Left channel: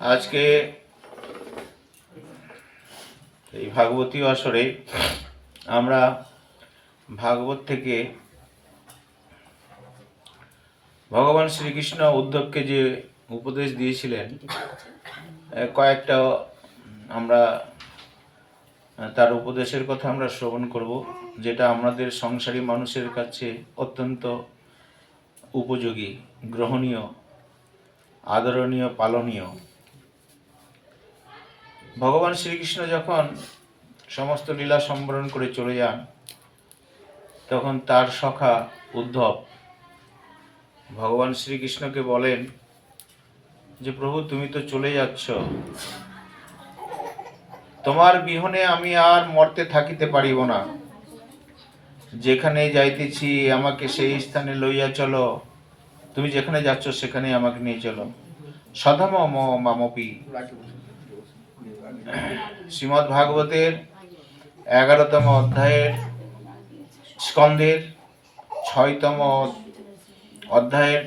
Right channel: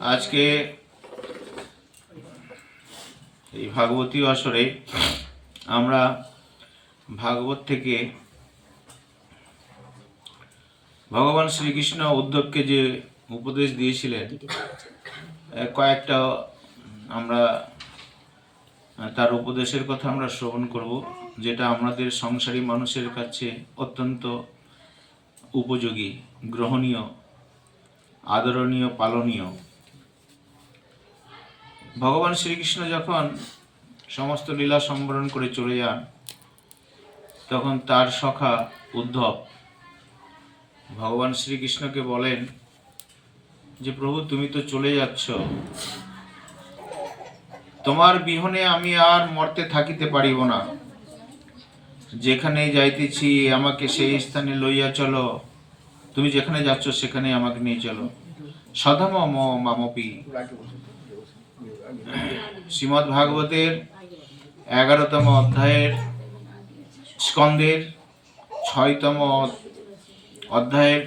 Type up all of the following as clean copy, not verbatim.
আজকে এই ভাগবতী আসরে আমরা ভাগবত থেকে ভগবান শ্রীকৃষ্ণ উদ্ধবকে যে উপদেশ দিয়েছিলেন কয়েকটা আমরা তার উপদেশের কথা আমরা শ্রবণ করব, যেটা আমাদের সংসারী মানুষের কাছে অত্যন্ত উপযোগী, গ্রহণীয়, আদরণীয়, পালনীয়। ভগবান শ্রীকৃষ্ণ যখন সমস্ত লীলা সম্বরণ করে চলে যান, তখন তার সখা উদ্ধব ভগবান শ্রীকৃষ্ণকে বলেন যে প্রভু, তুমি তো চলে যাচ্ছ, তোমার বিহনে আমি আর মর্তে থাকিতে পারিব না। যেখানে যাইতেছি আমাকে সেই স্থানে লইয়া চলো, তুমি যেখানে যাচ্ছ সেখানে আমাকে নিয়ে চলো। সধম মামপি। শ্রীমদ্ ভাগবতের 11তম অধ্যায়ের স্কন্ধের 6তম অধ্যায়ের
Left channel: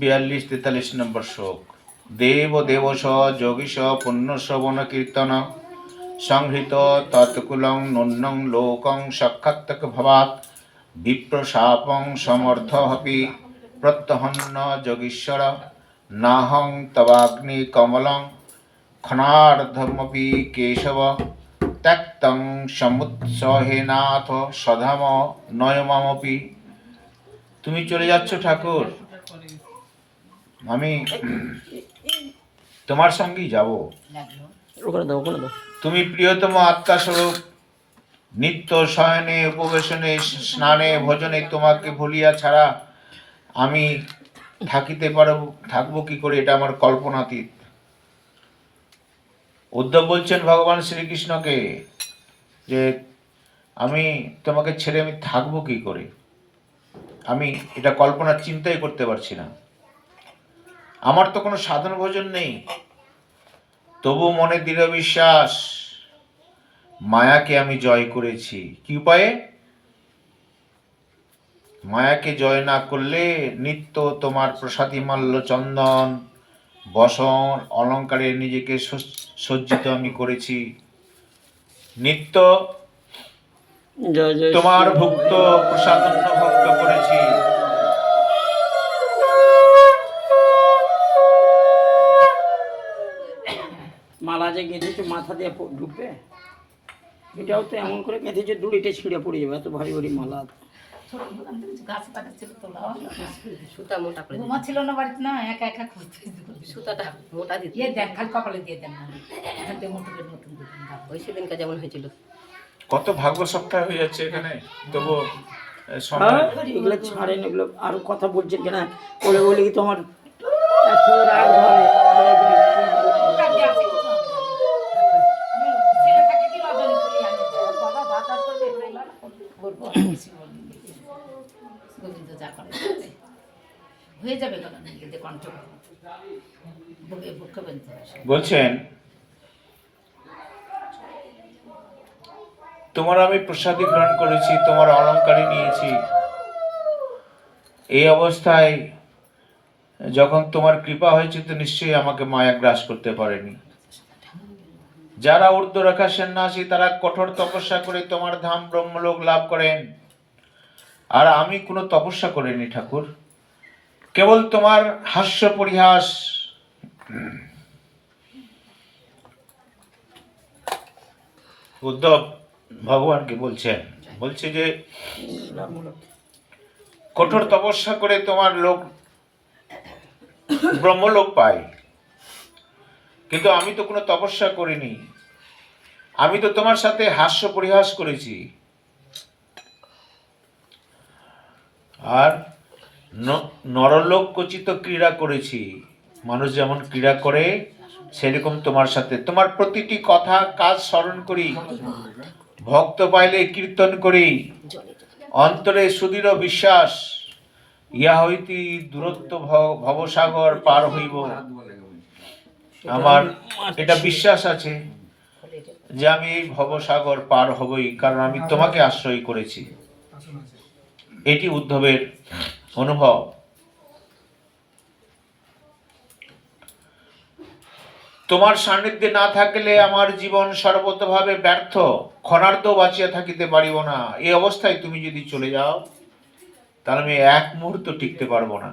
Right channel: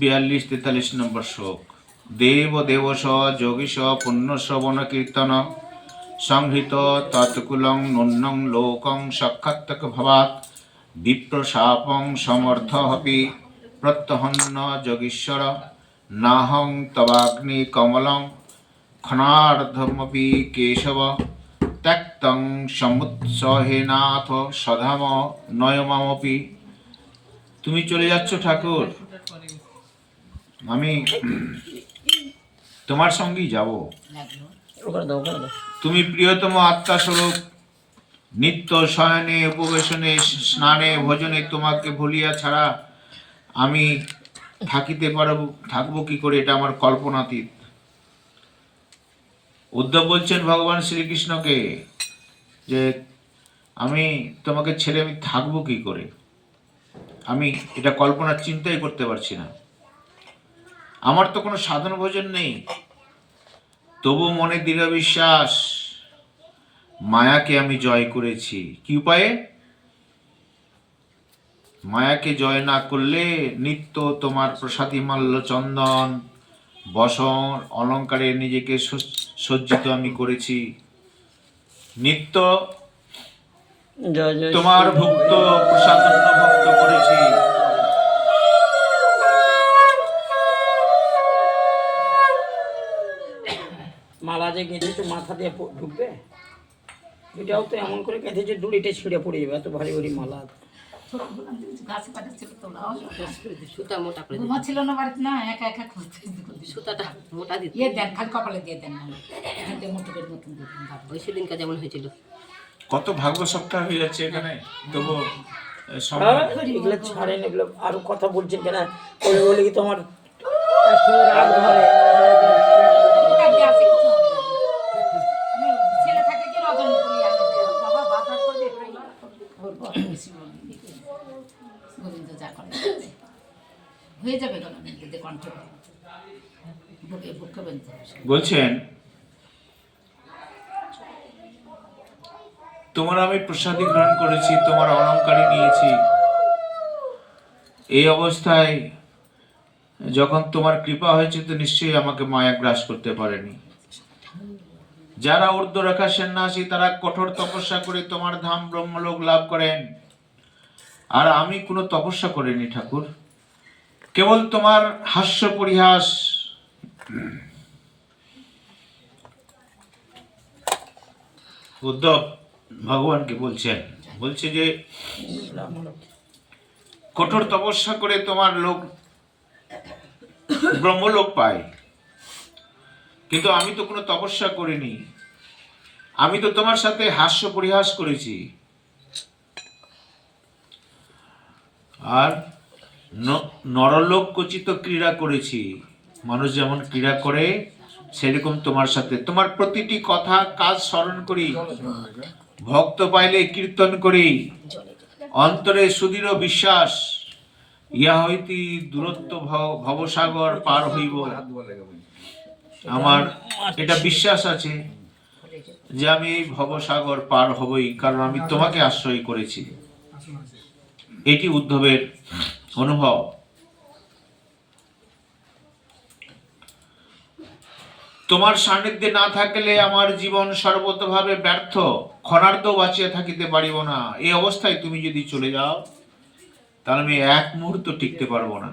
42-43 নম্বর শ্লোক। দেব দেবস যোগীশ পুণ্য শ্রবণ কীর্তন সংহৃত তৎকুলং নূন্যং লোকং সাক্ষাৎ ভবাৎ বিপ্রশাপং সমর্থপি প্রত্যহন্ন যোগীশ্বর নাহং তবাগ্নি কমলং ক্ষণার্ধমপি কেশব ত্যক্তং সমুৎসহেনাথ সধাম নয়মামপি। তুমি চলে যাচ্ছ ঠাকুর, আমি তোমার সঙ্গেই যাব। তুমি প্রিয়তম আত্মাস্বরূপ, নিত্য শয়নে উপবেশনে স্নানে ভোজনে তোমাকে ভুলিয়া ছাড়া আমি থাকবো কি করে? এটা আমার কল্পনাতীত। উদ্ধব বলছেন ভগবান শ্রীকৃষ্ণকে যে আমি তোমাকে ছেড়ে আমি থাকবো কি করে, আমি এটা কল্পনার চিন্তাই করতে পারছি না। আমার তো কোনো সাধন ভোজন নেই, তবু মনে দৃঢ় বিশ্বাস, মায়াকে আমি জয় করেছি। কি উপায়ে? মায়াকে জয় না করলে নিত্য তোমার প্রসাদী মাল্য চন্দন বসন অলঙ্কারে নিজেকে সজ্জিত আমি করেছি, নিত্য তোমার ভক্ত প্রসাদন্য ভক্ত করেছি। মালা যে গেঁথেছে মাথা দিয়ে ঢুকবে, এটাও তো এমন করে গেঁথেছে দড়িতে ছিঁড়ে পড়ে যাবে, এত ভারী ভারী মালা। সুতা মোটা করে ছিল না বাড়িতে, না একা একা খুঁজতে সুতাটা মোটা দিতে দেন, খালি কপালে দিয়ে দেন, মতন ওই সেদিনকার যেমন হয়েছিল। কত ভাগ্য সপ্তাহ হয়ে যাচ্ছে এখানে, তবু এগুলো ছাড়েন, এগুলো আরো কথা বলছেন কেন? ওরে বলে কি তোমার রাগ ধরে? ছেলে থাকে কি রজনী বলি আমি বাবা বাজার করে গোবিন্দ যা করে হয়ে যাবে, গোবিন্দ কণ্ঠ বুকে বুকে বলতে বলছেন তোমার আমি প্রসাদী গ্রহণ করেছি, তোমার অলঙ্কারই নিয়েছি। এই অবস্থায় যখন তোমার কৃপা হয়েছে, তো নিশ্চয়ই আমাকে মায়া গ্রাস করতে পারেনি। যারা ঊর্ধ্বরেখা সন্ন্যাসী তারা কঠোর তপস্যা করে তোমার ধাম ব্রহ্মলোক লাভ করেন, আর আমি কোনো তপস্যা করিনি ঠাকুর, কেবল তোমার হাস্য পরিহাস। উদ্ধব ভগবানকে বলছে যে কঠোর তপস্যা করে তোমার লোক ব্রহ্মলোক পায়, কিন্তু আমি তো কোনো তপস্যা করিনি, আমি তো তোমার সাথে হাস্য পরিহাস করেছি। আর নরলোক কচিত ক্রীড়া করেছি, মানুষ যেমন ক্রীড়া করে সেরকম তোমার সাথে তোমার প্রতিটি কথা কাজ স্মরণ করি, ভক্ত পাইলে কীর্তন করি, অন্তরে সুদৃঢ় বিশ্বাস, ইহা হইতে দূরত্ব ভবসাগর পার হইব। আমার এটা বিশ্বাস আছে যে আমি এই ভবসাগর পার হবই, কারণ আমি তোমাকে আশ্রয় করেছি। এটি উদ্ধবের অনুভব। তোমার সান্নিধ্যে না থাকলে আমার জীবন সর্বতভাবে ব্যর্থ, ক্ষণার্ধ বাঁচিয়া থাকিতে পারিব না। এই অবস্থায় তুমি যদি চলে যাও তাহলে আমি এক মুহূর্ত টিকতে পারবো না।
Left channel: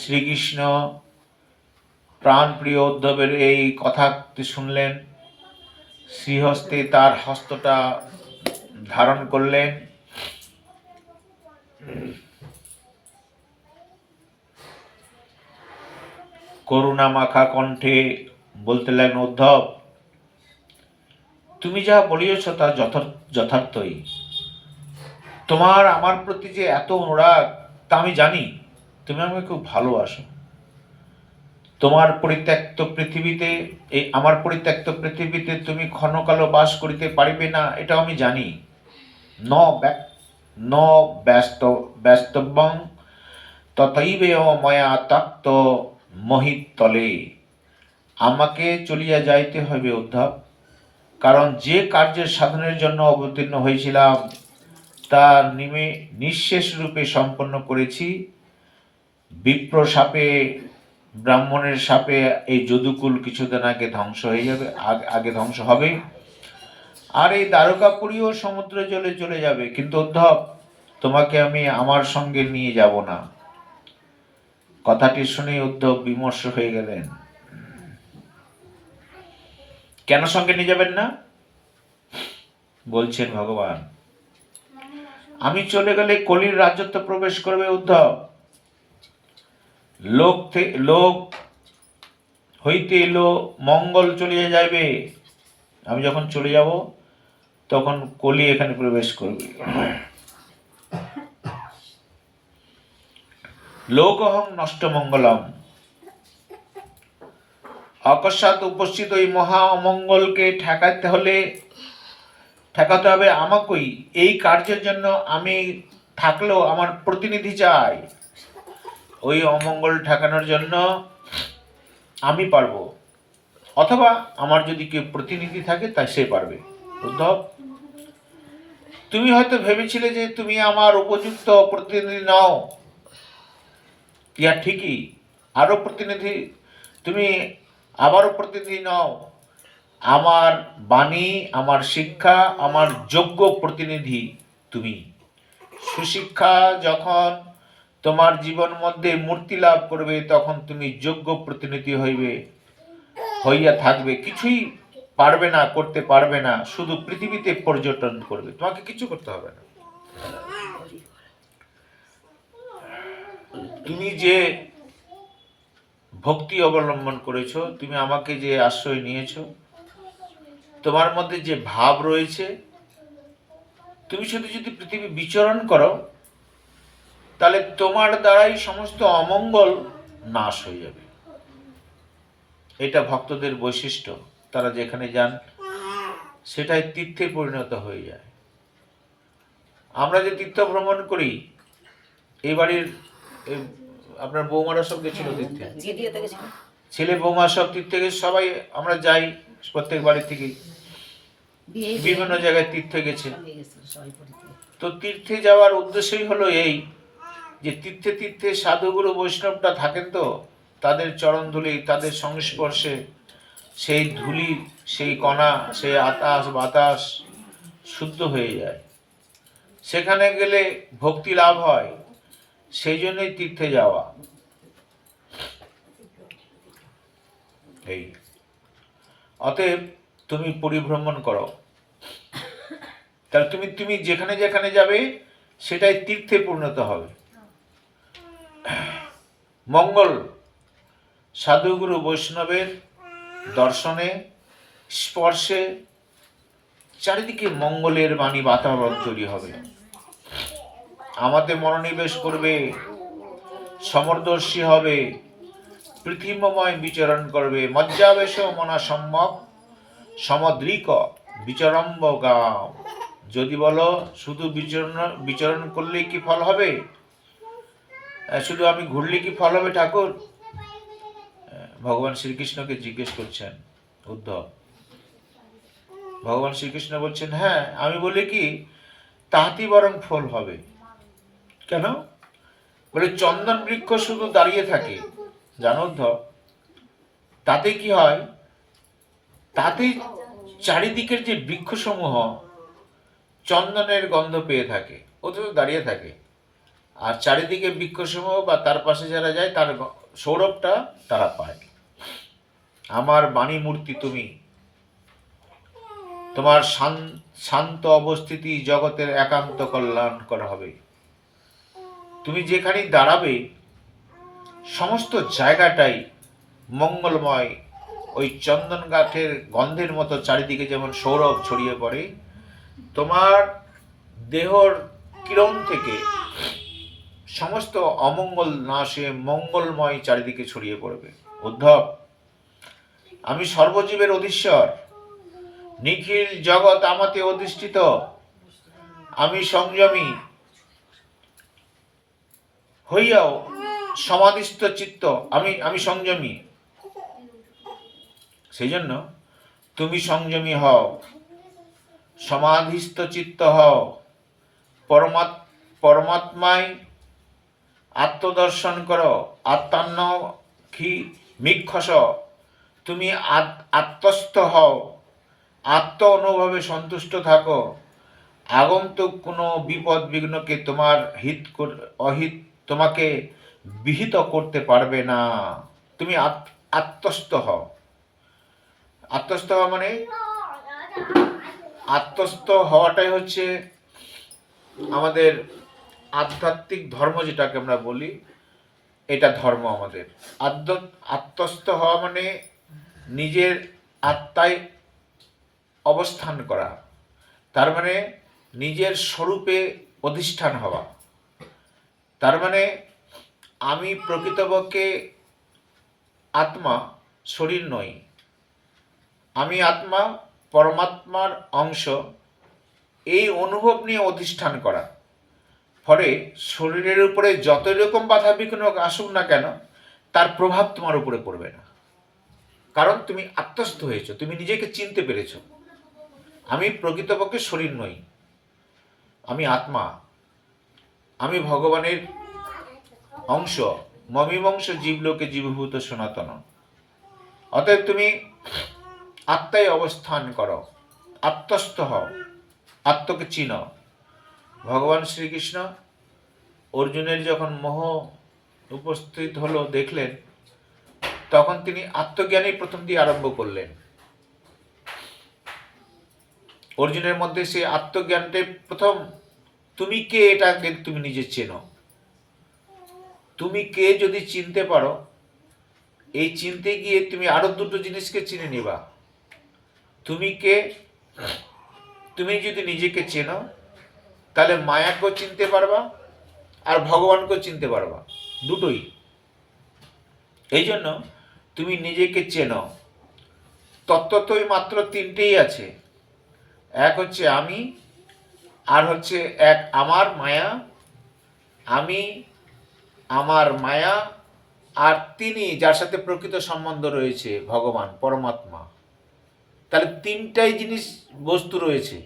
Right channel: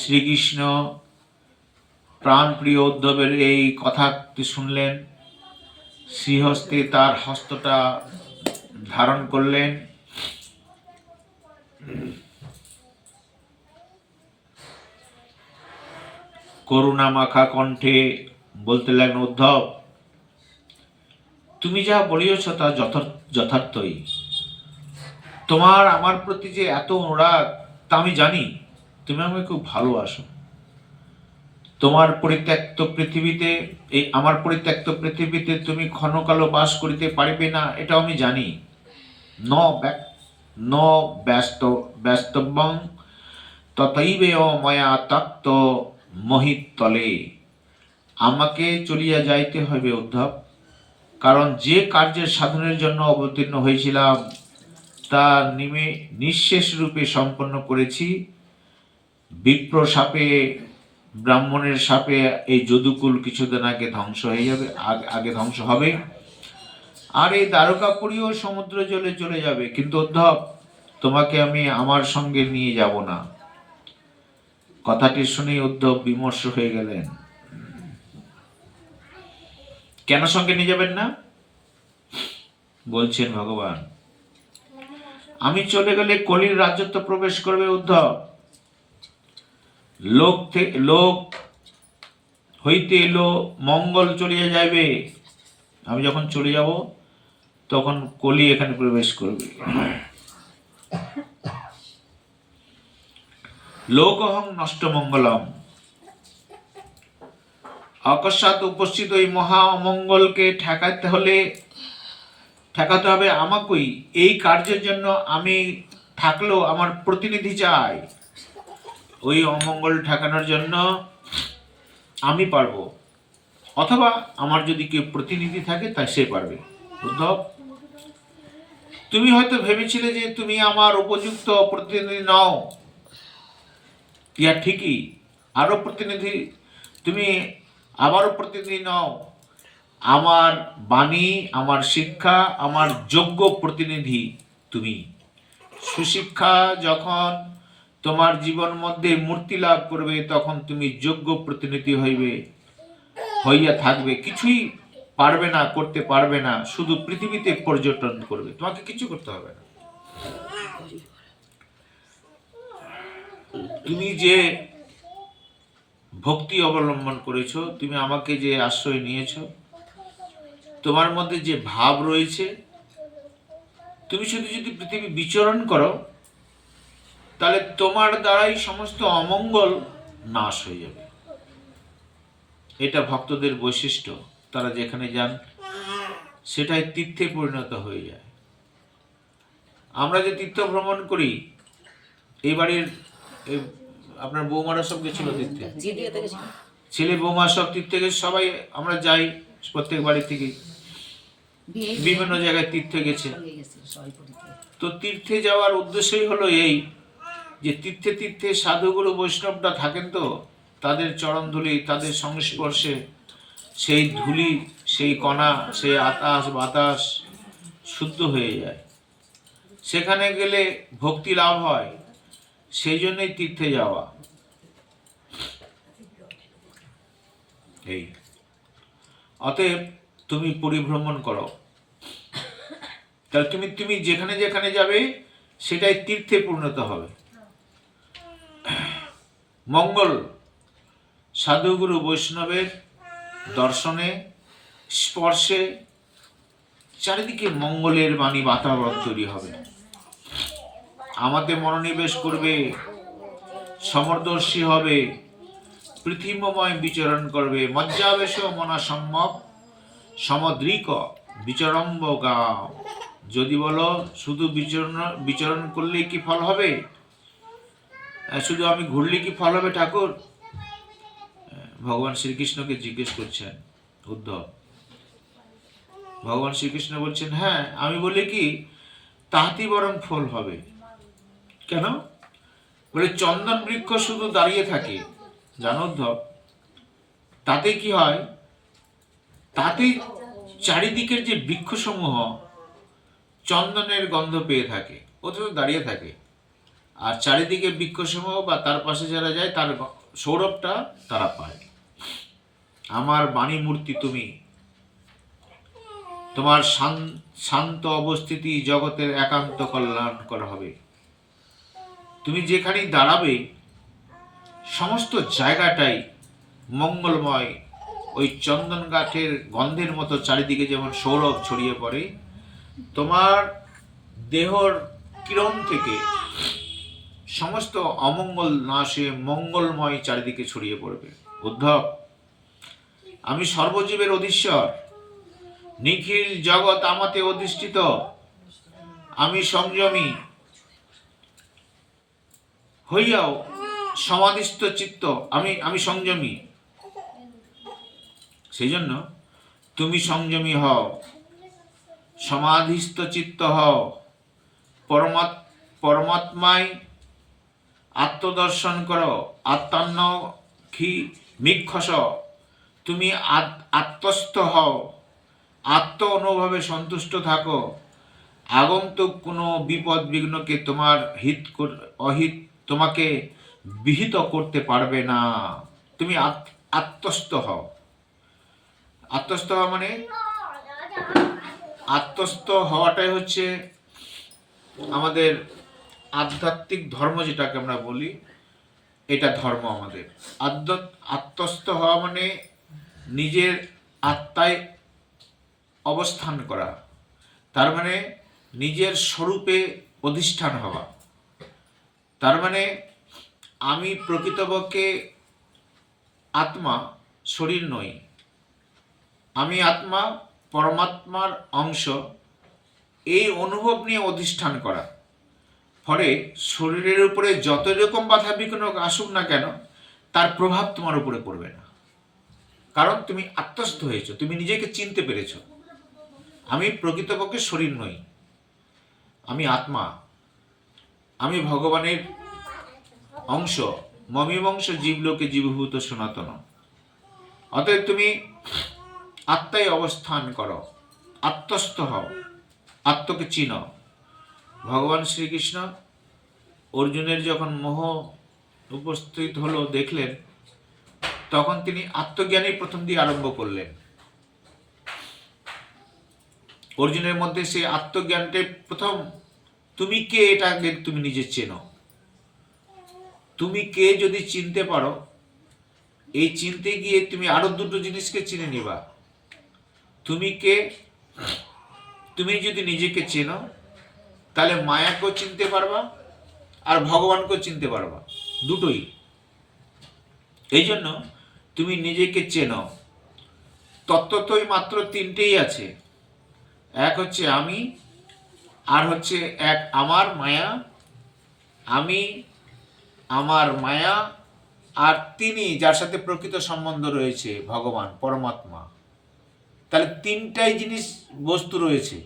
শ্রীকৃষ্ণ প্রাণপ্রিয় উদ্ধবের এই কথা শুনলেন, শ্রীহস্তে তার হস্তটা ধারণ করলেন, করুণা মাখা কণ্ঠে বলতে লাগলেন, উদ্ধব, তুমি যা বলিয়েছ তা যথার্থই। তোমার আমার প্রতি যে এত অনুরাগ তা আমি জানি। তুমি আমাকে খুব ভালোবাসো। তোমার পরিত্যক্ত পৃথিবীতে, এই আমার পরিত্যক্ত পৃথিবীতে তুমি ক্ষণকালও বাস করিতে পারিবে না, এটাও আমি জানি। ন ব্যস্তব্যং তথৈবেয় ময়া তক্ত মহিতলে। আমাকে চলিয়া যাইতে হইবে উদ্ধব, কারণ যে কার্যের সাধনের জন্য অবতীর্ণ হয়েছিলাম তা নিঃশেষ রূপে সম্পন্ন করেছি। বিপ্র সাপে, ব্রাহ্মণের সাপে এই যদুকুল কিছুদিন আগে ধ্বংস হয়ে যাবে, আগে ধ্বংস হবে, আর এই দ্বারকাপুরীও সমুদ্র জলে চলে যাবে। কিন্তু উদ্ধব, তোমাকে আমি আমার সঙ্গে নিয়ে যাব না। কথাটি শুনে উদ্ধব বিমর্ষ হয়ে গেলেন। কেন সঙ্গে নিয়ে যাবেন না? বলছেন ভগবান, আমি চলে গেলে কলির রাজত্ব প্রবেশ করবে উদ্ধব। লোক হইতে এলো মঙ্গল চলিয়া যাইবে। আমি যখন চলে যাব তখন কলি এখানে প্রবেশ করবে। লোকহং নষ্ট মঙ্গলম। অকস্মাৎ উপস্থিত ওই মহা অমঙ্গলকে ঠেকাতে হবে আমাকেই। এই কার্যের জন্য আমি থাকলেও আমার প্রতিনিধি চাই। ওই অমঙ্গল ঠেকানোর জন্য আমি পারবো, অথবা আমার যদি কেউ প্রতিনিধি থাকে তাই সে পারবে। উদ্ধব, তুমি হয়তো ভেবেছিলে যে তুমি আমার উপযুক্ত প্রতিনিধি নও। ইয়া ঠিকই, তুমি আবারও প্রতিনিধি নও। আমার বাণী, আমার শিক্ষা, আমার যোগ্য প্রতিনিধি তুমি। সুশিক্ষা যখন তোমার জীবন মধ্যে মূর্তি লাভ করবে তখন তুমি যোগ্য প্রতিনিধি হইয়া থাকবে। কিছুই পারবে না, করতে পারবে না, শুধু পৃথিবীতে পর্যটন করবে, তোমাকে কিছু করতে হবে না। তুমি যে ভক্তি অবলম্বন করেছো, তুমি আমাকে যে আশ্রয় নিয়েছো, তোমার মধ্যে যে ভাব রয়েছে, তুমি শুধু যদি পৃথিবী বিচরণ করো তাহলে তোমার দ্বারাই সমস্ত অমঙ্গল নাশ হয়ে যাবে। এটা ভক্তদের বৈশিষ্ট্য। তারা যেখানে যান সেটাই তীর্থে পরিণত হয়ে যায়। আমরা যে তীর্থ ভ্রমণ করি, এই বাড়ির আপনার বৌমারা সব গেছিল তীর্থে, ছেলে বৌমা সব তীর্থে গেছে, সবাই আমরা যাই প্রত্যেক বাড়ি থেকে বিভিন্ন জায়গায় তীর্থে গেছে। তো তীর্থে যাওয়ার উদ্দেশ্যই হলো এই যে তীর্থে তীর্থে সাধুগুরু বৈষ্ণবরা থাকেন, তো তাদের চরণ ধুলি, তাদের সংস্পর্শে সেই ধুলি, সেই কণা, সেই আকাশ বাতাস শুদ্ধ হয়ে যায়। সেখানে গেলে ভক্তি লাভ হয়, সেই জন্যই তীর্থে যাওয়া। এই অতএব তুমি পরিভ্রমণ করো, তাহলে তুমি যেখানে যেখানে যাবে সেটাই তীর্থে পরিণত হবে। মঙ্গল, সাধুগুরু বৈষ্ণবের দর্শনে, স্পর্শে চারিদিকে মঙ্গলের বাণী, বাতাবরণ তৈরি হবে। আমাদের মনোনিবেশ করবে, সমরদর্শী হবে, পৃথিবীময় বিচরণ করবে। মজ্জাবেশ মনা সম্যক সমদ্রিক বিচরম্ব গাম। যদি বলো শুধু বিচরণ করলেই কি ফল হবে, শুধু আমি ঘুরলে কি ফল হবে ঠাকুর? ভগবান শ্রীকৃষ্ণকে জিজ্ঞেস করছেন উদ্ধব। ভগবান শ্রীকৃষ্ণ বলছেন, হ্যাঁ, আমি বলি কি তাহাতেই বরং ফল হবে। কেন? বলে চন্দন বৃক্ষ শুধু দাঁড়িয়ে থাকে, জানো উদ্ধব, তাতে কি হয়, তাতে চারিদিকের যে বৃক্ষসমূহ চন্দনের গন্ধ পেয়ে থাকে, ও তো দাঁড়িয়ে থাকে, আর চারিদিকে বৃক্ষসমূহ বা তার পাশে যারা যায় তার সৌরভটা তারা পায়। আমার বাণী মূর্তি তুমি, তোমার শান্ত অবস্থিতি জগতের একান্ত কল্যাণকর হবে। তুমি যেখানেই দাঁড়াবে সমস্ত জায়গাটাই মঙ্গলময়, ওই চন্দন গাছের গন্ধের মতো চারিদিকে যেমন সৌরভ ছড়িয়ে পড়ে, তোমার দেহর কিরণ থেকে সমস্ত অমঙ্গল নাশে মঙ্গলময় চারিদিকে ছড়িয়ে পড়বে। উদ্ধব, আমি সর্বজীবের অধীশ্বর, নিখিল জগৎ আমাতে অধিষ্ঠিত, আমি সংযমী হইয়াও সমাধিস্থ চিত্ত, আমি সংযমী। সেই জন্য তুমি সংযমী হও, সমাধিস্থ চিত্ত হও, পরমাত্মায় আত্মদর্শন করো, আত্মান্ন মিক্ষস, তুমি আত্মস্থ হও, আত্ম অনুভবে সন্তুষ্ট থাকো। আগন্তুক কোনো বিপদ বিঘ্নকে তোমার অহিত তোমাকে বিহিত করতে পারবে না। তুমি আত্মস্থ হও। আত্মস্থ হওয়া মানে, আত্মস্থ হওয়াটাই হচ্ছে আমাদের আধ্যাত্মিক ধর্ম, যেটাকে আমরা বলি, এটা ধর্ম আমাদের। আত্মস্থ হওয়া মানে নিজের আত্মায় অবস্থান করা, তার মানে নিজের স্বরূপে অধিষ্ঠান হওয়া। তার মানে আমি প্রকৃতপক্ষে আত্মা, শরীর নই। আমি আত্মা, পরমাত্মার অংশ, এই অনুভব নিয়ে অধিষ্ঠান করা। ফলে শরীরের উপরে যত রকম বাধা বিঘ্ন আসুক না কেন, তার প্রভাব তোমার উপরে পড়বে না, কারণ তুমি আত্মস্থ হয়েছ, তুমি নিজেকে চিনতে পেরেছ। আমি প্রকৃতপক্ষে শরীর নই, আমি আত্মা, আমি ভগবানের অংশ, মমিবংশ জীবলোকে জীবভূত সনাতন। অতএব তুমি আত্মায় অবস্থান করো, আত্মস্থ হও, আত্মকে চিনো। ভগবান শ্রীকৃষ্ণ অর্জুনের যখন মোহ উপস্থিত হলো দেখলেন, তখন তিনি আত্মজ্ঞানেই প্রথম দিয়ে আরম্ভ করলেন। অর্জুনের মধ্যে সে আত্মজ্ঞানটাই প্রথম। তুমি কে, এটাকে তুমি নিজে চেনো। তুমি কে যদি চিনতে পারো, এই চিনতে গিয়ে তুমি আরো দুটো জিনিসকে চিনে নিবা। তুমি কে, তুমি যদি নিজেকে চেনো, তাহলে মায়াকেও চিনতে পারবা আর ভগবানকেও চিনতে পারবা, দুটোই। এই জন্য তুমি নিজেকে চেনো। তত্ত্বতই মাত্র তিনটেই আছে, এক হচ্ছে আমি, আর হচ্ছে এক আমার মায়া, আমি, আমার মায়া, আর তিনি যার সাথে প্রকৃত সম্বন্ধ রয়েছে, ভগবান পরমাত্মা। তাহলে তিনটাই জিনিস বস্তু রয়েছে।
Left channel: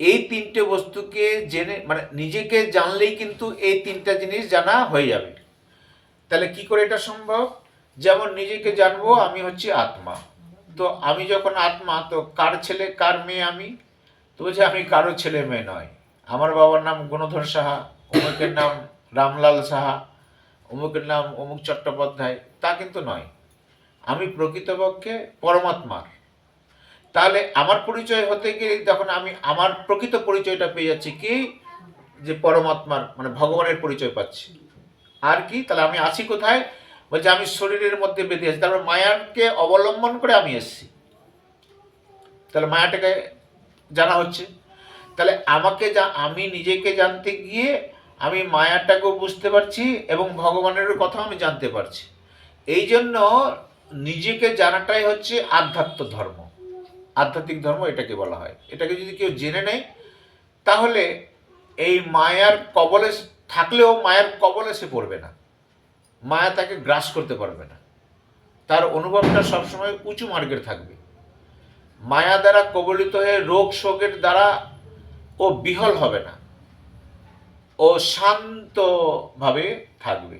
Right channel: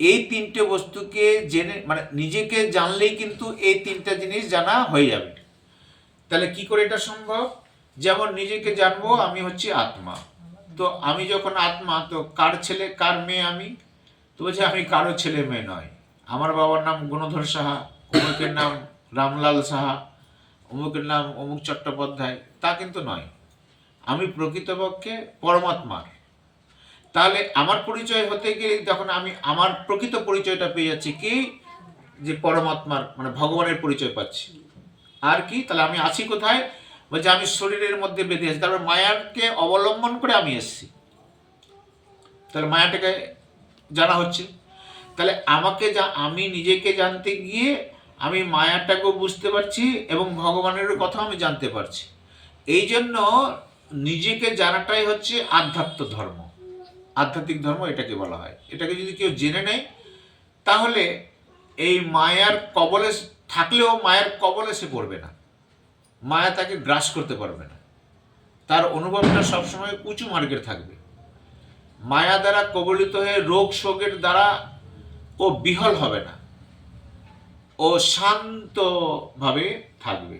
এই তিনটে বস্তুকে জেনে, মানে নিজেকে জানলেই কিন্তু এই তিনটা জিনিস জানা হয়ে যাবে। তাহলে কি করে এটা সম্ভব? যেমন নিজেকে জানবো আমি হচ্ছে আত্মা, তো আমি যখন আত্মা, তো কার ছেলে কার মেয়ে আমি? তো বলছে আমি কারো ছেলে মেয়ে নয়। আমার বাবার নাম গুণধর সাহা, অমুকের নাম রামলাল সাহা, অমুকের নাম অমুক চট্টোপাধ্যায়, তা কিন্তু নয়। আমি প্রকৃতপক্ষে পরমাত্মার। তাহলে আমার পরিচয় হতে গিয়ে যখন আমি আমার প্রকৃত পরিচয়টা পেয়ে যাচ্ছি, কি যে পরমাত্মার মানে ভগবানের পরিচয় পাচ্ছি। আর কি, তাহলে আমি আছি কোথায়? বলছে আমি শরীরের মধ্যে বেঁধে আছি, তারপর মায়াকে অবলম্বন করে আমি এসেছি। তাহলে মায়াটাকে জানা হচ্ছে। তাহলে আমি নিজেকে জানতে গিয়ে আমি মায়াটাকেও বুঝতে পারছি এবং ভগবানের কথা আমি জানতে পারছি। এই জন্য নিজেকে জানাটাই হচ্ছে আধ্যাত্ম ধর্ম, আধ্যাত্মিক ধর্ম এটাকে বলা হয়। এটাকে যদি কেউ জেনে নেয়, তাহলে এই মায়ার কবলে থাকলেও মায়ার কবলে সে পড়বে না, মায়া তাকে গ্রাস করতে পারবে না। তার অনুভবটা সবসময় উঁচু মার্গের থাকবে। মায়া দ্বারা কবলিত হয়ে রোগ শোকের দ্বারা ও বিহল হবে না, ও শান্তভাবে থাকবে।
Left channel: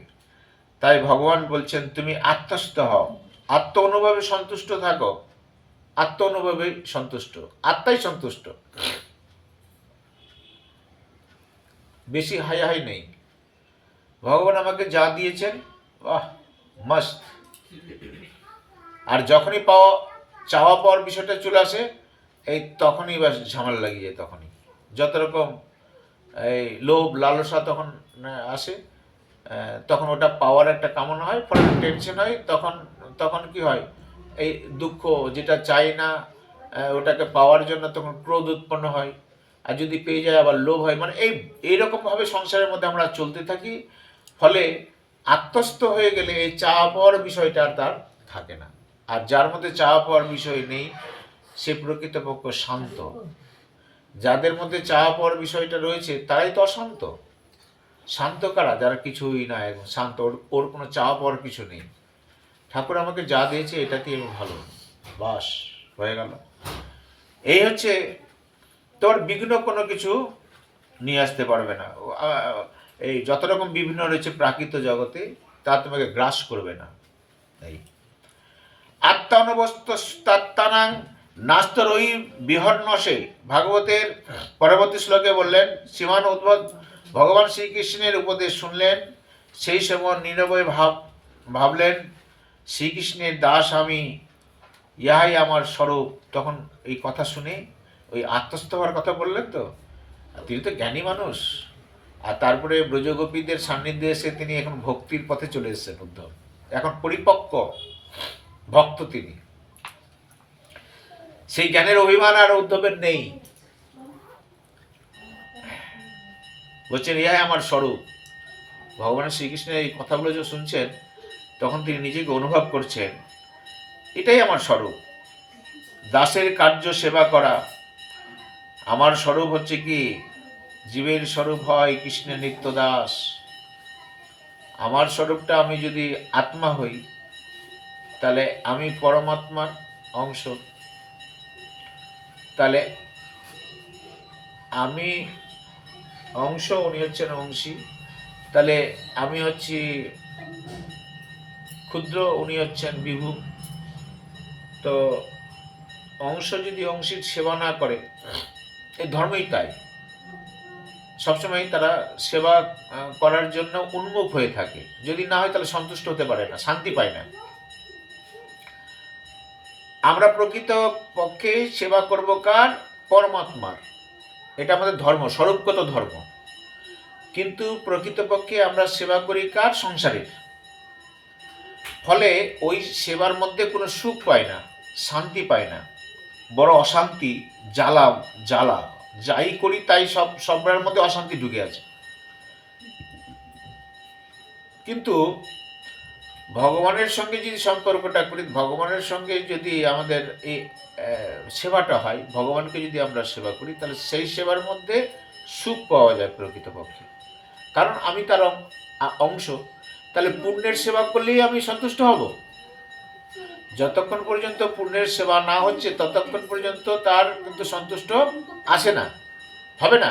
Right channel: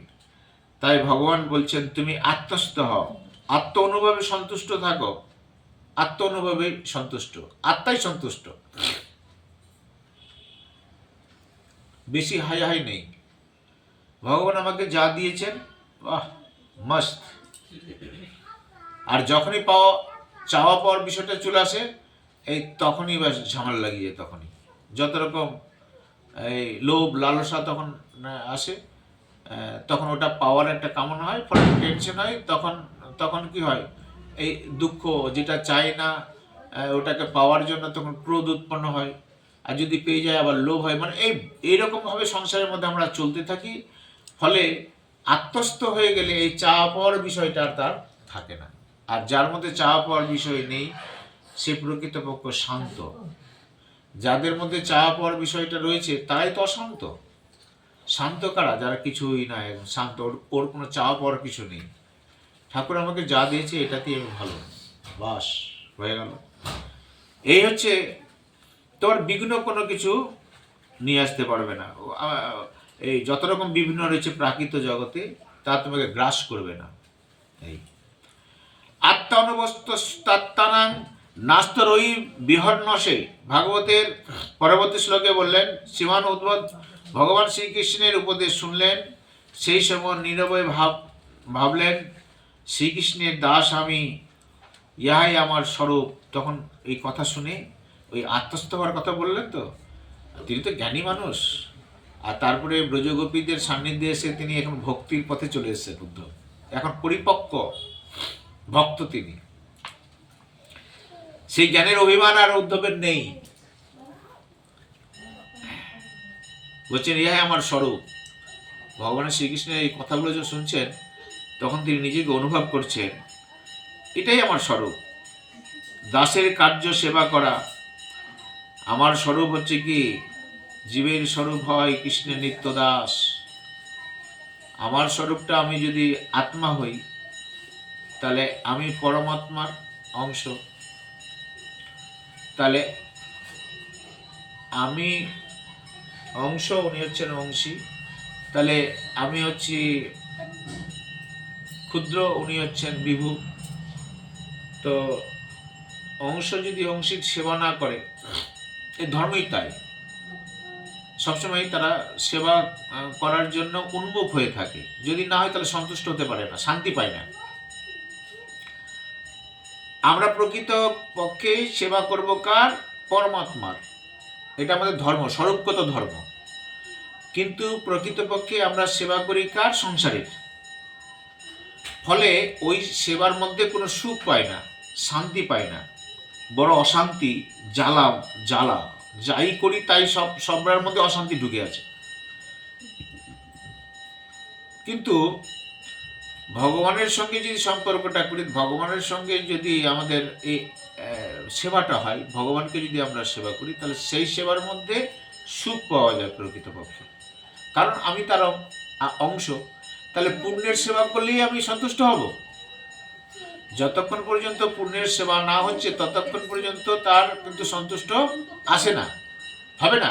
তাই ভগবান বলছেন তুমি আত্মস্থ হও, আত্ম অনুভবে সন্তুষ্ট থাকো, আত্ম অনুভবে সন্তুষ্ট, আত্মাই সন্তুষ্ট, বেশি হাই হাই নেই। ভগবান আমাকে যা দিয়েছেন, বাহ মস্ত। আর যখনই চাওয়া পাওয়ার বিষয়টা চলে আসে, এই তখনই ব্যাস ঝামেলা লাগিয়ে যায়। তখনই যত রকম এই লোভ লালসা তখন আসে, তখন ওটা পাওয়ার একটা কামনা হয়, ফলে টেনশন হয়। তখন কি হয়, এই দুঃখ যেটা চাই না ওটাকে পাওয়ার জন্য তখন ক্রোধ উৎপন্ন হয়, আর যদি পেয়ে যায় আবার লোভ হয়। মানে এইরকমভাবে সংসারের মধ্যে আমরা চলতে থাকি। ফলে আত্মস্থ হয়ে গেলে এই চাওয়া পাওয়ার বিষয়টা আর তার থাকে না। আর যার মধ্যে চাওয়া পাওয়ার বিষয় নেই, সে প্রকৃতপক্ষ শান্ত। যাদের মধ্যে চাওয়া পাওয়ার বিষয়টা রয়েছে তারাই তো অশান্ত। শান্ত কারা? যারা কিছুই না, এবং শান্ত, ওর কোনো চাওয়া পাওয়ার কিছু নেই। ঠাকুর আমাকে যা দিয়েছে এটাতেই আমি ভালো, বাস হয়ে গেল। এই হচ্ছে তোমার বিঘ্ন কোনো কিছু নিয়ে আসতে পারবে না। এই যত রকম বিভিন্ন রয়েছে প্রাকৃত জগতে, তা তোমাকে গ্রাস করবে না। এই আত্মানুবস্তাত্তানাং নাস্তরই বিহর্ণসে, ভাগবতের পরবর্তী শ্লোকে বললেন, শ্রীমান উদ্ভব ভগবান শ্রীকৃষ্ণের উপদেশ শুনলেন, সেই সময় নীরবে ভাবলেন, শ্রীকৃষ্ণের দাস আমি, ইহাই আমার স্বরূপ। তখন এই কথা শুনে ওই আত্মস্থ হওয়ার কথা বললেন। তো তিনি তো জ্ঞানী মানুষ, আর তারপরে ব্রজগোপীদের সান্নিধ্যে এসে তিনি এখন ভক্তির পথে চলে এসেছেন। উদ্ধব এখন পরিপক্ক ভক্ত তিনি। সেই জ্ঞানের অভিমান আর উদ্ধবের নেই। বলছেন ইহাই আমার স্বরূপ। ভগবান শ্রীকৃষ্ণের এই কথাগুলো যখন শুনছেন, তখন তিনি নিজেকে অনুভব করছেন, এটাই আমার স্বরূপ। দাসের কার্য সেবা করা। আমার স্বরূপ হচ্ছে কি, জীবের স্বরূপ হয় কৃষ্ণের নিত্য দাস। আমার স্বরূপটা, আমি যদি আত্মা হই, তাহলে আমি পরমাত্মার অংশ। তাহলে আমি অংশ, উনি হচ্ছেন অংশী। তাহলে আমি হচ্ছি ক্ষুদ্র, উনি হচ্ছেন বিভু। তো অংশ যদি অংশীর সেবা না করে, এই ধর্মই তাই, সবসময় তারা সেবা করার জন্য উন্মুখ হয়ে থাকে। যদি না হয় তাহলে সন্তুষ্ট হতে পারে না, শান্তি পায় না। আমরা প্রকৃত পক্ষে সেবা করব কার? পরমাত্মার। এটা আমাদের ধর্ম, স্বরূপগত ধর্ম। কিন্তু প্রকৃতপক্ষে আমরা সেবা করি কার? সংসারের। ফলে ওই সেবার মধ্যে কোনো সুখ পায় না, শান্তি পায় না, বড় অশান্তি, জ্বালা। যাই করি তাই সবার মধ্যে অশান্তি ঢুকে আছে। কিন্তু ভগবানের সঙ্গে যদি সম্পর্কটা করি, ভগবানের সঙ্গে যদি আমাদের এই সেবাটা হয়, ভগবানকে যদি আমরা সেবা করি, তাহলে সেই সেবার মধ্যে সুখ পাওয়া যায় প্রকৃতপক্ষে। কারণ আমি তার অংশ। তাহলে পুণ্যের সেবা করলেই আমি সন্তুষ্ট হব। যতক্ষণ পর্যন্ত পুণ্যের সেবা না হচ্ছে, ততক্ষণ পর্যন্ত তার কিন্তু সন্তুষ্ট আসে না, হবে না।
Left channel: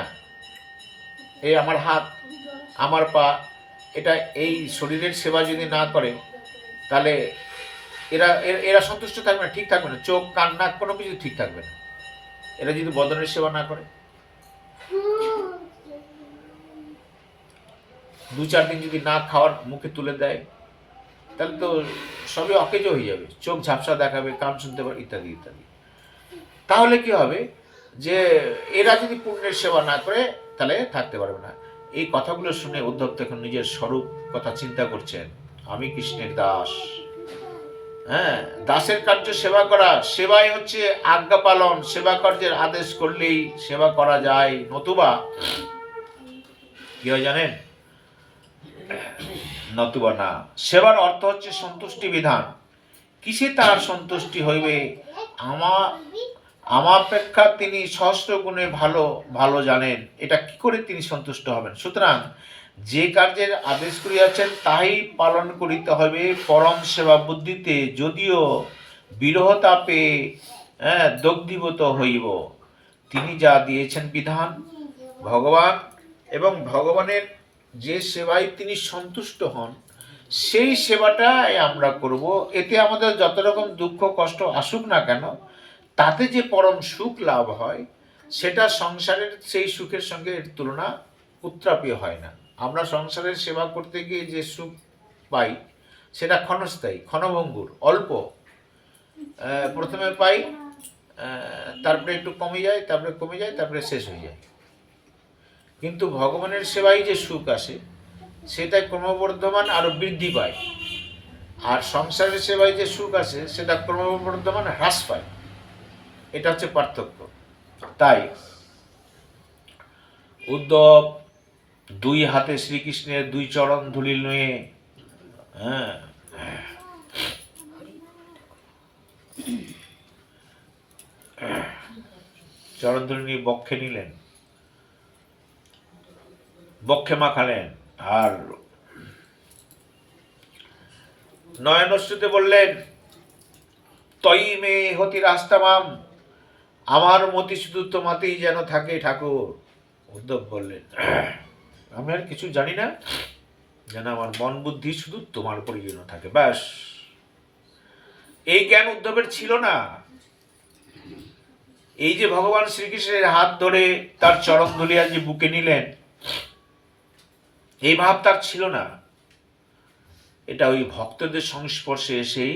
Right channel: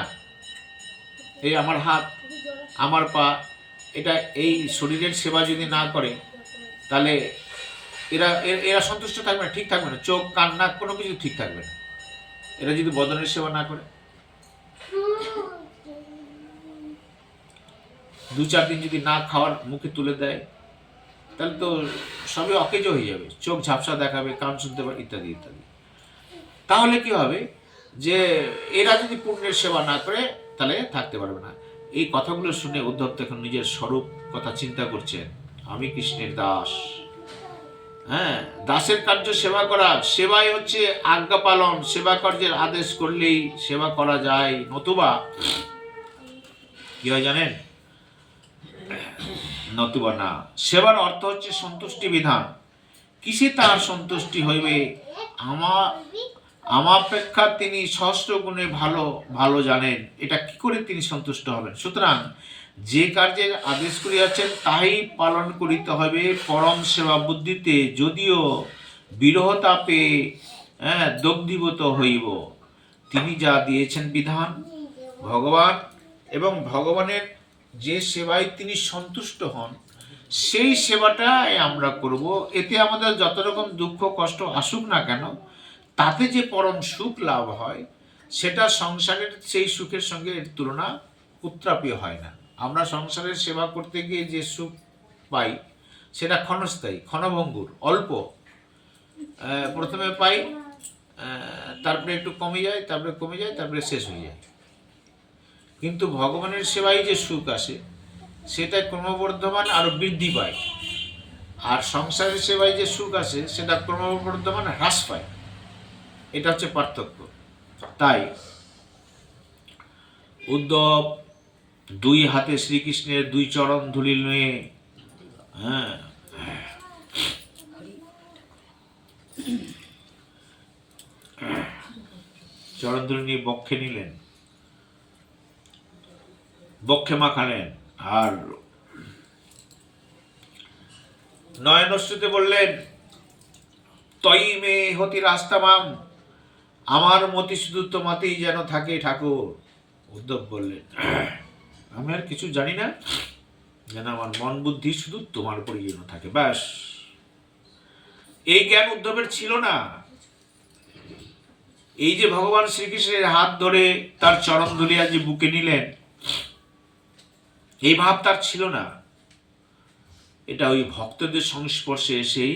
এই আমার হাত, আমার পা, এটা এই শরীরের সেবা যদি না করে, তাহলে এরা সন্তুষ্ট থাকবে না, ঠিক থাকবে না। চোখ, কান, নাক, কোনো কিছু ঠিক থাকবে না এরা যদি বদনের সেবা না করে। 2-4 দিন যদি না খাওয়ার মুখে তুলে দেয়, তাহলে তো সবই অকেজ হয়ে যাবে। চোখ ঝাপসা দেখাবে, কান শুনতে পারে, ইত্যাদি ইত্যাদি। তাহলে কি হবে, যে এরা যদি পুণ্যের সেবা না করে, তাহলে থাকতে পারবে না। এই কথাগুলো শুনে উদ্ধব তখন নিজের স্বরূপ কথা চিন্তা করছেন, আমি কৃষ্ণের দাস। হ্যাঁ, দাসের কার্য সেবা করা। সেবাই হচ্ছে আজ্ঞা পালন। সেবা কার্যের আদেশ করলেই সেবা করা যায়, নতুবা কি হয় জানেন? নতুবা না। সেবার অর্থ হচ্ছে সন্তুষ্টি বিধান। কিসে তার সন্তুষ্টি হইবে? আমাপেক্ষা তিনি সহস্র গুণে ভালো জানেন। এটা কি করে তিনি সন্তুষ্ট হবেন? সুতরাং যে কার্যের আদেশ করিয়াছেন তাই পালন করিতে হবে পরম সেবা বুদ্ধিতে, যদিও বিরহ তাপে দগ্ধীভূত হইব। তিনি যা দিয়েছেন বিধান, ভগবান এবং ভগবানের যে সেবায় তিনি সন্তুষ্ট হন, সেই সেবাটাই আমরা করব। এতে আমাদের যত রকম দুঃখ কষ্ট আসুক না কেন, তাতে যে পরম সুখ লাভ হয়, সেটা সংসারের সেই সুখের সঙ্গে এর তুলনা উত্তাপীয় হয় না। আমরা সংসারের সেবা করতে গিয়ে যে সুখ পাই, সেটা ক্ষণস্থায়ী, ক্ষণভঙ্গুর, অল্প। প্রথমে পাই, তারপরে একটু কমে যায়, তারপরে কমে যায়, তারপরে শেষ হয়ে যায়। কিন্তু ভগবানের সেবায় যে সুখ আসে, সেটা ক্রমবর্ধমান আরও বৃদ্ধি পায়। আর সংসারের সেবায় যে সুখ আসে, সেটা ক্রমবর্ধমান হ্রাস পায়। এটা হচ্ছে পার্থক্য। তাই উদ্ধব দুই হাতে শ্রীকৃষ্ণের দুই চরণ ধুলি নিয়ে, হ্যাঁ, চরণ ধুলি নিয়ে বক্ষে নিলেন, বক্ষে মাখালেন, আর নয়নশ্রুতে বললেন, তয়ি মে হতি রাস্তামাম, আমার মতি শুধু তোমাতেই যেন থাকে ঠাকুর। উদ্ধব বললেন, আমি আর কিছু জানি না, যেন আমার মন বুদ্ধি শুধু তোমার উপরই যেন থাকে, ব্যাস। এই জ্ঞান উদ্ধবের ছিল না। এই যে ভগবান শ্রীকৃষ্ণের হাত ধরে তার চরণ ধুলিয়া যে বুকে নিলেন, এই ভাব তার ছিল না। এটা ওই ভক্তদের সংস্পর্শে এসেই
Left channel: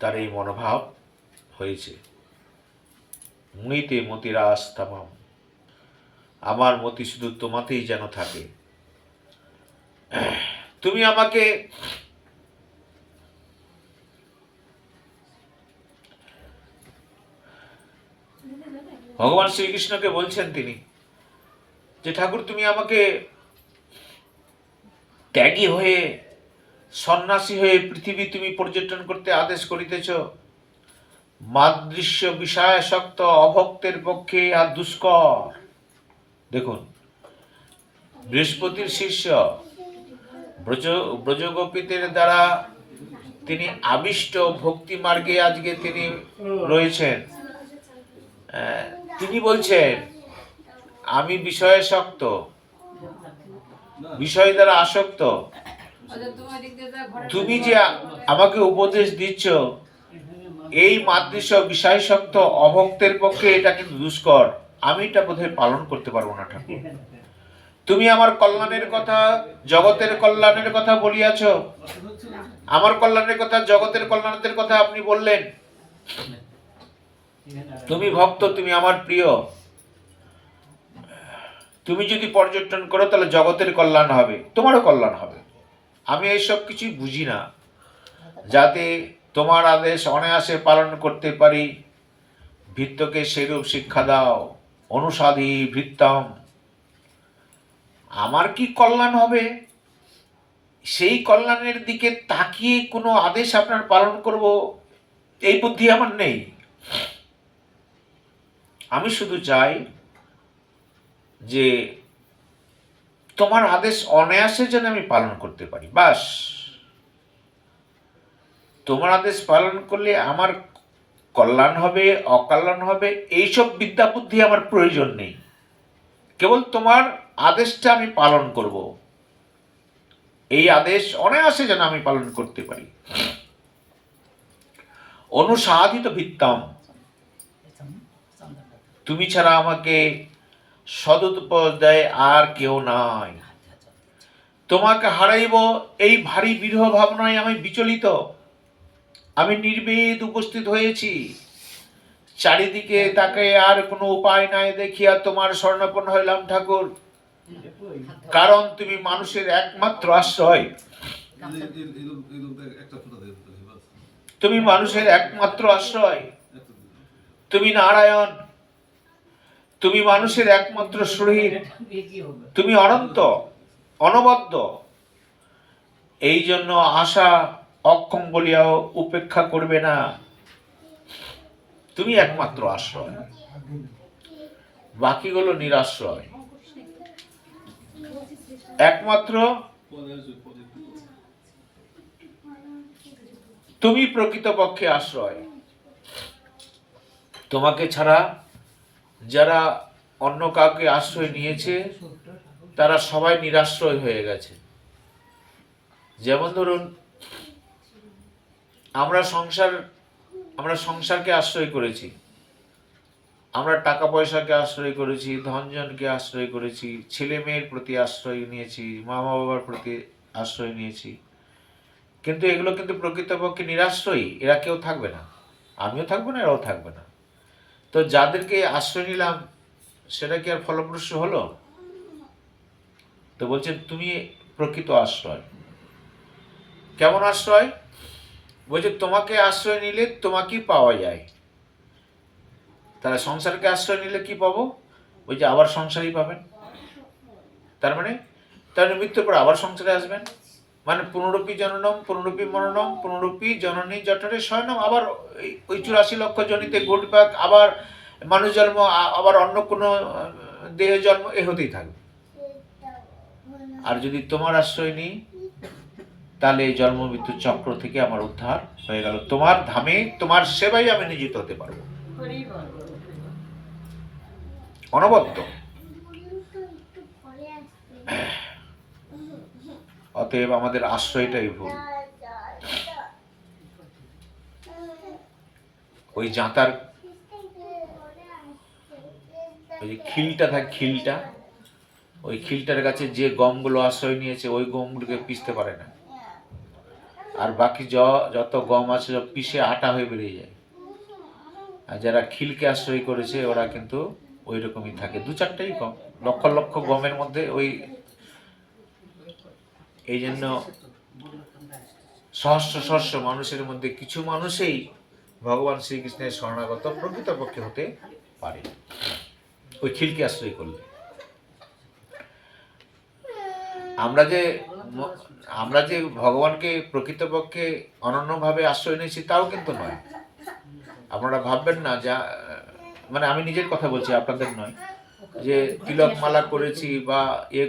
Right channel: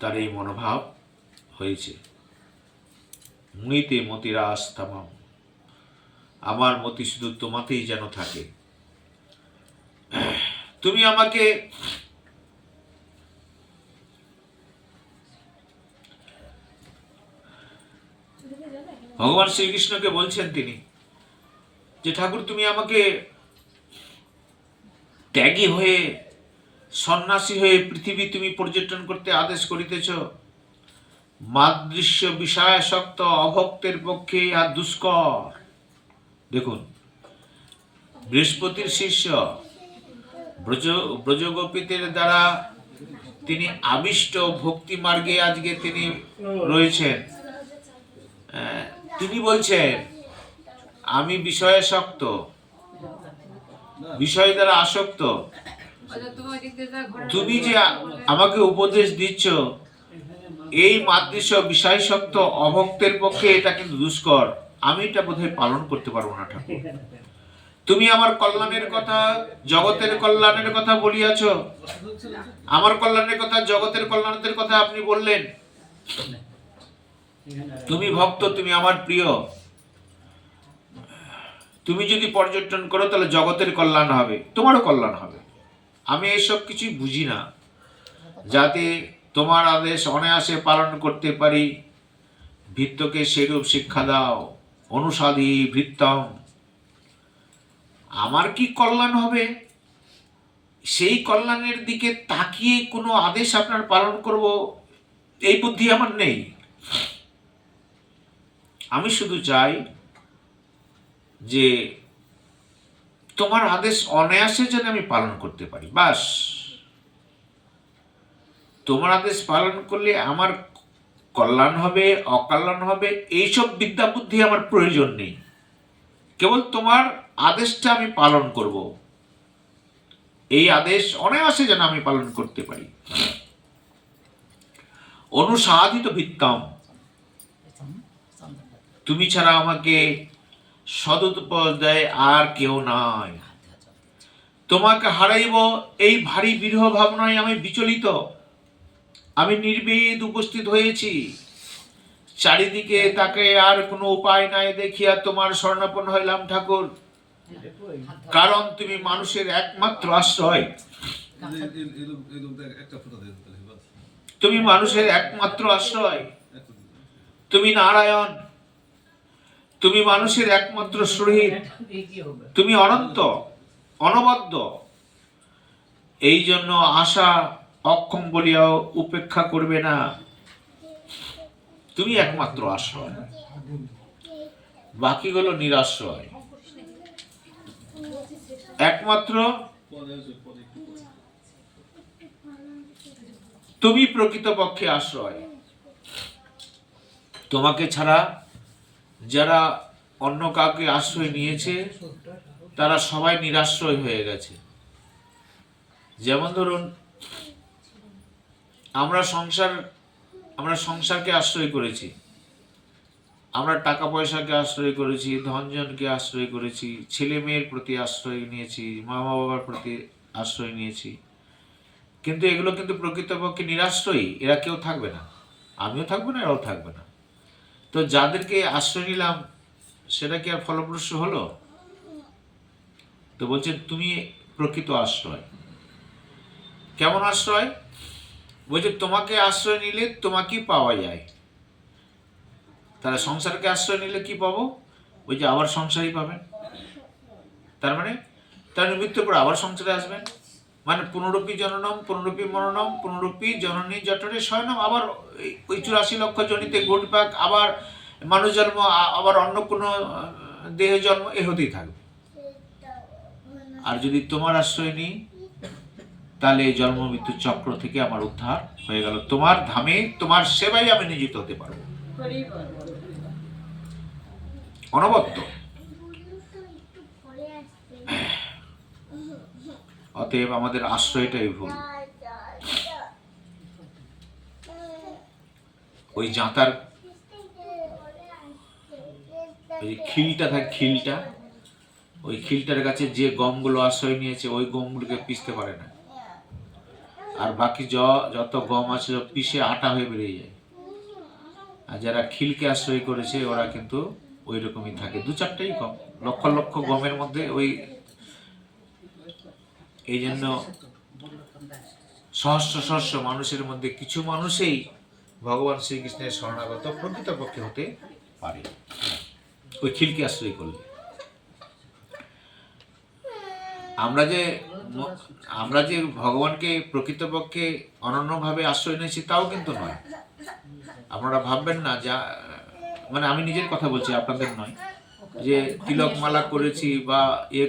তার এই মনোভাব হয়েছে। মুনিতে মতিরাস তামাম, আমার মতি শুধু তোমাতেই যেন থাকে। তুমি আমাকে ভগবান শ্রীকৃষ্ণকে বলছেন তিনি, যে ঠাকুর তুমি আমাকে ত্যাগী হয়ে, সন্ন্যাসী হয়ে পৃথিবী তুমি পর্যটন করতে আদেশ করিতেছ। মাদৃশ্য বিষয়াসক্ত অভক্তের পক্ষে আর দুষ্কর। দেখুন, বৃহস্পতির শিষ্য ব্রজগোপীদের দ্বারা তিনি আবিষ্ট ভক্তি মার্গে আজকে তিনি রয়েছেন। তিনি বলছেন, আমি বিষয়াসক্ত, বিষয় দ্বারা আসক্ত। তুমি যে আমাকে উপদেশ দিচ্ছ, এই মাদৃশ্য বিষয়াসক্ত অভক্তের পক্ষে এটা কিন্তু দুষ্কর। আমি এটা বোধহয় পালন করতে পারবো না ঠাকুর। তুমি আমার কল্যাণের কথা, জগতের কল্যাণের কথা বলিয়াছ। আমার কল্যাণের কথা, জগতের কল্যাণের কথা আপনি বললেন। তুমি ভক্ত, তুমি আমার প্রিয়। তুমি যদি পর্যটন করো, তাহলে জগতের কল্যাণ হবে, তোমারও কল্যাণ হবে। আমি এইসব কিছুই বুঝি না। যাতে তোমার আদেশ অনায়াসে পালন করতে পারি, ভৃত্যকে সেরূপ শিক্ষা দাও। অনুসাধী ভৃত্যম, আমার কি কল্যাণ হবে, সেই কল্যাণের দিকে তাকিয়ে কোনো আদেশ আপনার পালন করব, এই বুদ্ধি আমার নেই। আমি শুধু চাই যে তোমার আদেশ অনায়াসে যেন আমি পালন করতে পারি, বাস। তোমার আদেশ পালন করলে আমার কল্যাণ হবে, অকল্যাণ হবে, এইসব বিদ্যা বুদ্ধি আমার প্রয়োজন নেই। কেবল তোমার আদেশটা আমি পালন করব, এই আদেশ অনায়াসে যেন আমি পালন করতে পারি। অনুসাধিত ভিত্তম, তুমি ছাড়া আমাকে সদুপদেশ দেয় আর কেউ নাই। তোমাকে হারাইব এই ভারী বিরহ ভাবনায় আমি বিচলিত। আমি নির্বেদ উপস্থিত হয়েছি, চারিদিকে তাকে আর কোনো উপায় নাই দেখিয়া তোমার শরণাপন্ন হইলাম ঠাকুর। কারণ তুমি মানুষের একমাত্র আশ্রয়, তুমি মানুষের একমাত্র আশ্রয়, তুমি নারায়ণ, তুমি মানুষের একমাত্র শহীদ, তুমি অনন্ত, অনবদ্য। এই জন্য আশা অক্ষম বলিয়াও উপেক্ষা করবে না। তুমি একমাত্র আশ্রয়, বাকিগুলো নিরাশ্রয়। একমাত্র তুমি প্রকৃতপক্ষে আশ্রয়। তোমাকে ছাড়া যারা অন্য কাউকে আশ্রয় নিয়েছে, তারা সবাই নিরাশ্রয় হয়ে গেছে। যেমন ধরুন আমরা সংসারকে আশ্রয় করেছি, আমরা টাকা পয়সাকে আশ্রয় করেছি, ধনজনকে আশ্রয় করেছি, ছেলে মেয়ের প্রতি আশ্রয় নিয়েছি, মা বাবার প্রতি আশ্রয় নিয়েছি, কিন্তু এগুলো কিন্তু প্রকৃতপক্ষে নিরাশ্রয়ী। এরা কেউ থাকবে না, আমিও থাকবো না, এরাও থাকবে না। তো যাদেরকে আশ্রয় নিলাম সেটা কি আর ফলপ্রসূ হলো? তো বলছেন তুমি প্রকৃত আশ্রয়। কেমন আশ্রয়? বলছে তোমাকে আশ্রয় নিলে তোমাকেই পাওয়া যায়। তাহলে সংসারকে আশ্রয় নিলে কি পাবো? বলছে আবার সংসারই পাবেন। তার মানে মৃত্যুর পর আবার সংসারে আসবেন, মানে পুনরূপী জননম পুনরূপী মরণম পুনরূপী জননী জঠরে শয়নম, আবার ওই 84 লক্ষ জনিতে ঘটপাক, আবার মানুষ জন্ম, আবার অন্য কোনো দেহ জন্ম, এ হতেই থাকবে। আর যদি তোমার আশ্রয় নিই তাহলে এই জন্ম মৃত্যুর চক্র থেকে আমার উদ্ধার হয়ে গেল, তোমার ধামে তোমার সেবায় আমি নিয়োজিত হতে পারবো অনবদ্য। অতএব আমাদের আশ্রয়টাই ভুল। ওই জাঁতার ওই যে খিলটা থাকে, খিলটা, ওই খিলটার কাছে যে গমগুলো আশ্রয় নিয়েছে ওই গমগুলোকে পিষতে পারে না, আর বাকি যত গম আছে সব পিষে আটা হয়ে বেরিয়ে যায়। আর যারা খিলকে আশ্রয় করেছে ওরা কিন্তু ওই রকমই থাকে, 2-4টাই গম, লক্ষ লক্ষ গমের মধ্যে ওই। এই জন্য সহস্র সহস্র মানুষের মধ্যে কিছু মানুষই ভগবান শ্রীকৃষ্ণের শরণাগত প্রকৃতপক্ষে হতে পারে ওই খিলকে আশ্রয় করলে। আমরা যে ভগবানকে প্রকৃতপক্ষে অনন্যভাবে আশ্রয় নিয়েছি তাও কিন্তু নয়। আপনারা ভাববেন না, যা মানে আমি নিজের কথা বলছি, আপনাদের নয়, যে তিলক মালা করেছি বা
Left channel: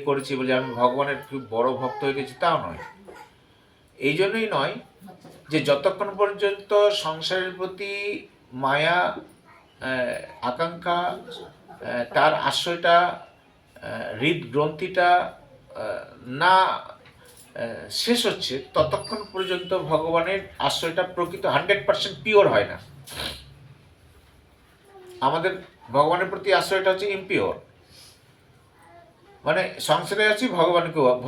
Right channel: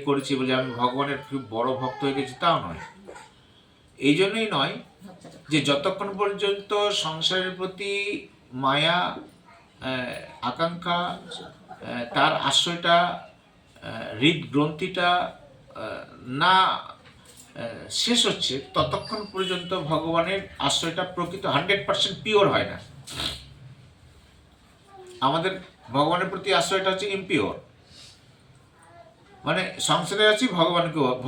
করেছি বলে আমি ভগবানের খুব বড় ভক্ত হয়ে গেছি, তাও নয়। এই জন্যই নয় যে যতক্ষণ পর্যন্ত সংসারের প্রতি মায়া, আকাঙ্ক্ষা, তার আশ্রয়টা, হৃদগ্রন্থিটা না শেষ হচ্ছে, ততক্ষণ পর্যন্ত ভগবানের আশ্রয়টা প্রকৃত 100% পিওর হয় না। আমাদের ভগবানের প্রতি আশ্রয়টা হচ্ছে ইমপিওর, মানে সংসারে আছি,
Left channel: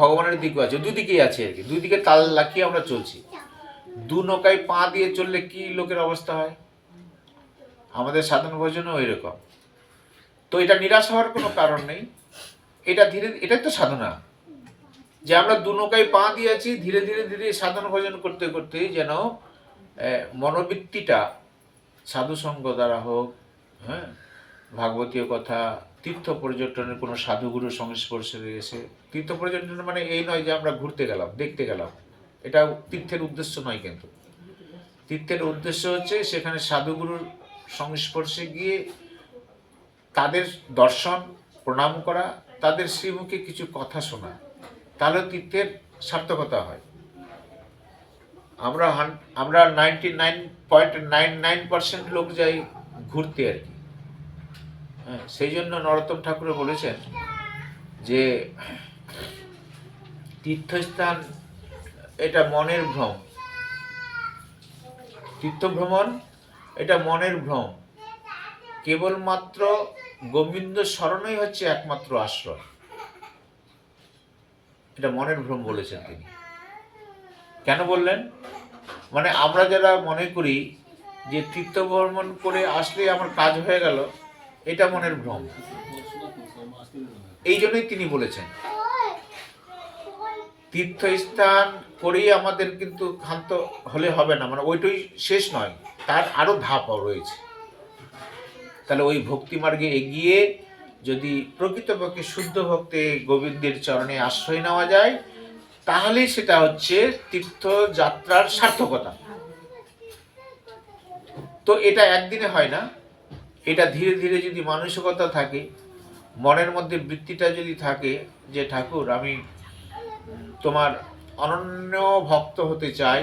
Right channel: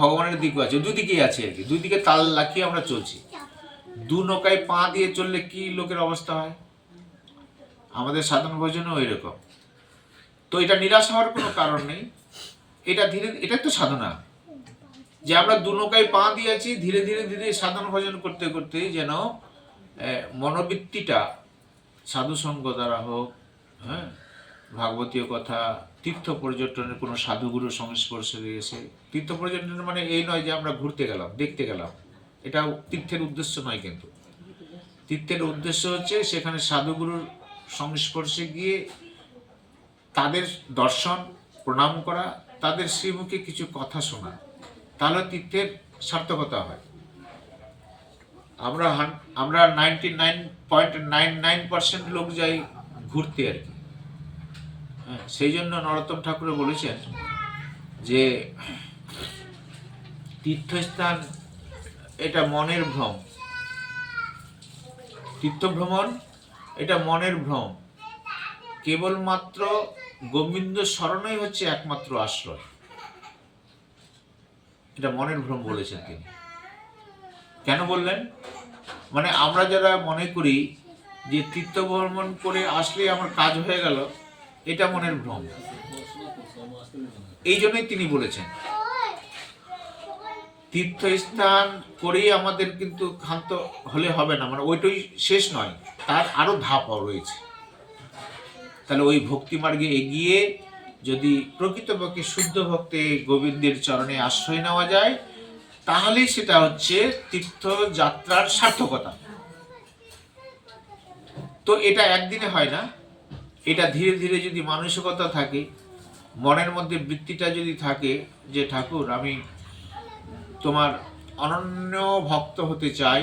ভগবানের দিকেও আছে, দুদিকেই আছে আর কি, দুই দিকে তাল লাখিয়ে আমরা চলছি। দু নৌকায় পা দিয়ে চললে কি লোকের অবস্থা হয়, আমাদের সাধন ভোজনও ওই রকম। তো এটা নিরাশ হওয়ার কোনো কারণ নেই, এটাই তো সাধনা, যে আমরা দু নৌকায় পা দিয়েছি, ধীরে ধীরে ধীরে সাধন ভোজন করতে করতে যেন মনোবৃত্তিটা সাধুসঙ্গ দ্বারা হোক, হ্যাঁ, ভাগবতীয় কথা, তীর্থ পর্যটনের কোনো সাধুগুরুর সংস্পর্শে এসে, তীর্থ পর্যটন মানে এই নয় যে আমরা ঘুরতে গেলাম, দেখতে গেলাম, এটাও তীর্থের উদ্দেশ্য নয়। কিন্তু তীর্থের উদ্দেশ্য হচ্ছে সেখানে সাধুগুরুর সংস্পর্শে গিয়ে তাদের দর্শন, প্রণাম করা, তাদের শ্রীমুখে কিছু কথা শোনা, তাহলে তীর্থের সার্থকতা হয়। আমরা 99.99% লোক যাই ঘুরতে আর কি। হ্যাঁ, সেই জন্য নরোত্তম ঠাকুর বলেছেন যে তীর্থস্থান এটা মনের ভ্রম, তীর্থভ্রমণ এটা মনের ভ্রম, কেবলমাত্র গোবিন্দ স্মরণই হচ্ছে একমাত্র আশ্রয়। এটা মনের ভ্রম বলেছেন তিনি। কেন বললেন? মানে আমরা যারা মনে করি যে তীর্থ ভ্রমণ করে আসলে আমার কাজ হয়ে গেল, এটা মনের ভ্রম। এই জন্যই তিনি বলেছেন তীর্থস্থান করেই আমাদের কিন্তু ক্ষান্ত হলে হবে না, মানে ওইটাই শেষ নয়, তার আরো ধাপ রয়েছে। তাহলে ওই ভক্তি মার্গে এগিয়ে যদি প্রকৃতপক্ষে শুদ্ধ ভক্তে গোবিন্দের চরণে আশ্রয় নেওয়া যায়, তাহলে সেটা হচ্ছে তীর্থযাত্রার সার্থকতা। তো এটা একদিনে হয় না, এটা ধীরে ধীরে যদি মানসিকতা থাকে, মনের মধ্যে বৃত্তিটা যদি থাকে যে ঠাকুর আমি তোমার অনন্য ভক্ত হতে চাই,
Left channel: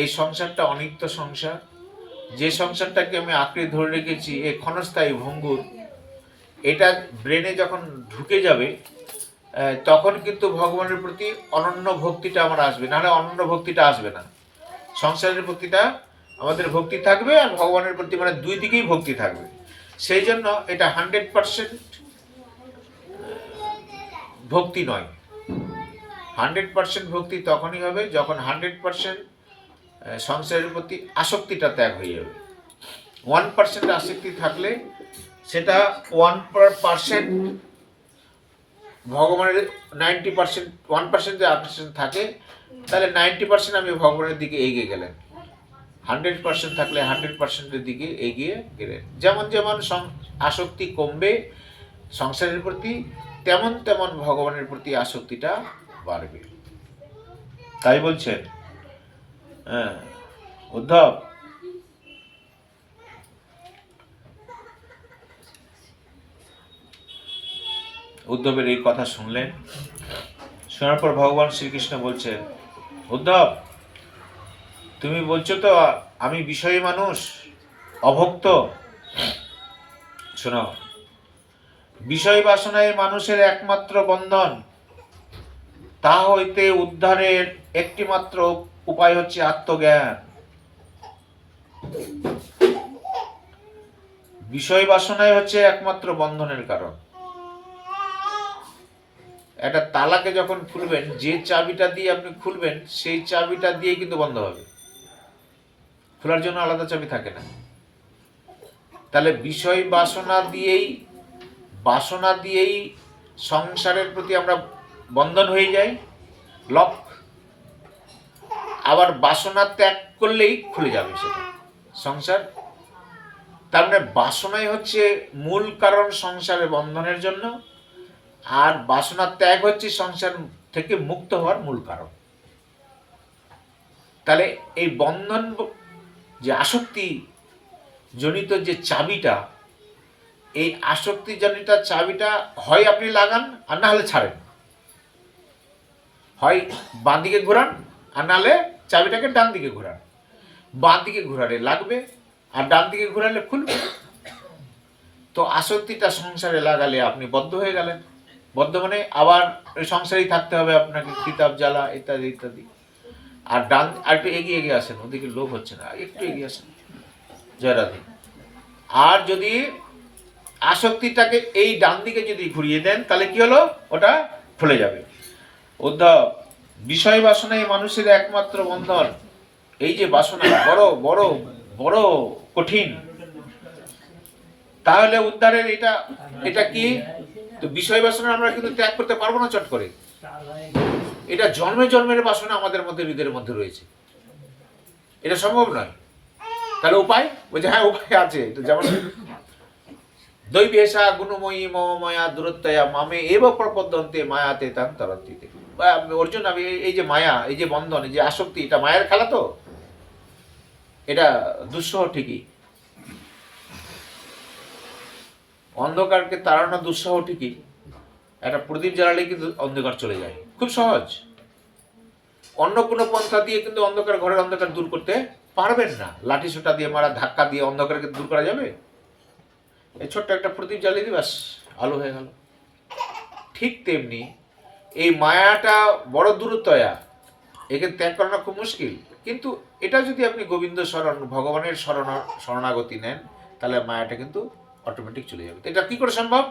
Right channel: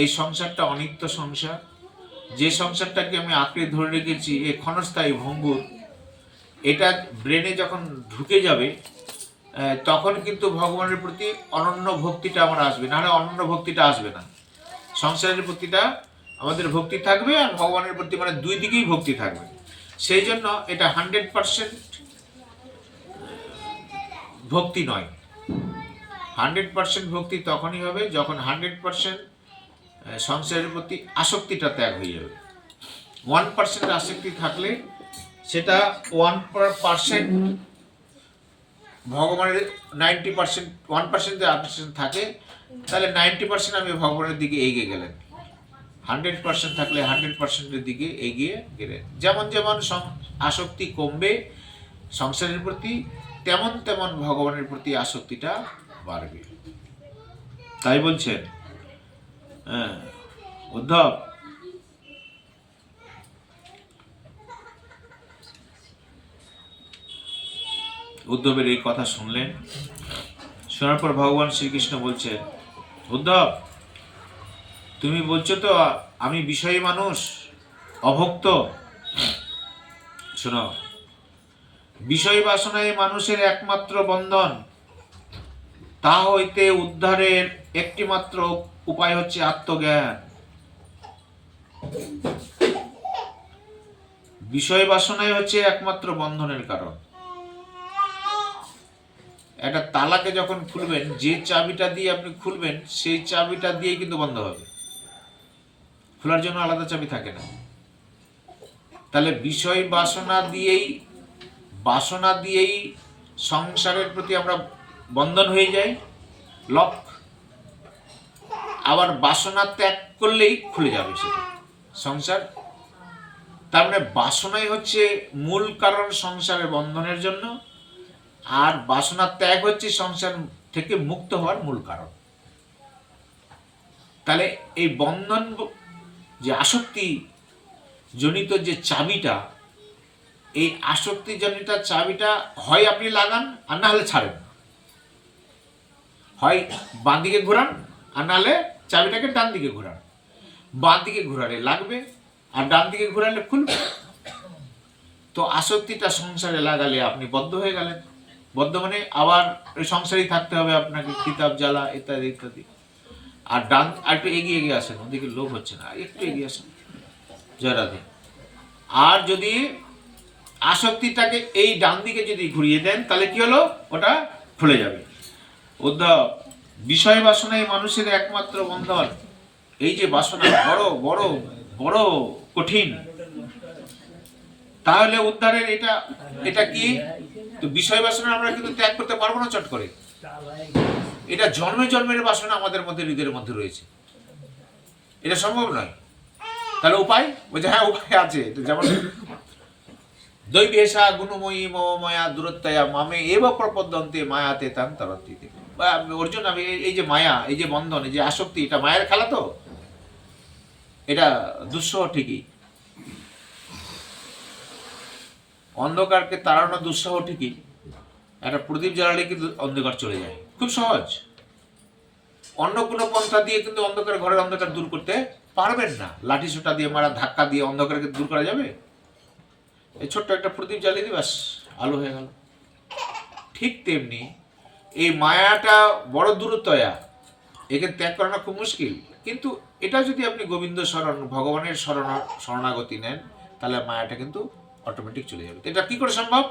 এই সংসারটা অনিত্য সংসার, যে সংসারটাকে আমি আঁকড়ে ধরে রেখেছি এ ক্ষণস্থায়ী ভঙ্গুর, এটা ব্রেনে যখন ঢুকে যাবে তখন কিন্তু ভগবানের প্রতি অনন্য ভক্তিটা আমার আসবে, নাহলে অনন্য ভক্তিটা আসবে না। সংসারের প্রতিটা আমাদের ভক্তি থাকবে, আর ভগবানের প্রতি মানে দুই দিকেই ভক্তি থাকবে। সেই জন্য এটা 100% ভক্তি নয়। 100% ভক্তি তখনই হবে যখন 100% সংসারের প্রতি আসক্তিটা ত্যাগ হয়ে যাবে। 1% আসক্তি থাকলে সেটা 1% ভগবানের 90%, 1% যে আকর্ষণ থাকে তাহলে 90% আমি ভগবানের দিকে এগিয়ে গেলেন। 100% থাকলে 100%-এর দিকে এগিয়ে গেলেন। যেমন যেমন আসক্তি কমবে সংসারের প্রতি, তেমন তেমন ভগবানের প্রতি আসক্তিটা বাড়বে। তাই বলছেন হ্যাঁ উদ্ধব। উদ্ধবের এই কথা শুনলেন, শোনার পর ভগবান শ্রীকৃষ্ণ বলছেন, উদ্ধব তুমি বলছো তো আমি বিষয়ী মানুষ, অভক্ত। শোনো, বিষয় বাসনায় মানুষের একমাত্র বন্ধন, তা হইতে উদ্ধারের একটি মাত্র উপায় হচ্ছে আত্মজ্ঞান। বিষয় বাসনাই হচ্ছে একমাত্র বন্ধনের কারণ। একটা তালাকে যখন খুলবেন, যে চাবিটা দিয়ে আপনি খুলবেন সেই চাবিটা দিয়েই কিন্তু বন্ধ হবে, খোলার জন্য আলাদা চাবি থাকে না। তাহলে বিষয় বাসনা দিয়েই সংসারের প্রতি আমরা বন্ধন হয়ে যাই, লক। আবার বাসনা ত্যাগ করলেই খুলে যাবে সেটা সংসার। তার মানে বাসনাই হচ্ছে মূল কারণ সংসারের বন্ধনের জন্য, আর বাসনা ত্যাগ হচ্ছে সংসার থেকে মুক্ত হওয়ার মূল কারণ। তাহলে এই বন্ধন যে আসক্তি জনিত যে চাবিটা, এই আসক্তি জনিত চাবিটা হয় আপনি লাগান আর না হলে ছাড়েন, হয় বাঁ দিকে ঘোরান আর না হলে চাবিটাকে ডান দিকে ঘোরান। বাঁ দিকে ঘোরালে লাগবে আর ডান দিকে ঘোরালে খুলবে। তো আসক্তিটা সংসারে লাগালে আপনি বদ্ধ হয়ে গেলেন। বদ্ধ মানে আবার ওই সংসারেই থাকতে হবে আপনাকে, কিতাব জ্বালা ইত্যাদি ইত্যাদি। আর ডান আর একটু এগিয়ে আসেন, ওদিকে লোভ হচ্ছে না, একটু এগিয়ে আসেন, জয় রাধে। আর যদি আসক্তিটাকে এই ডান দিকে যদি ঘুরিয়ে দেন তাহলে কি হলো, ওটা খুলে যাবে। উদ্ধব, বিষয় বাসনাই মানুষের একমাত্র বন্ধন। এই যে বাসনা বড় বড় বড় কঠিন, তাহলে উদ্ধারের এটা কি? তো বিষয় বাসনা আমরা কিন্তু ত্যাগ করতে পারবো না চট করে। এটা জন্মে জন্মের বাসনা আমাদের মধ্যে, হৃদয়ের মধ্যে রয়েছে, এটা সম্ভব নয়। তাহলে উপায়? বলছে হ্যাঁ উপায় আছে। যেমন দৈবেশা গুণময়ী মম মায়া দূরত্বয়া মামে এব প্রপদ্যন্তে মায়াতে তাং তরন্তিতে। অর্জুন, আমি এই যে মায়া, এই যে বন্ধন, এই যে আসক্তি, এটা মায়ের খেলা তো, এটা দুঃসহ ঠিকই। অন্ধকারকে তাড়ানো দুঃসহ ঠিকই। একটা প্রদীপ জ্বালালে কিন্তু অন্ধকার চলে যায়, খুব সহজ। অন্য কোনো পন্থা দিয়ে কিন্তু ঘরের অন্ধকার দূর করতে পারবেন না। লাঠি সোটা দিয়ে মারা, ধাক্কা দিয়ে অন্ধকারকে দূর করা যাবে? এই ছোট্ট একটা প্রদীপ জ্বালিয়ে দিই, ব্যাস আলো হয়ে গেল। ঠিক তেমনি এই মায়াটা বড় দূরত্বয়া, একে ত্যাগ করানো খুব মুশকিল। কিন্তু এটা যদি আপনি গোবিন্দ শরণ, ভগবানের শরণাগতি নেন, তাহলে মায়াটা কিন্তু অটোমেটিক চলে যাবে। এটা কি করে সম্ভব?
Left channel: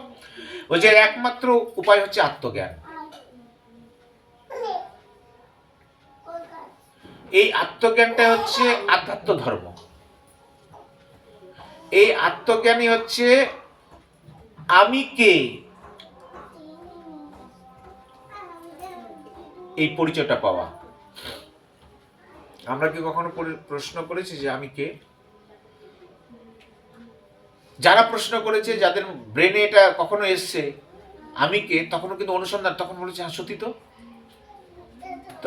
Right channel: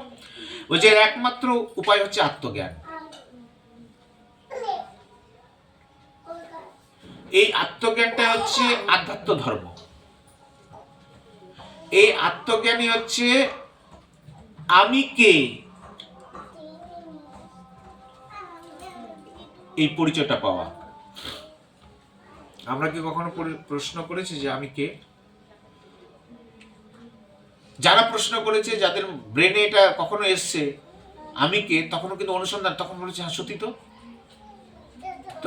ওই যে একমাত্র উপায় হচ্ছে আত্মজ্ঞান। এই আত্মজ্ঞানটা হচ্ছে আধ্যাত্ম ধর্ম। এই আত্মজ্ঞানই হচ্ছে আমি কে, এই পরিচয়টা পাওয়া। আমরা কি কখনো প্রশ্ন করেছি যে আমি কে? যারা প্রশ্ন করেছে, যাদের ব্রেনে এটা কখনো এসছে আমি কে, তখনও কিন্তু অনুসন্ধান, তখন বলেছে হ্যাঁ সত্যি তো। তো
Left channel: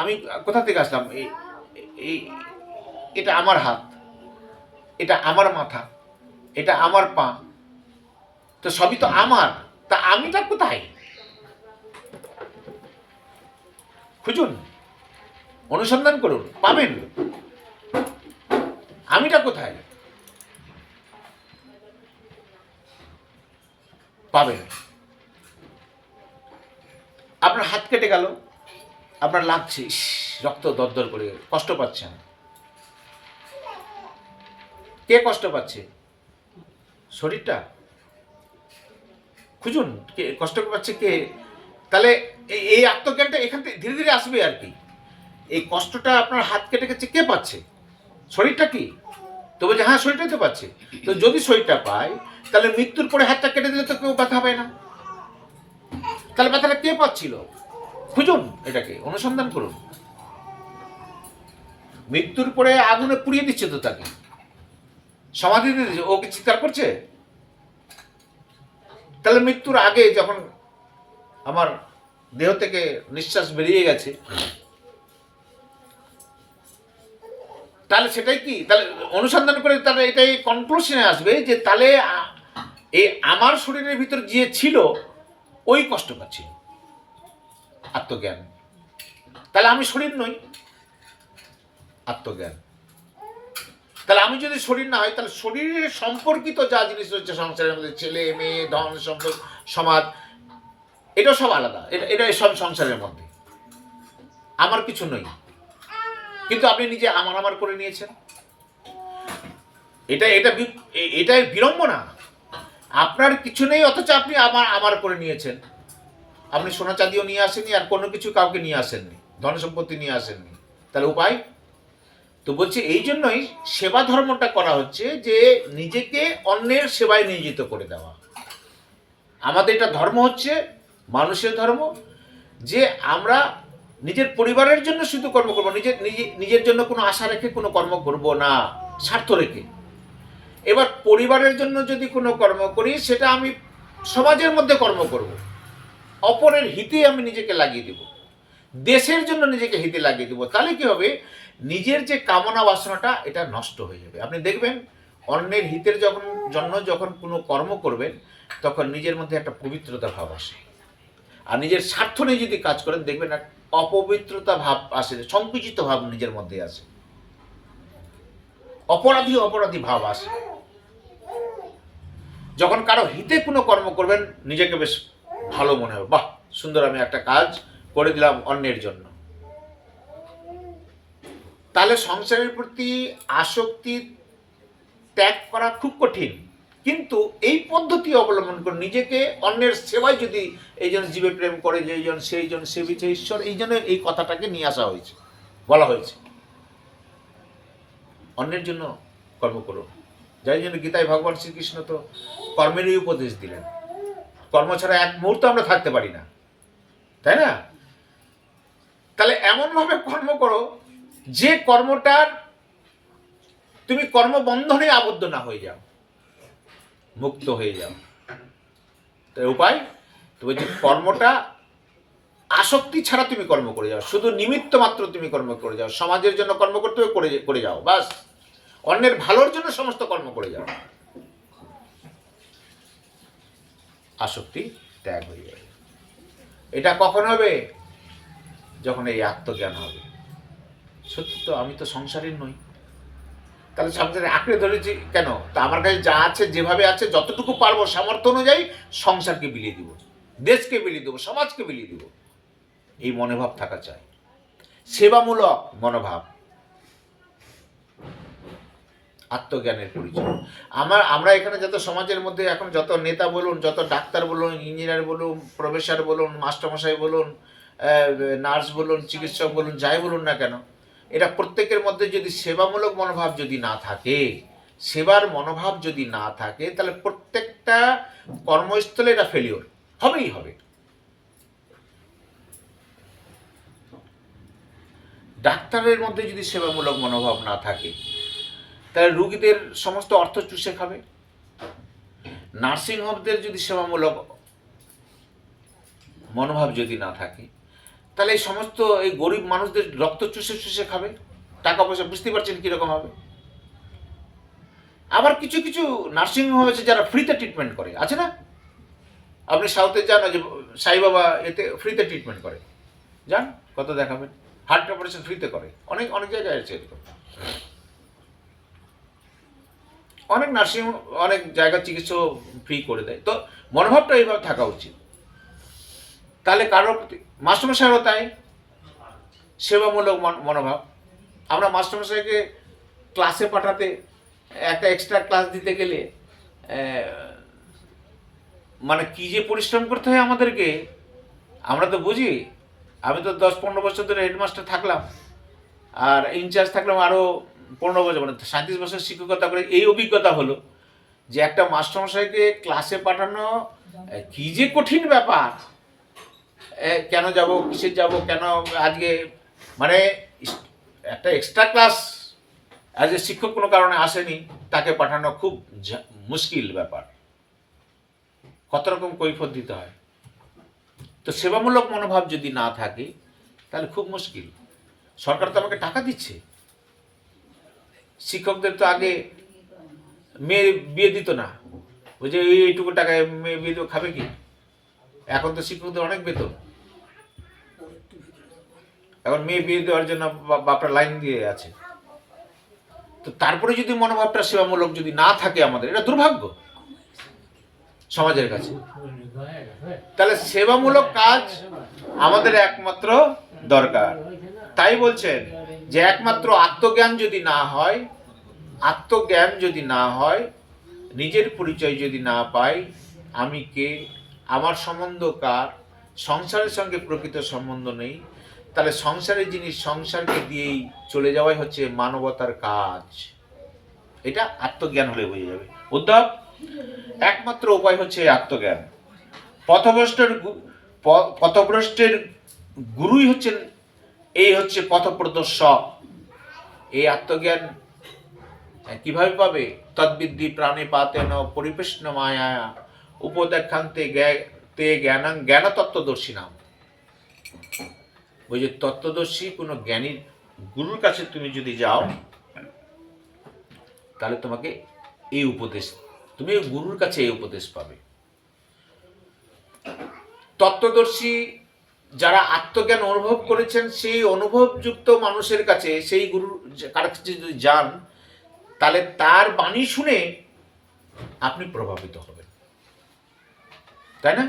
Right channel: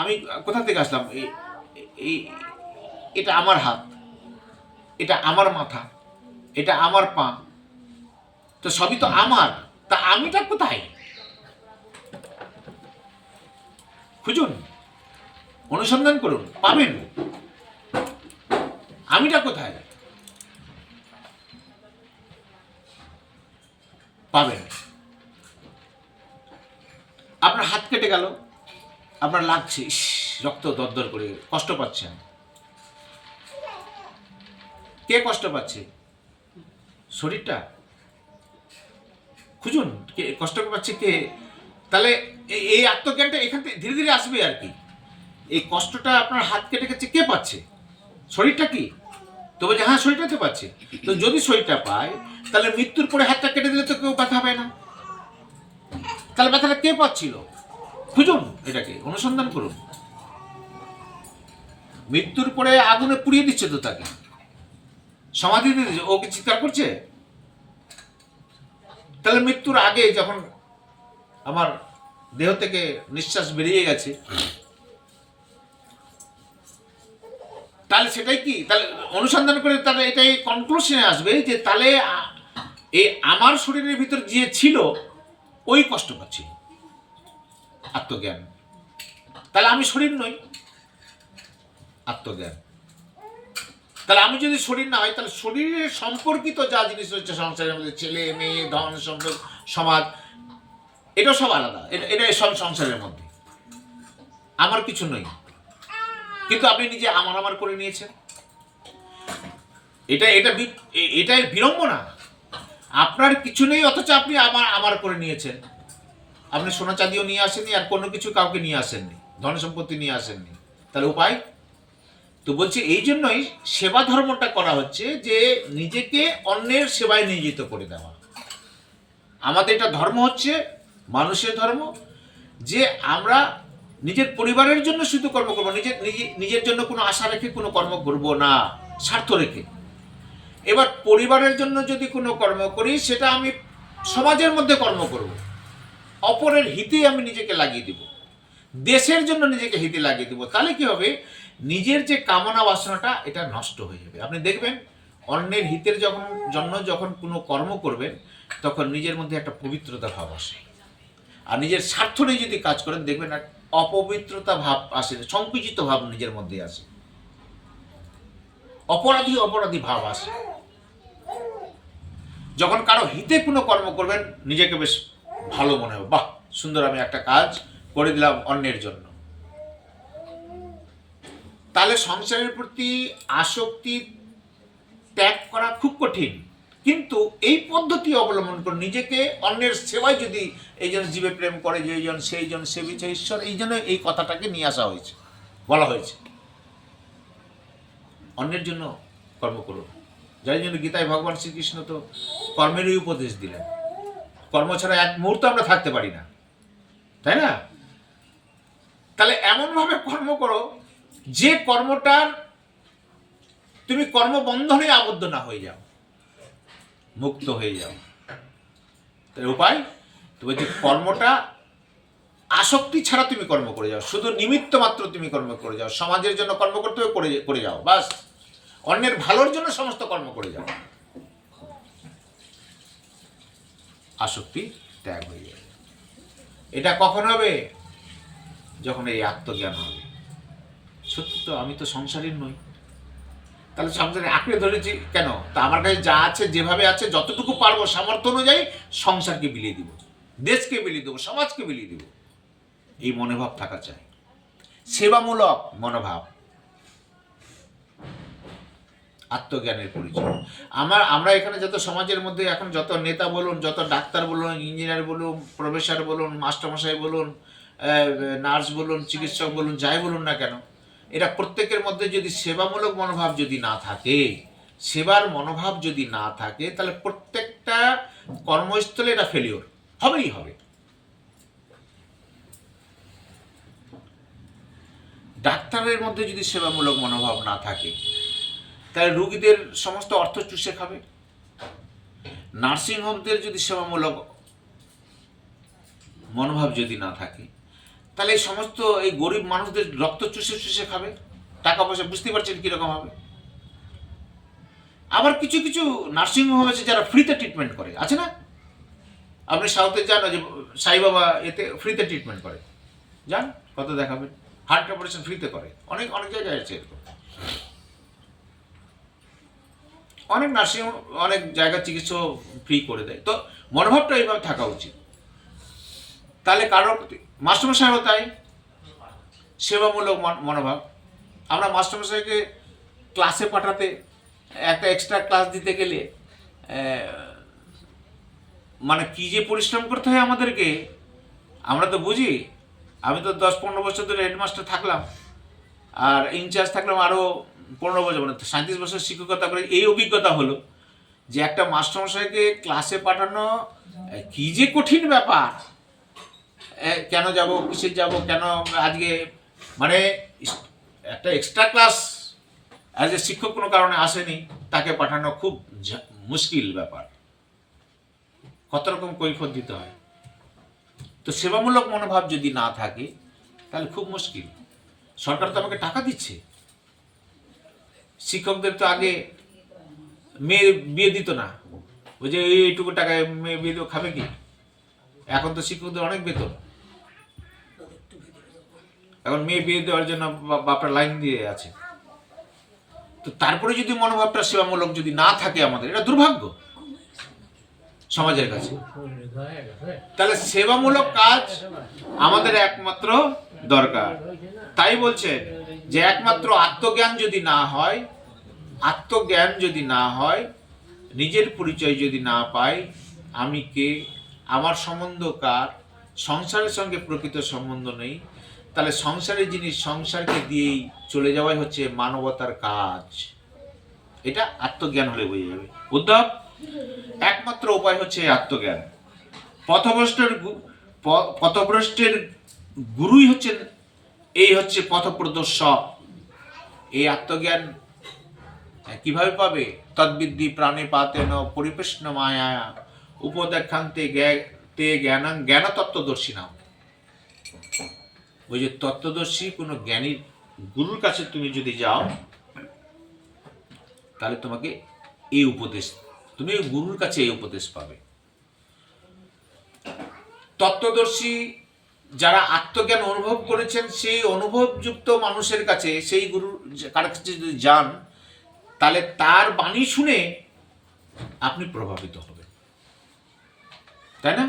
আমি কোথা থেকে আসলাম? এটা আমার হাত, এটা আমার মাথা, এটা আমার পা, তো সবই তো আমার। তা আমিটা কোথায়? খুঁজুন, অনুসন্ধান করুন, পাবেন। আমিটা কোথায় পাবেন। আপনার হাত কেটে গেল, আপনার লাগছে, ইস, রক্ত দরদর করে, কষ্ট পাচ্ছেন। কে কষ্ট পাচ্ছে? শরীরটা? খুঁজুন কে কষ্ট পাচ্ছে, কে। তাহলে এই আত্মজ্ঞানটা এখান থেকে ধীরে ধীরে আসবে আর কি। এই কষ্টটা আপনার হাত কেটে গেছে, কে পাচ্ছে? শরীরটা কি? তো বলছে হ্যাঁ শরীরটাই তো পাচ্ছে। তো যদি শরীরটা পায়, তাহলে মৃত্যুর পরে হাতটা কেটে দিলে তো কেউ ব্যথা পায় না। তাহলে ব্যথাটা কে পাচ্ছিল? খুঁজুন, এটাকে অনুসন্ধান করুন। মৃত্যুর পরে আগুনে পুড়িয়ে দিচ্ছে তো তাকে, সমাধি দিয়ে দিচ্ছে, ও কি চিৎকার করছে? তাহলে মৃত্যুর আগে যখন আমার দেহ থেকে নিঃশ্বাস বেরিয়ে গেছে, তাহলে সেটাই কি, তাহলে অনুসন্ধান করে তাহলে এটাই কনক্লুশনে আসবে যে তাহলে এই আমার শরীরের ভিতর যে ছিল ওই কষ্ট পাচ্ছিল, আত্মজ্ঞান। তাহলে আমি শরীর নই, আত্মজ্ঞান। তাহলে আমি যদি শরীর না হয়, তাহলে শরীরের সম্পর্কিত যা জিনিস রয়েছে সংসারের মধ্যে, ছেলে মেয়ে, ধন সম্পদ, সমাজ, এটাও সব আলাদা, এটা সব সংসারের মধ্যে, আমার কিছু নই। কিন্তু আপনি নিজে আমার আমার করে নিয়েছেন। এটাই বিড়ম্বনা। আপনার কিছু নেই, অথচ আপনি আমার আমার করে নিয়েছেন। আপনি সোনা চাঁদিও নিয়ে আসেননি, আর কোনো কিছু কাউকে নিয়ে আসেননি, ধন সম্পত্তি নিয়ে আসেননি। তাহলে উপায় তো বলছে, এই জন্যই সেবা ধর্মটা করা হচ্ছে, যে নিজেকে অন্যের সেবায় নিয়োজিত করে দেওয়া। আমাদের এটা ধর্ম হচ্ছে মানুষের ধর্ম, যে আমরা নিজের পরিবারের জন্য শুধু কর্ম করবো, নিজের জন্য কোনো আশা রেখে কোনো কর্ম করব না, স্বার্থ রেখে। এবার পরিবারের জন্য যদি কোনো কর্ম করি, সেটা আমি সমাজের মধ্যে কর্ম করব, অপরের হিতে আমি নিজেকে লাগিয়ে দিব, দেশের জন্য নিজেকে হিতে লাগিয়ে দিব। তাহলে কি হবে, নিজের যে কামনা বাসনাটা এটা নষ্ট হয়ে যাবে। আপনি দেখবেন অন্যের হিতের যখন কোনো কর্ম করবেন, তখন নিজের মধ্যে একটা পবিত্রতা ভাব আসে। আর নিজের স্বার্থ নিয়ে যদি কাজ করেন, দেখবেন এক অপবিত্রতা ভাব আসে, সংকুচিত ভাব নিজের মধ্যে আসে, অপরাধী ভাব আসে। যখন কারো হিতে কোনো কর্ম করবেন, নিজেকে বেশ ভালো মনে হবে, বাহ সুন্দর, আমি একটা কাজ করে দিলাম অন্যের জন্য। তাহলে সংসারের প্রতি আসক্তি ত্যাগ করা খুব কঠিন, কিন্তু এই পদ্ধতি অবলম্বন করে নিজেকে অন্যের সেবায় যদি এইজন জীবে প্রেম করে, যে এইজন সেইজন সেবিছে ঈশ্বর, এই জন্য এই কথাটাকে নিয়ে আসা হয়েছে, বলা হয়েছে অন্যের জন্য কর্ম করো। যাই জন্য গীতায় ভগবান শ্রীকৃষ্ণ তো কর্মেরই উপদেশ দিলেন। কর্ম ছাড়া এক মুহূর্ত আমরা থাকতে পারি না, তাই না? তাহলে এমনভাবে কর্ম করো যে কর্মটার তুমি কর্মবন্ধনে আবদ্ধ না হয়ে যাও, মুক্ত হয়ে যাও। তাই উপায় তো বলছে, কর্মটা আসক্তি ছাড়া তুমি কর্ম করে যাও, শুধু নিমিত্ত মাত্র তুমি কর্ম করে যাও। সমাজের জন্য কর্ম করতে হবে, করে যাও, বাস। অন্যের ভালোর জন্য সমস্ত কর্ম করে যাও, আসক্তি ত্যাগ হয়ে যাবে। এটা কখন হবে? যখন এই আত্মজ্ঞান হবে, সত্যি তো আমি তো সংসারী নই, তাহলে সংসারে আঁকড়ে ধরেছি কেন? তা আমার কাছে যা আছে, যেভাবে আছে, যতটুকু পারবো সামর্থ্য অনুযায়ী সংসারকে বিলিয়ে দিব, দেশকে বিলিয়ে দেবো, সমাজকে বিলিয়ে দেবো। এই মনোভাব থাকা চাই, সেবামূলক মনোভাব, আত্মজ্ঞানের পরিচয়। আমরা এখানে যত সমাজের মধ্যে এখন যত নেতা বলুন, যত ডাক্তার বলুন, ইঞ্জিনিয়ার বলুন, প্রফেসর বলুন, মাস্টারমশাই বলুন, নার্স বলুন, চিকিৎসক বলুন, যাই বলুন না কেন, এরা প্রত্যেকের মধ্যে যদি সেবামূলক মনোভাব যদি না থাকে, সেবার মনোভাব যদি না থাকে, তাহলে প্রত্যেকটা কর্মস্থলে এটা ফেলিওর হবেই হবে। ডাক্তারের মধ্যে যদি সেবামূলক মনোভাব না থাকে, তাহলে রুগীদের সমস্ত অর্থ চুষে খাবে। নার্সিংহোমদের যদি সেবামূলক মনোভাব যদি না থাকে, তাহলে এই সমস্ত এই গরিব মানুষদের রক্ত চুষে চুষে খাবে, টাকা পয়সা, বুঝতে পারছেন কীরকম হবে। আবার কিছু কিছু নার্সিংহোম আছে যারা ফ্রিতে ট্রিটমেন্ট করে, আছে না? আপনি সাউথে যান, যে সাই বাবা এতে ফ্রিতে ট্রিটমেন্ট করে, যান, কত দেখাবেন, হার্ট অপারেশন ফ্রিতে করে, অনেক অনেক জায়গায় আছে এরকম। অনেক নার্সিং, অনেক জায়গায় চিকিৎসা ফ্রি করে দেয়। তো মনোভাবটা এইভাবে থাকা উচিত। তাহলে কারোর প্রতি মাস্টারমশাইও তাই, সেবামূলক মনোভাব। আমরা মাস্টারমশাইকে ক্লাসে পাঠাতে, একটা এক্সট্রা ক্লাস দিতে গেলে মানে কী যে পরিশ্রম করতে হয় আমাদেরকে, আমরা তো বুঝি। আমি তো 10-15 বছর ধরে হেডমাস্টার থাকলাম, আর ইনচার্জ থাকলাম আরও 15 বছর, মানে 37 বছর শিক্ষকতা করে। এই অভিজ্ঞতা হলো যে একটা মাস্টারমশাইকে ক্লাসে পাঠানো কী যে কঠিন ব্যাপার। কেন যাব, কিসের যাব, কেন আজকে, মানে একটা এক্সট্রা ক্লাস অ্যাজ এ শিক্ষক কোনো কারণে আসেনি, তাকে পাঠানো খুব মুশকিল ব্যাপার। কত রকম কৈফিয়ত দিতে হয়। তো সেবামূলক মনোভাব যদি না থাকে তাহলে খুব মুশকিল। সরকার তো আমাকে টাকা দিচ্ছে, শিক্ষকদের তো আগে মেয়ে বিয়ে দিত না, ওই যে এইটুকু টাকায় মেয়ে বিয়ে দেবো, খাবে কি? এখন তো শিক্ষকদের অনেক বেতন, এখন মেয়ে বিয়ে দেওয়ার জন্য বাপরা লাইন দিয়ে আছে। তো তারপরে যদি মনোভাবটা সেবামূলক যদি না থাকে আমাদের, এটা দুর্ভাগ্য সমাজের কাছে। তাহলে সেবামূলক কাজ আমাদের একমাত্র দরকার। তাই বলছেন যে একমাত্র আত্মজ্ঞান যদি না হয়, আত্মজ্ঞান যদি না হয়, নিজের পরিচয় যদি না পাই, আমি কে, আমার সম্বন্ধ কার, সংসারের সঙ্গে প্রকৃত সম্বন্ধ নেই, তাহলে সংসারের জিনিস সংসারকে দিয়েই চলে যাওয়াই হচ্ছে মানবতার কাজ। এটা আত্মজ্ঞান হলে বোঝা যাবে। উদ্ধব, একমাত্র উপায় হচ্ছে আত্মজ্ঞান। পথভ্রষ্টের গুরুই হচ্ছেন, এই হচ্ছে পথপ্রদর্শক। এই আত্মজ্ঞান কিভাবে পাবে? তদ্বিদ্ধি প্রাণে পাতেন পরিবেষ্ণ মায়া উপদেক্ষান্তে তে জ্ঞানাং জ্ঞান তত্ত্বদর্শী নাম। ওই যে তত্ত্বদর্শী কোনো জ্ঞানীর গুরুর কাছে তুমি যদি যাও, তাহলে তোমাকে এই উপদেশ, তুমি গুরুর কাছে এই উপদেশ পাবে। তত্ত্বদর্শী যারা আত্মজ্ঞান অনুভব করেছেন, সেই অনুভবযুক্ত মানুষের কাছে, সেই গুরুর কাছে যদি যান, তাহলে তার বাণী শুনে আপনি প্রভাবিত হবেন, তাই না?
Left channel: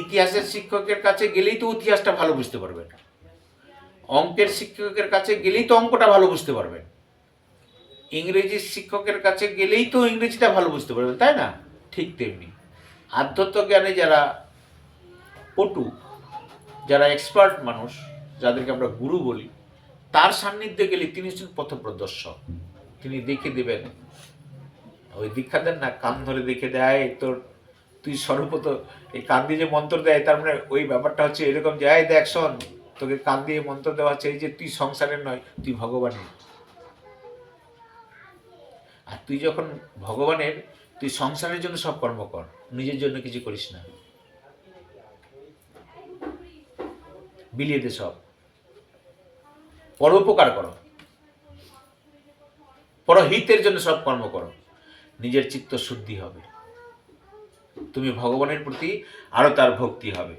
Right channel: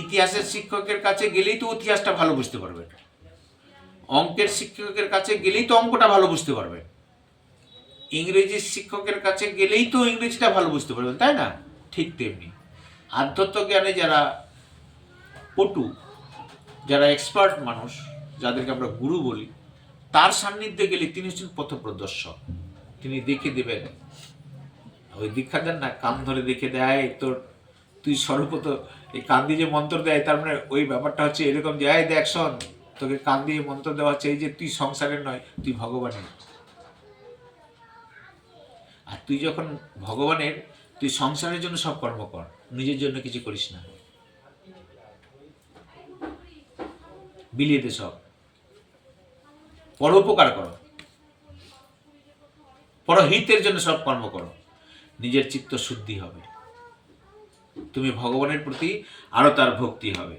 ইতিহাসের শিক্ষকের কাছে গেলেই তো ইতিহাসটা ভালো বুঝতে পারবেন, অঙ্কের শিক্ষকের কাছে গেলেই তো অঙ্কটা ভালো বুঝতে পারবেন, ইংরেজির শিক্ষকের কাছে গেলেই তো ইংরেজিটা ভালো বুঝতে পারবেন, তাই না? ঠিক তেমনি আধ্যাত্ম জ্ঞানে যারা পটু, যারা এক্সপার্ট মানুষ, যাদেরকে আমরা গুরু বলি, তার সান্নিধ্যে গেলে তিনি হচ্ছেন পথপ্রদর্শক। তিনি দেখে দেবেন, ওই দীক্ষা দেন না, কান ধরে দেখে দেয়, তোর তুই সর্বপ্রথম এই কান দিয়ে যে মন্ত্র দেয়, তার মানে ওই ব্যাপারটা হচ্ছে এরকম যে, এই দেখ শোন, তোকে কান দিয়ে মন্ত্র দেওয়া হচ্ছে এই যে তুই সংসারের নয়, তুই ভগবানের। আর তুই যখন ভগবানের, তুই সংসারের জন্য সব কর্ম কর, নিজের জন্য কিছু করিস না, বিলিয়ে দে সব, পরোপকার করো, পরহিতের জন্য সব কর্ম করো, নিজের চিত্ত শুদ্ধি হবে, তুমি ভগবানের প্রতি আরো তার ভক্তি হবে।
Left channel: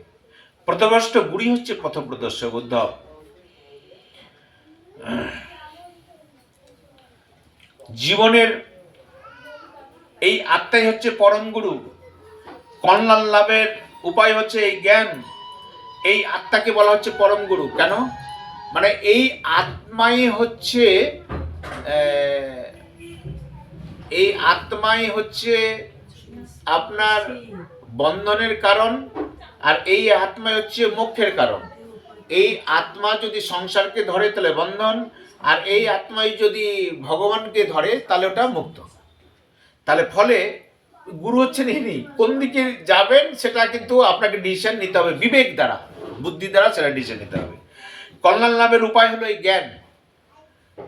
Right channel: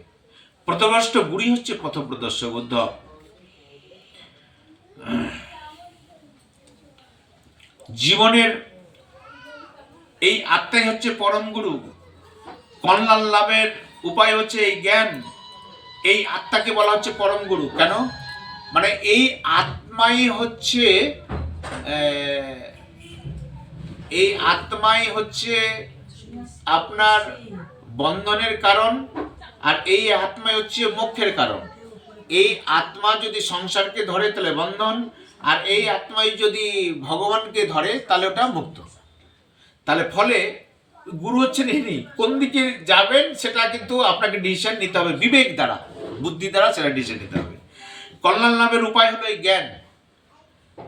পথভ্রষ্ট গুরুই হচ্ছে পথপ্রদর্শক। উদ্ধব, জীবনের এই আত্মাই হচ্ছে পরম গুরু। কল্যাণ লাভের উপায় হচ্ছে এই জ্ঞান। এই আত্মাকে বলা হচ্ছে পরম গুরু। কেন? মানে এই আত্মাই হচ্ছে আপনার বন্ধনের কারণ, আর এই আত্মাই হচ্ছে মোক্ষের কারণ। এই আত্মা যদি সংসারকে ধরে তাহলে বন্ধন, আর এই আত্মাই যদি ভগবানকে ধরে তাহলে ওটা মুক্ত। তাহলে ফলে গুরু হচ্ছেন ইনি। কোন দিকে যাবেন সেটা কিন্তু আপনাকে ডিসিশন নিতে হবে, বিবেক দ্বারা, বুদ্ধি দ্বারা সেটা ডিসিশন নিতে হবে। কল্যাণ লাভের উপায় হলো এই জ্ঞান।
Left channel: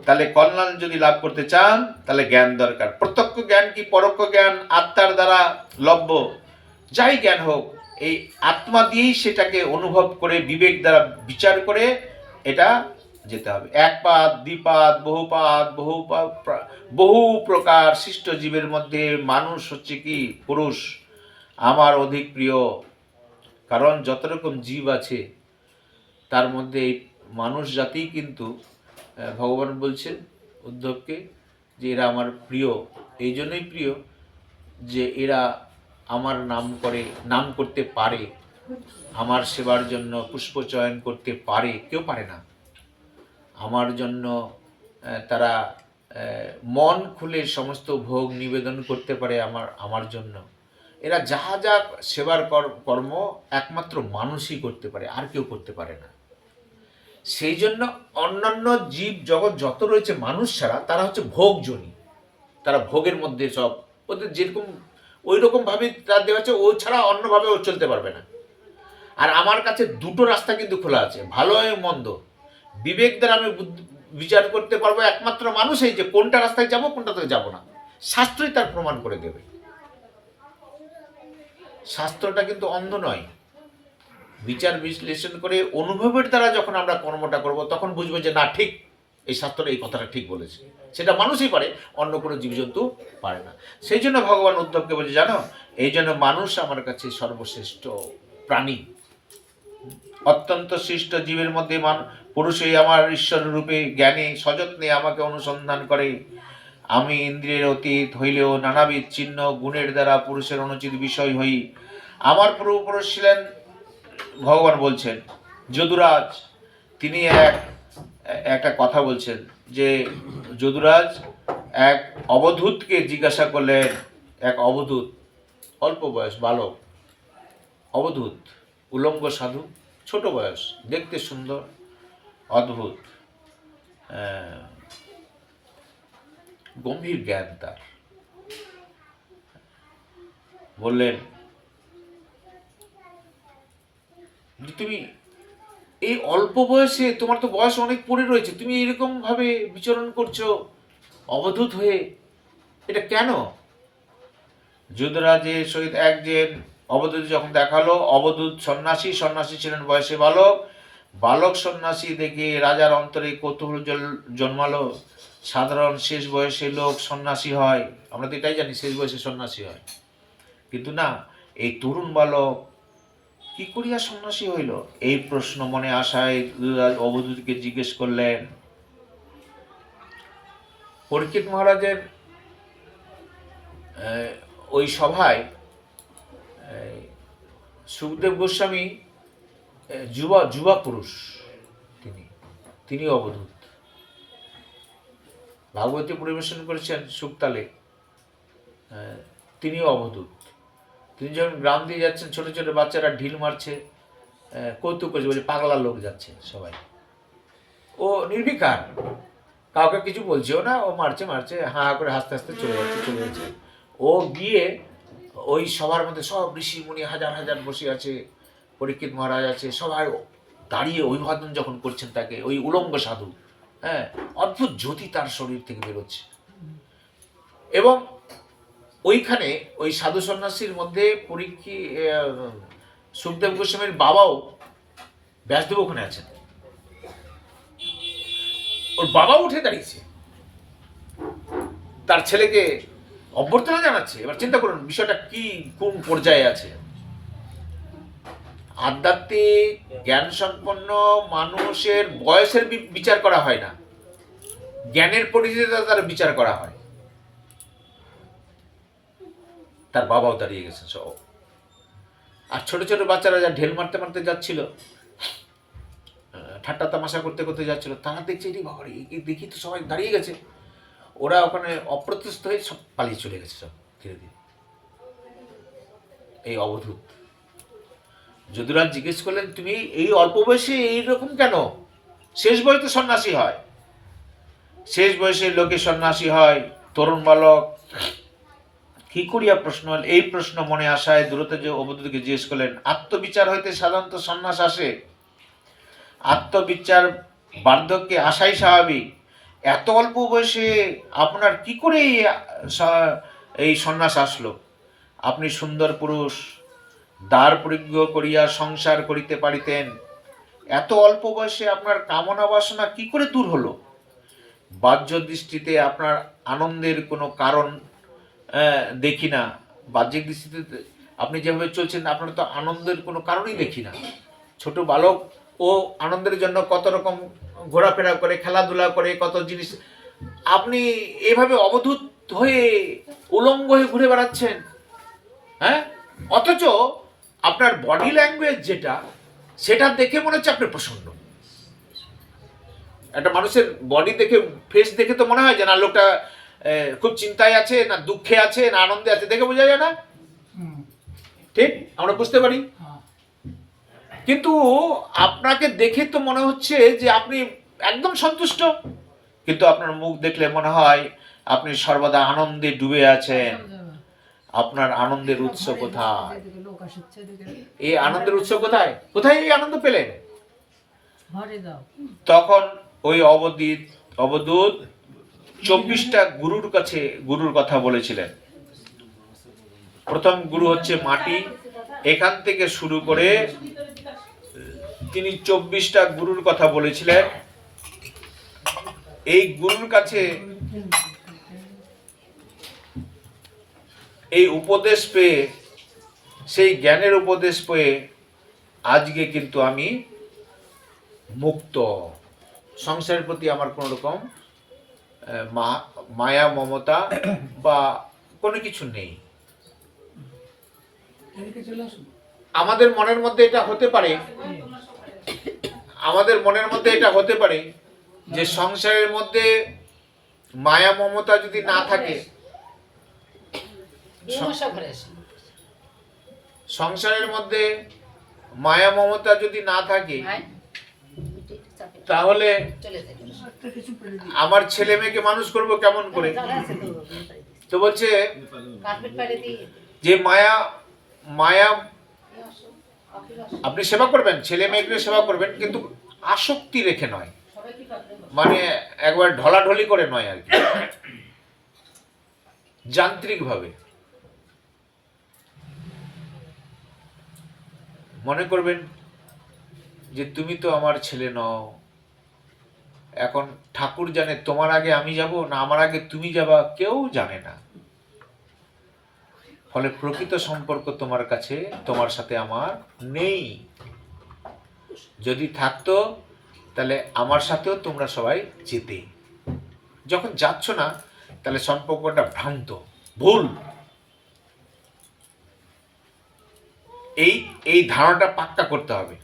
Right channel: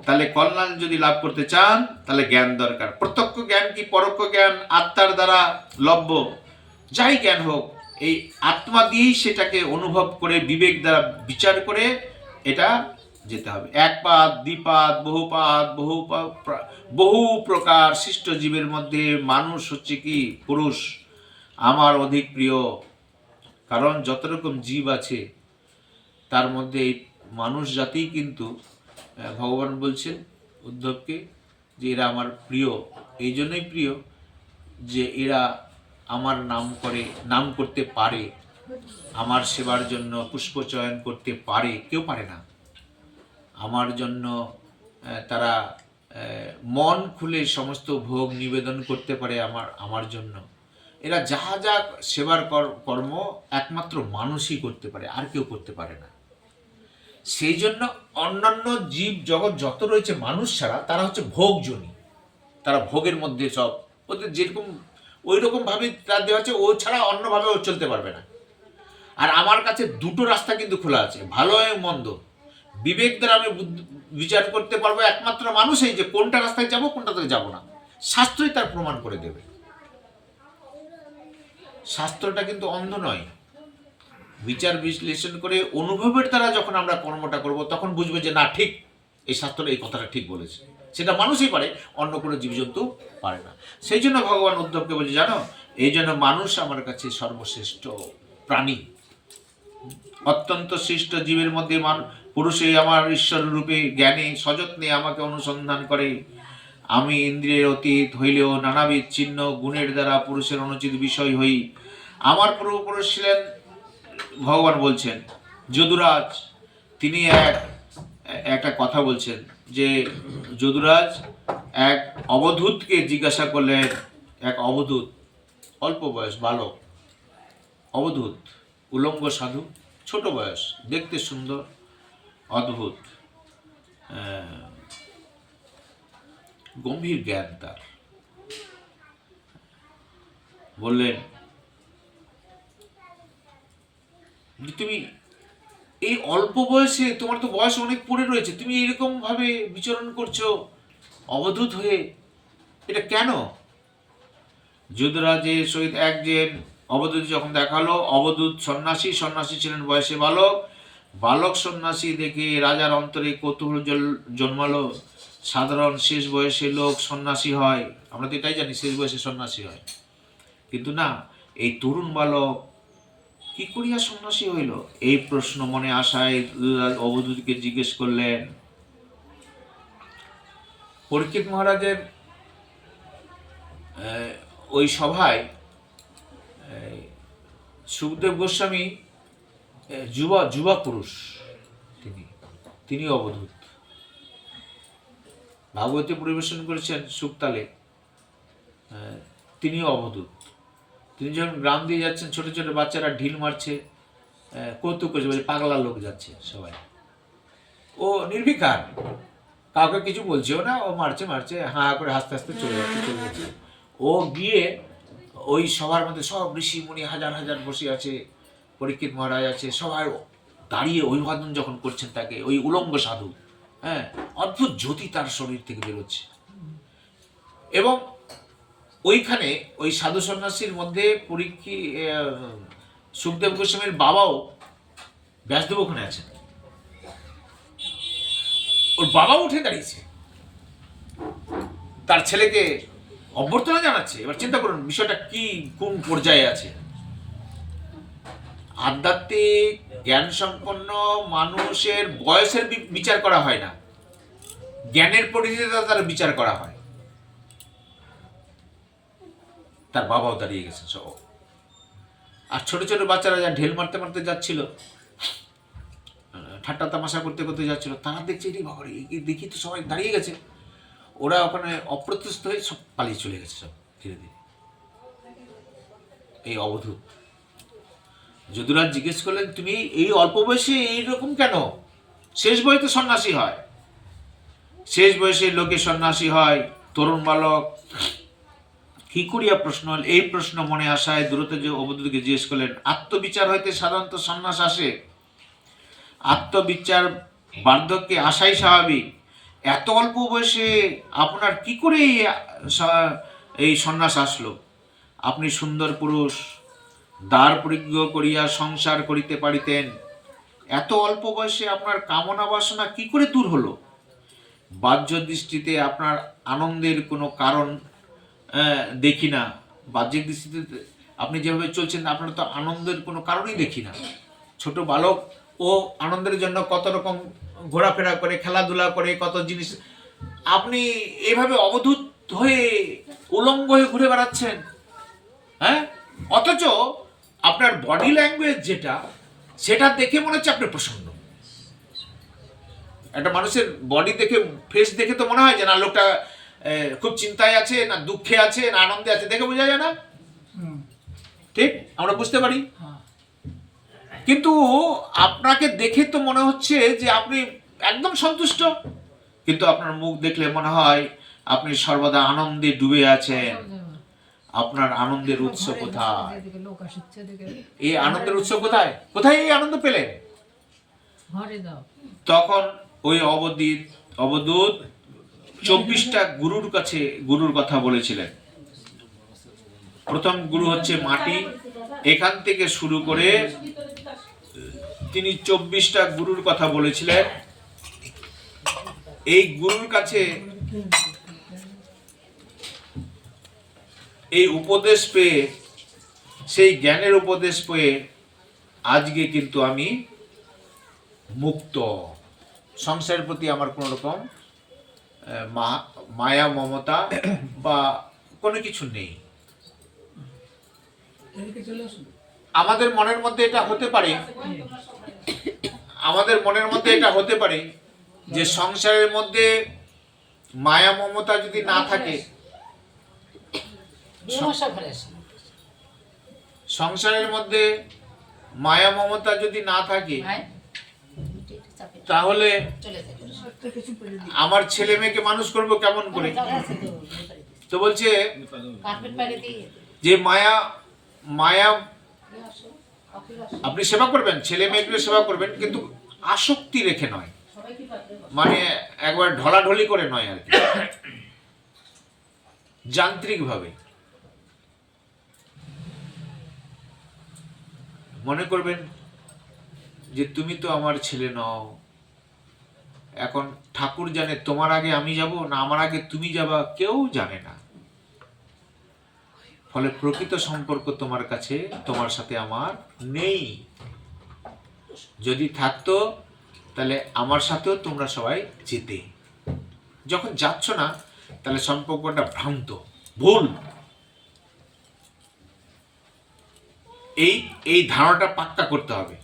তাহলে কল্যাণ যদি লাভ করতে চান তাহলে জ্ঞান দরকার। প্রত্যক্ষ জ্ঞান কি পরোক্ষ জ্ঞান আত্মার দ্বারা লভ্য, যাই জ্ঞান হোক, এই আত্মা দিয়েই সেটাকে অনুভব করে বিবেক দ্বারা বিচার করে এটা যেতে হবে। একপাদ, দ্বিপাদ, বহুপাদ, বহু প্রকার সৃষ্ট জীবের মধ্যে মানুষ হচ্ছে কি পুরুষ আমার অধিক প্রিয়। কারণ যত রকম জীব আছে তার মধ্যে এই মানুষ জাতিই কিন্তু ভগবান বলছেন উদ্ধবকে যে এরা আমার প্রিয়। এই জন্যই প্রিয় যে এরা আমার নাম করতে পারে, আমার সেবার জন্য পুষ্প চয়ন করতে পারে, কেউ পারে না। আমার জন্য তারা মন খুলে সমস্ত ভোগ নিবেদন করতে পারে আমার জন্য। এরা যা যা সেবার কর্ম একমাত্র মানুষই করতে পারে, আর কেউ করতে পারে না। সেই জন্য অন্যান্য জীব জগৎ যত রয়েছে মানুষ ছাড়া, তারা হচ্ছে ভোগজনী। তারা ভোগের মধ্যে সব, ওদের যেরকম ওই রকমভাবে তার দেওয়া আছে, ও ছাড়া অন্যভাবে ও চলতে পারবে না। আর আমার কাছে দুটো রাস্তা কিন্তু খোলা আছে, ভালো এবং মন্দ। বিবেক দ্বারা আমি বিচার করতে পারবো একমাত্র মানুষই, যে কোনটা রাস্তায় যাব, কোনটাতে যাব না। শাস্ত্রই তার প্রমাণ করে দেবে। শাস্ত্রটা কিন্তু অন্ধ নয়। বিচার বিশ্লেষণ করে অনুভবের দ্বারা যখন আমরা কর্মটা করব, তখন বুঝবো যে না, ঠিক, এই শাস্ত্রে এই কথাটা ঠিক বলেছে। সেটা মানুষই পারে, অন্য কোনো জীবজন্তু পারে না। সেই জন্য ভগবান উদ্ধবকে বলছে, জানো, এই জন্য মানুষ আমার কাছে সর্বশ্রেষ্ঠ প্রাণী। অত্যন্ত সৃষ্ট জীবের মধ্যে পুরুষই আমার ঈশ্বর রূপে জ্ঞানে সযত্নে আমাকে অনুসন্ধান করে। আমি ইন্দ্রিয়ের অতীত হইলেও নানাবিধ চিহ্ন গুণের দ্বারা পুরুষের অনুচিত বিষয় হই। আমার পূর্বপুরুষ ছিলেন, ভগবান বলছেন, যদুরাজ। তিনি একটা কথা বলছেন যে যদুরাজ এক অবধূতকে জিজ্ঞাসা করলেন, এক অবধূত, অল্প বয়স বালক, অবধূত, উলঙ্গ সাধু, ছোট বয়স, দেখতে সুন্দর, অদ্ভুত, গম্ভীর জ্ঞান তার। বললেন যে তুমি এই অল্প বয়সে, তোমার তো বয়স অনেক পড়ে রয়েছে, তুমি এরকম ভাবে বিচরণ করছো অবধূত হয়ে, এটা কেন? যুধরাজের সহিত একজন অবধূত যখন দেখালো, অবধূত সন্ন্যাসী, সন্ন্যাসী ছিলেন বয়সে বালক। বালক সন্ন্যাসী দেখে রাজার অন্তরে কৌতূহল জন্মালো। সাধারণ শেষ বয়সে লোক সন্ন্যাসী হয়, আমরা তো এটাই জানি, শেষ বয়সে সন্ন্যাসী হয়। কিন্তু না, এই তরুণ বালক কি করিয়া সন্ন্যাসী হইল? এই প্রশ্ন মনে আসায় অবধূতকে জিজ্ঞেস করলেন। পরীক্ষিত মহারাজের ওই সভায় সুখদেব গোস্বামী যুবা পুরুষ, তিনি অবধূত। ভাগবতী পরিবেশন করেছেন সুক্তালে, তিনিও অবধূত। তিনি যখন গ্রাম দিয়ে যাচ্ছেন, ছোট ছোট বাচ্চারা ঢিল মারছে, কৌতুক করছে, বলছে পাগলা লোক যাচ্ছে সবাই। ও নির্বিকার, কাউকে কিছু বলছেও না, ও মারছে, হাঁ করে হাসতে হাসতে চলে যাচ্ছে। ও গিয়ে ওই সবার মধ্যে সব ঋষি মুনি হাজার হাজার বসে আছে, পরীক্ষিত মহারাজ আছে, সবাই দাঁড়িয়ে অভিবাদন যখন করছেন তাকে, ওই উলঙ্গ সাধু, অদ্ভুত জ্যোতি তার শরীর থেকে বেরোচ্ছে। এবং ওইখানে ওই সাধু সন্ন্যাসীর মধ্যে সুখদেব গোস্বামীর বাবাও ব্যাসদেব ওখানে আছেন। ওর বাবা উঠে দাঁড়িয়েছে, তার ছেলেকে অভ্যর্থনা জানাচ্ছে। এবার চিন্তা করুন বিষয়টা কি, কোন পর্যায়ে আছে। আধ্যাত্মিক জ্ঞান সম্পন্ন মানুষের বয়সের বিচার করা হয় না, জ্ঞানের পরিধিতে তার বিচার করা হয়। তার বাবাও দাঁড়িয়ে গেছে সব, আর ছোট ছোট বাচ্চারা যা ঢেল মারতে মারতে যাচ্ছিল, ঠাট্টা তামাশা করতে করতে যাচ্ছিল, তারা দেখছে এটি বাবারে, দেখি তো সবাই দাঁড়িয়ে গেছে। ওরা ওখানে অপ্রতিষ্ঠিত হয়ে সব পালিয়ে চলে গেছে সব ধীরে ধীরে। এই অবধূত যদুরাজ জিজ্ঞেস করলেন, তুমি এই অল্প বয়সে এইরকম কেন? শেষ বয়সে সন্ন্যাসী হয়, শেষ বয়সে লোকে সন্ন্যাসী হয়, তরুণ বালক কি করিয়া প্রশ্ন হল? এই প্রশ্ন মনে আসায় দূরত যে অবধূতকে জিজ্ঞেস করলেন, আত্মবিচার হইতে সাধারণত সন্ন্যাস আসে, আত্মবিচার বার্ধক্যে আসাই স্বাভাবিক। এত অল্প বয়সে আপনার কি করে এই সন্ন্যাস আসলো? আপনি সুন্দর পুরুষ, দ্বার পরিজ্ঞ করিয়া সংসার করিতে পারিতেন, এত অল্প বয়সে আপনার কামনা বাসনা কি করে দূর হলো? বাহ্য দৃষ্টিতে আপনার আনন্দের কোনো কারণ দেখি না, বাহ্যিক দৃষ্টিতে আপনি যেভাবে চলছেন আপনার তো আনন্দের কোনো কারণই দেখি না। ছোট বালক ও আনন্দের জন্য কত রকম ঘোরাফেরা করে, খেলাধুলা করে, কত জিনিস, আপনি এভাবে অবধূত হয়ে উলঙ্গ হয়ে ঘুরে বেড়াচ্ছেন, অথচ আপনার বডি ল্যাঙ্গুয়েজ যেটা, সেটা দেখে মনে হচ্ছে আপনি প্রসন্ন। একটা মানুষের বডি দেখে, ফেস দেখে তো মনে হয় যে না লোকটা খুব চিন্তায় আছে, না দুঃখে আছে, না আনন্দে আছে, দেখে বোঝা যায় না? ঠিক, আমরা বুঝতে পারি। কিন্তু আপনাকে দেখে তো মনে হচ্ছে যে আপনি একদম সন্তুষ্ট, কিন্তু আপনার মুখ দেখলে মনে হয় আপনি সর্বদা আনন্দে ডুবে আছেন। আপনার আনন্দের উৎস কোথায়? এই আনন্দের উৎস কোথায়? কোথায় এই আনন্দ পেলেন? তখন ওই অবধূত 24টা গুরুর কাছে গুরুর কথা বলেছিলেন। প্রথম গুরু হচ্ছে মাটি। এখান থেকে শুরু করে তিনি 24টা গুরুর কথা বলেছিলেন। এই গুরুর কাছে এই উপদেশ পেয়ে, সেই জ্ঞানের উপদেশ পেয়ে আজকে কিন্তু আমি মুক্ত। সংসারের প্রতি আমার কোনো রকম মায়া মমতা বা কোনো কিছু নেই। আমাদের মনের মধ্যে এটা হতে পারে, যে সংসারের মধ্যে মায়া মমতা যদি না থাকে, সংসারের মধ্যে মায়া মমতা যদি না থাকে, তাহলে আমার ছেলে মেয়েকে মানুষ করব কেমন করে? তো বলছে যে মায়া আপনি সেবা করবেন, ছেলে মেয়েকে সেবা করবেন, কিন্তু আসক্তি রেখে নয়, মানে একবার ঢলাঢলি করে নয় আর কি, যান্ত্রিক ভাবে। মনে করবেন যে তুমি তো আমার ছেলে নও, এখন ঠাকুর জানে তোমার আগে আমি যাব না আমার আগে তুমি যাবা, কেউ জানে না। ফলে প্রকৃত সম্পর্ক তোমার কাছে, তোমার সাথে আমার নেই। যদি থাকতো তাহলে আমার সাথেও তোমরা সবাই যেতে। যখন যাচ্ছ না তাহলে সম্পর্কটা ভ্রান্ত, ভুল। এই ধারণাটা পাক্কা করতে হবে।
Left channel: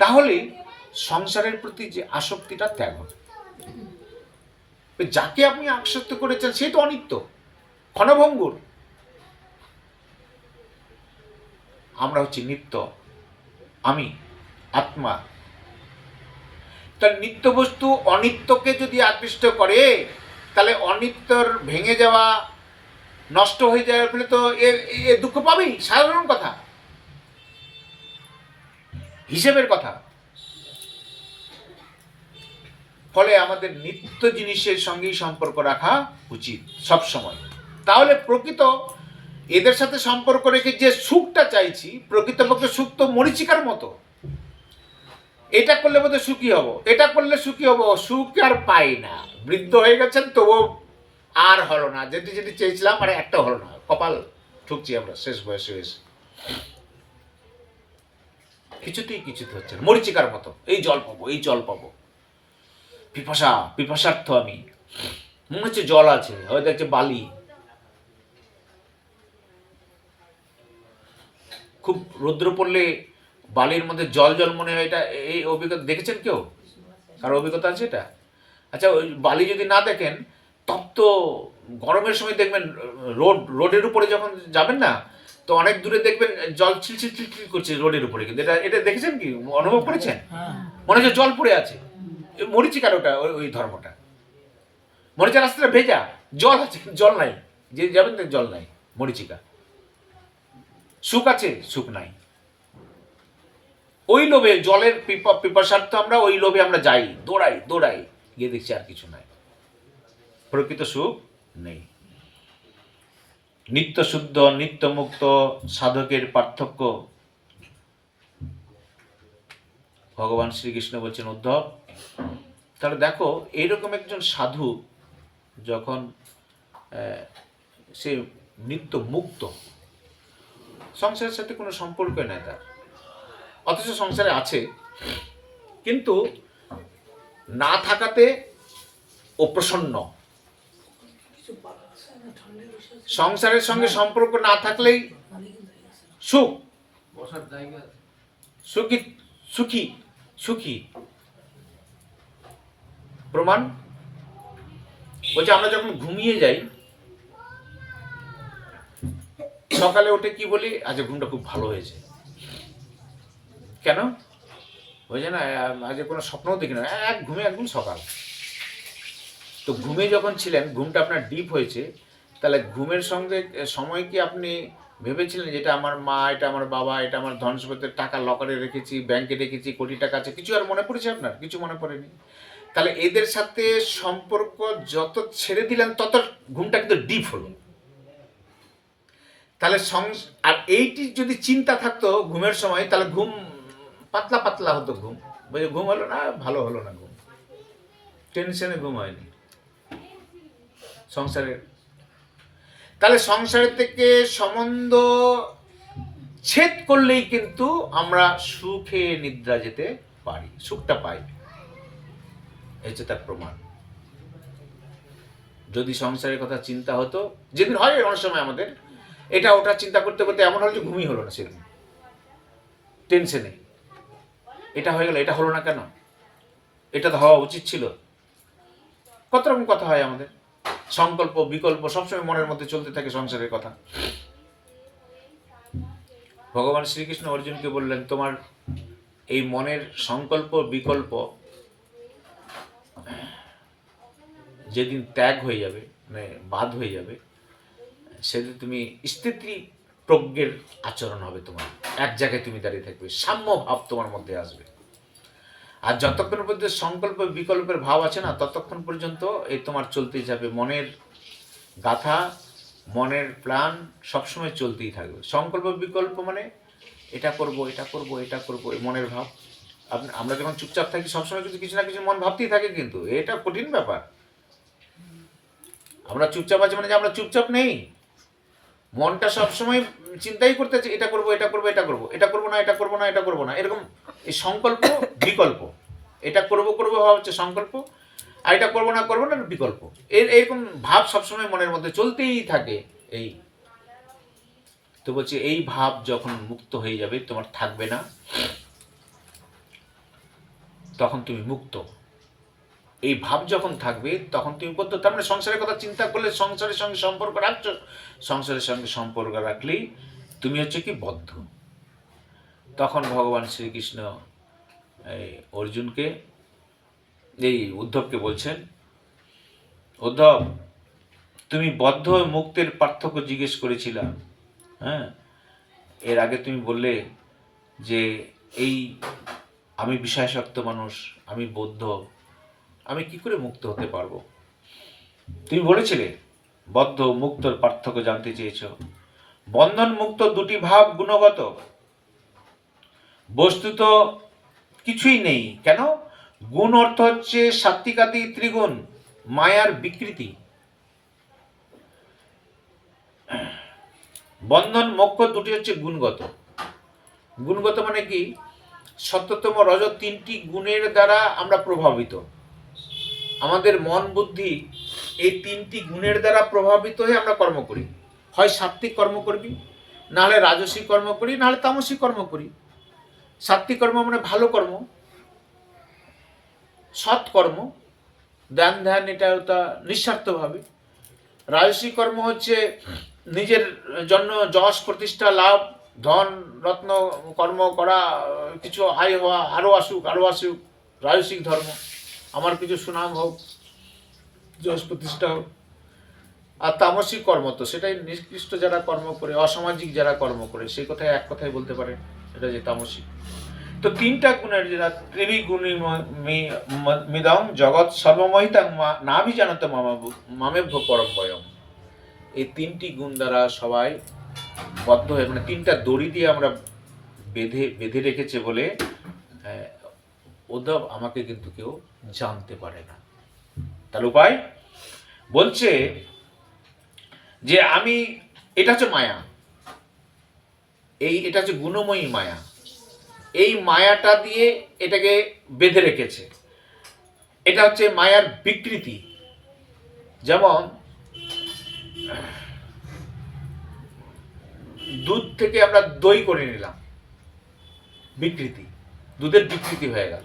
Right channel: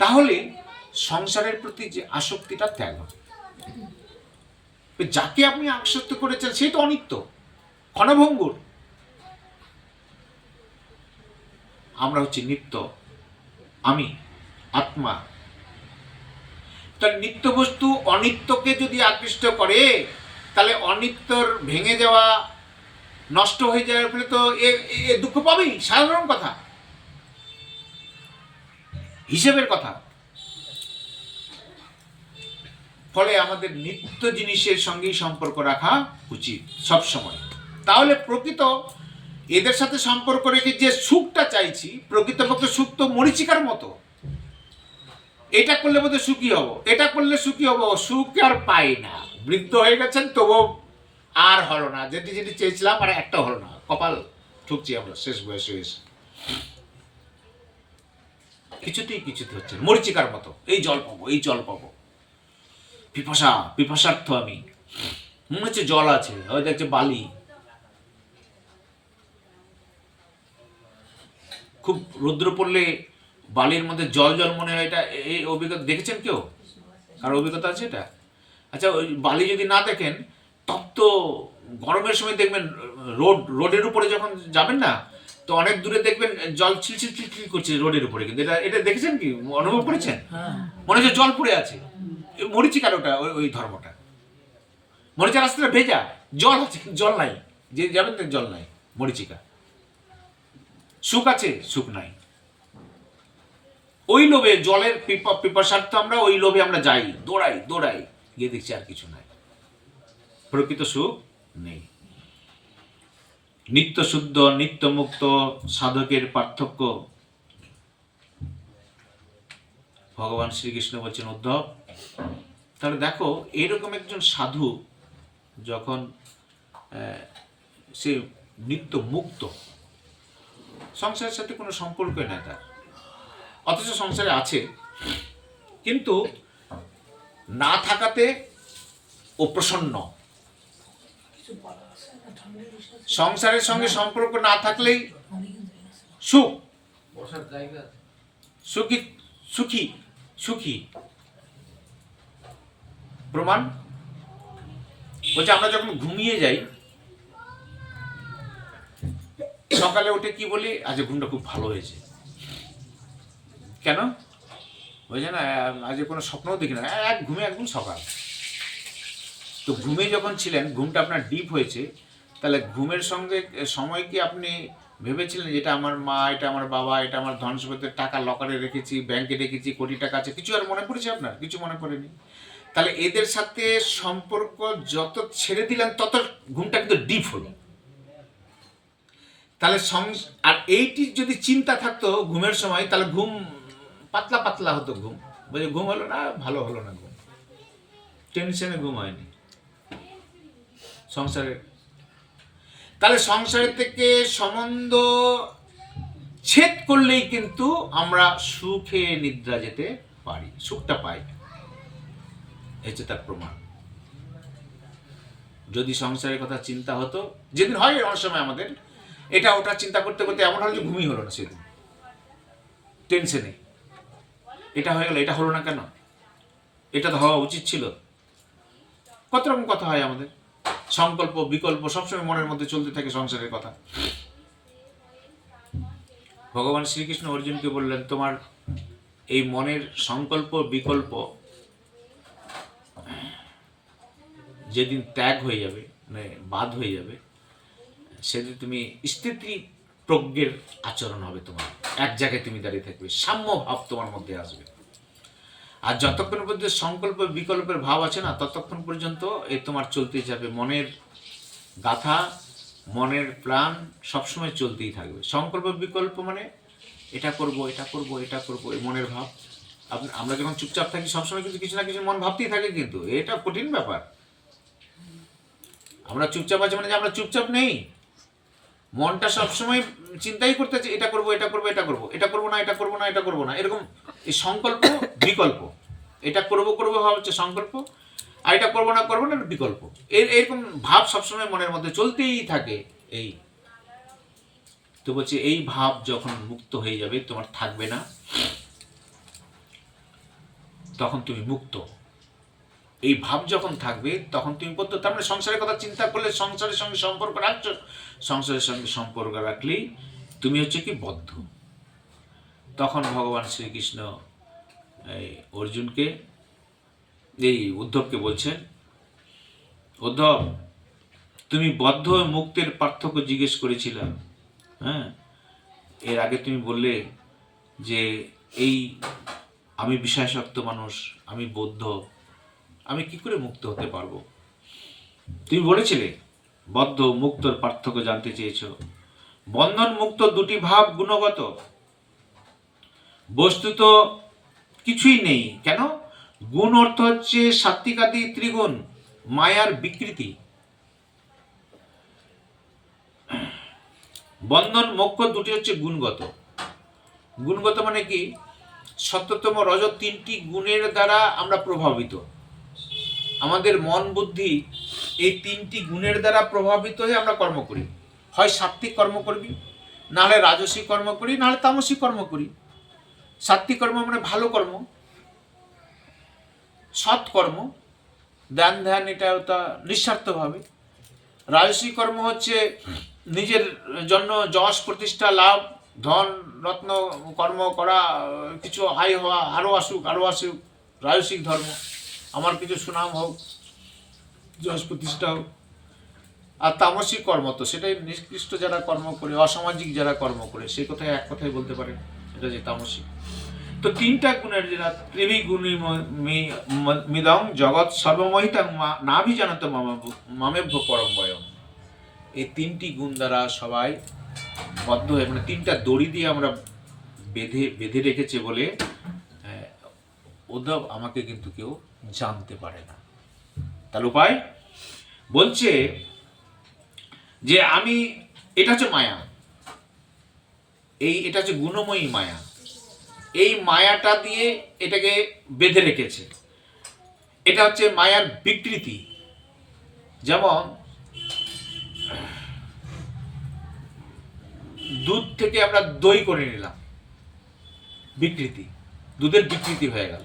তাহলে সংসারের প্রতি যে আসক্তিটা ত্যাগ হবে। যাকে আপনি আসক্ত করেছেন সেই তো অনিত্য, ক্ষণভঙ্গুর। আমরা হচ্ছি নিত্য, আমি আত্মা। তাহলে নিত্য বস্তু অনিত্যকে যদি আকৃষ্ট করে, তাহলে অনিত্যর ভেঙে যাওয়া, নষ্ট হয়ে যাওয়ার ফলে তো এ দুঃখ পাবেই, সাধারণ কথা, হিসেবের কথা। ফলে আমাদের নিত্য জিনিসের সঙ্গেই সম্পর্ক রাখা উচিত সব সময়। তাহলে প্রকৃত এদের সাথে সম্পর্ক রেখে যে সুখটা চাইছি, প্রকৃতপক্ষে সুখ তো মরীচিকার মতো। এটা করলে বোধহয় সুখী হব, এটা করলে সুখী হব, সুখ আর পাই না। বৃদ্ধ হয়ে গেছেন তবুও আর হলো না, যেটি যেটি চেয়েছিলাম আর একটা হলো না। কপাল ঠুকছি আমরা শেষ বয়সে হয়েছে, কিছুতেই হচ্ছে না, মরীচিকার মতো। এই জল পাবো, পিপাসার্থ আমি, মনে হচ্ছে জল আছে, হয়তো দেখছে বালি। খুব রৌদ্র পড়লে বালির মধ্যে জল মনে হয়। এটা এই অভিজ্ঞতা দেখেছেন কেউ? কারো অভিজ্ঞতা আছে এটা? আচ্ছা, ওই বালি যদি না দেখেন, তপ্ত গরমের সময় দেখবেন রোডের উপরে যখন যাবেন না, তো অনেক দূরে দেখবেন জল ছিলছিল করছে রোডের উপরে। কিন্তু এটা দেখেছেন কি, অনুভব করেছেন? মনে হচ্ছে জল পড়ে আছে। মরিচিকার ওটা ওই ধর্মটা। মরিচা রাস্তাটা ভেজা, জল আছে জল নাই, যে যাবেন জল নাই, মরিচিকা। সুখ আছে, সুখ নাই। ওই লোভে, জলের পিপাসার্থ আমরা, ওই লোভে আমরা যাই, দৌড়াই, গিয়ে দেখছি আর কিছু নাই, প্রকৃত সুখ নেই। নিত্য শুদ্ধ, নিত্য মুক্ত সাধকের পার্থক্য ভগবান শ্রীকৃষ্ণ বলছেন উদ্ধব। তাহলে দেখো, এইরকম একজন সাধু যখন সে নিত্য মুক্ত, সংসারের সাথে কোনো সম্পর্ক নেই তার, অথচ সংসারে আছে, কিন্তু না থাকাতে ও প্রসন্ন, সংসারের সঙ্গে সম্পর্ক না থাকলেই সুখ, সুখী সুখী সুখী প্রমাণ। বলছে আমরা যখন ঘুমিয়ে যাই, সকালে উঠে কি বলি, আজ ঘুমটা খুব ভালো হয়েছে। কেন? বুঝছে না, আজ কোনো স্বপ্নও দেখি না, এক ঘুমে একদম সকাল। তো ঘুমে যখন ছিলেন, ঘুমটা আপনার ডিপ হয়েছে, তাহলে ঘুমের সঙ্গে সময় কি আপনি ভেবেছিলেন যে এটা আমার মা, এটা আমার বাবা, এটা আমার ধন সম্পদের টাকা লকারে রেখেছি, ব্যাংকে রেখেছি, কোটি টাকা আছে, কিছু আর মনে পড়েছে আপনার? কিছু মনে পড়েনি। তাহলে এদের সাথে সম্পর্ক যত ছেড়ে দিলেন তত ঘুমটা কিন্তু ডিপ হলো। তাহলে আর এইটি যদি চিন্তা থাকতো ঘুমের সময়, তাহলে ঘুম পাতলা পাতলা হতো। ঘুম বুঝে ঘুম হলো না, ভালো হলো না ঘুম, টেনশনে ঘুম হয়নি সংসারের। তাহলে সংসারের থেকে সম্বন্ধ ছেদ করলেই কিন্তু আমরা সুখে নিদ্রা যেতে পারি, সুখটা পাই। এই যে তার প্রমাণ। যদি সংসারের কথা চিন্তা হতো, যেদিন হয় অনেক সময় আমাদের এটা ওটা চিন্তা করতে করতে এমন হলো যে ঘুমই হলো না সেদিন, টেনশনে এটা হয়ে গেল, এটা হলো না কেন, এটা তো হওয়া উচিত ছিল। কত রকম কথা হয় আমাদের, সংকল্প বিকল্প সবসময় মনের মধ্যে চলতে থাকে সংসারের কথা। ভগবান শ্রীকৃষ্ণ অর্জুনকে বললেন, তোমার এই মনের সংকল্প বিকল্প যেদিন ত্যাগ হয়ে যাবে, মানে বাদ হয়ে যাবে, সেদিন তুমি স্থিতি প্রজ্ঞের আচরণ হবে, তোমার এক জায়গায় তুমি দাঁড়িয়ে থাকবে, সাম্য ভাব তোমার মধ্যে আসবে। আর যতক্ষণ পর্যন্ত সংকল্প বিকল্পের ভাব আছে না, ততক্ষণ পর্যন্ত এই তোমার চলতেই যাবে। মনের গাথা, মনের প্ল্যান সবসময় চলতেই থাকবে। সংকল্প বিকল্প মানে এটা করব, এটা করব, এটা করব, এই মনের ভাব। আমরা যখন চুপচাপ থাকি সবসময় কিন্তু কিছু না কিছু মন ভাবতেই থাকে, কিন্তু এটা কঠিন ব্যাপার। আমরা চুপচাপ আছি মানে যে আমরা চুপচাপ নেই, মনটা সবসময় চিন্তাই করতেছে, এটা করব, এটা করব, এটা করব, এটা করব না, এটা করব না, এটা করব না, এরকম। এই সংকল্প বিকল্প, এটা করব করব ভাব হচ্ছে সংকল্প, আর এটা করব না বিকল্প। এরকম ভাব সবসময় মনের মধ্যে চলতেই থাকে। এই তো বলছি, এই ভাব যখন মুক্ত হয়ে যাবে, তোমার থাকবে না, তখন তুমি মুক্ত। এই ভাব যখন থাকবে তখন তুমি বদ্ধ। তার মানে সংসারের কথা চিন্তা করলে সংসারের সঙ্গে সম্পর্ক রাখছো, সংসারের সঙ্গে সম্পর্ক রাখলেই তুমি হচ্ছে কি বদ্ধ। তখন ভগবান শ্রীকৃষ্ণ এই অর্জুনকে, এই উদ্ধবকে বলছেন, উদ্ধব, তুমি বদ্ধ মুক্তের পার্থক্য জিজ্ঞেস করেছিলাম। হ্যাঁ, এর আগে তুমি বললে যে এই আমি বিষয়াসক্ত মানুষ, আমি বদ্ধ, আমি কি করে মুক্ত হতে পারবো? তুমি বলেছিলে বদ্ধ মুক্তর পার্থক্য জানতে চেয়েছ। বন্ধন মুক্ত দুটি ভাব গুণগত, বস্তুত কিছুই নেই। কেন? গুণ অর্থ হচ্ছে সাত্ত্বিকাদি ত্রিগুণ, মায়ার বিকৃতি। বন্ধন মোক্ষ দুটি হচ্ছে গুণগত। গুণগত মানে কি? সত্যতম রজ তিনটি গুণের দ্বারা আমরা প্রভাবিত। আমাদের মন বুদ্ধি এই তিনটি গুণের দ্বারা প্রভাবিত হয়ে আমরা কর্ম করি। হয় সাত্ত্বিক কর্ম করবি, নাহলে রাজসিক কর্ম করি, নাহলে তামসিক কর্ম করি। সাত্ত্বিক কর্ম মানে ভালো কর্ম, সৎ কর্ম, দান ধ্যান, এটা ওটা নিঃস্বার্থভাবে। রাজসিক কর্ম হচ্ছে নিজের জন্য যশ প্রতিষ্ঠা লাভ, ধন রত্ন কর্ম করা, কিছু হাই হওয়া, আরও আসুক আরও আসুক, রাজসিক ধর্ম, আমার কিছু সুনাম হোক, যশ প্রতিষ্ঠা হোক। আর তামসিক কর্ম তো সেটাই নিকৃষ্ট যারা কর্ম করে, অসামাজিক যারা কর্ম করে, সেই কথায় এক কথায় বলতে পারে এটা যে তামসিক। তো তিনটা গুণের যেটা ত্রিভি গুণী মিদং জগৎ সর্বমহিতাং নাভিজানত মামেভ্য পরম বয়ম। এই তিনটি গুণ দ্বারা সবাই বদ্ধ হয়ে, মানে তিনটা দড়ি দিয়ে আমরা বেঁধে রেখেছে বলে উদ্ধব আমাকে কিন্তু কেউ জানতে পারে না। তার উপায় বলছে যে আমি, এটা হচ্ছে মায়া, এটা হচ্ছে গুণময়ী মায়া। এই মায়াটা দিয়ে এটাকে বেঁধে রেখেছে। এটা হচ্ছে মায়ার বিকৃতি। যেমন দুধ থেকে আমরা দই করে নিলাম, বিকৃতি, দুধের বিকৃতি হয়ে গেল।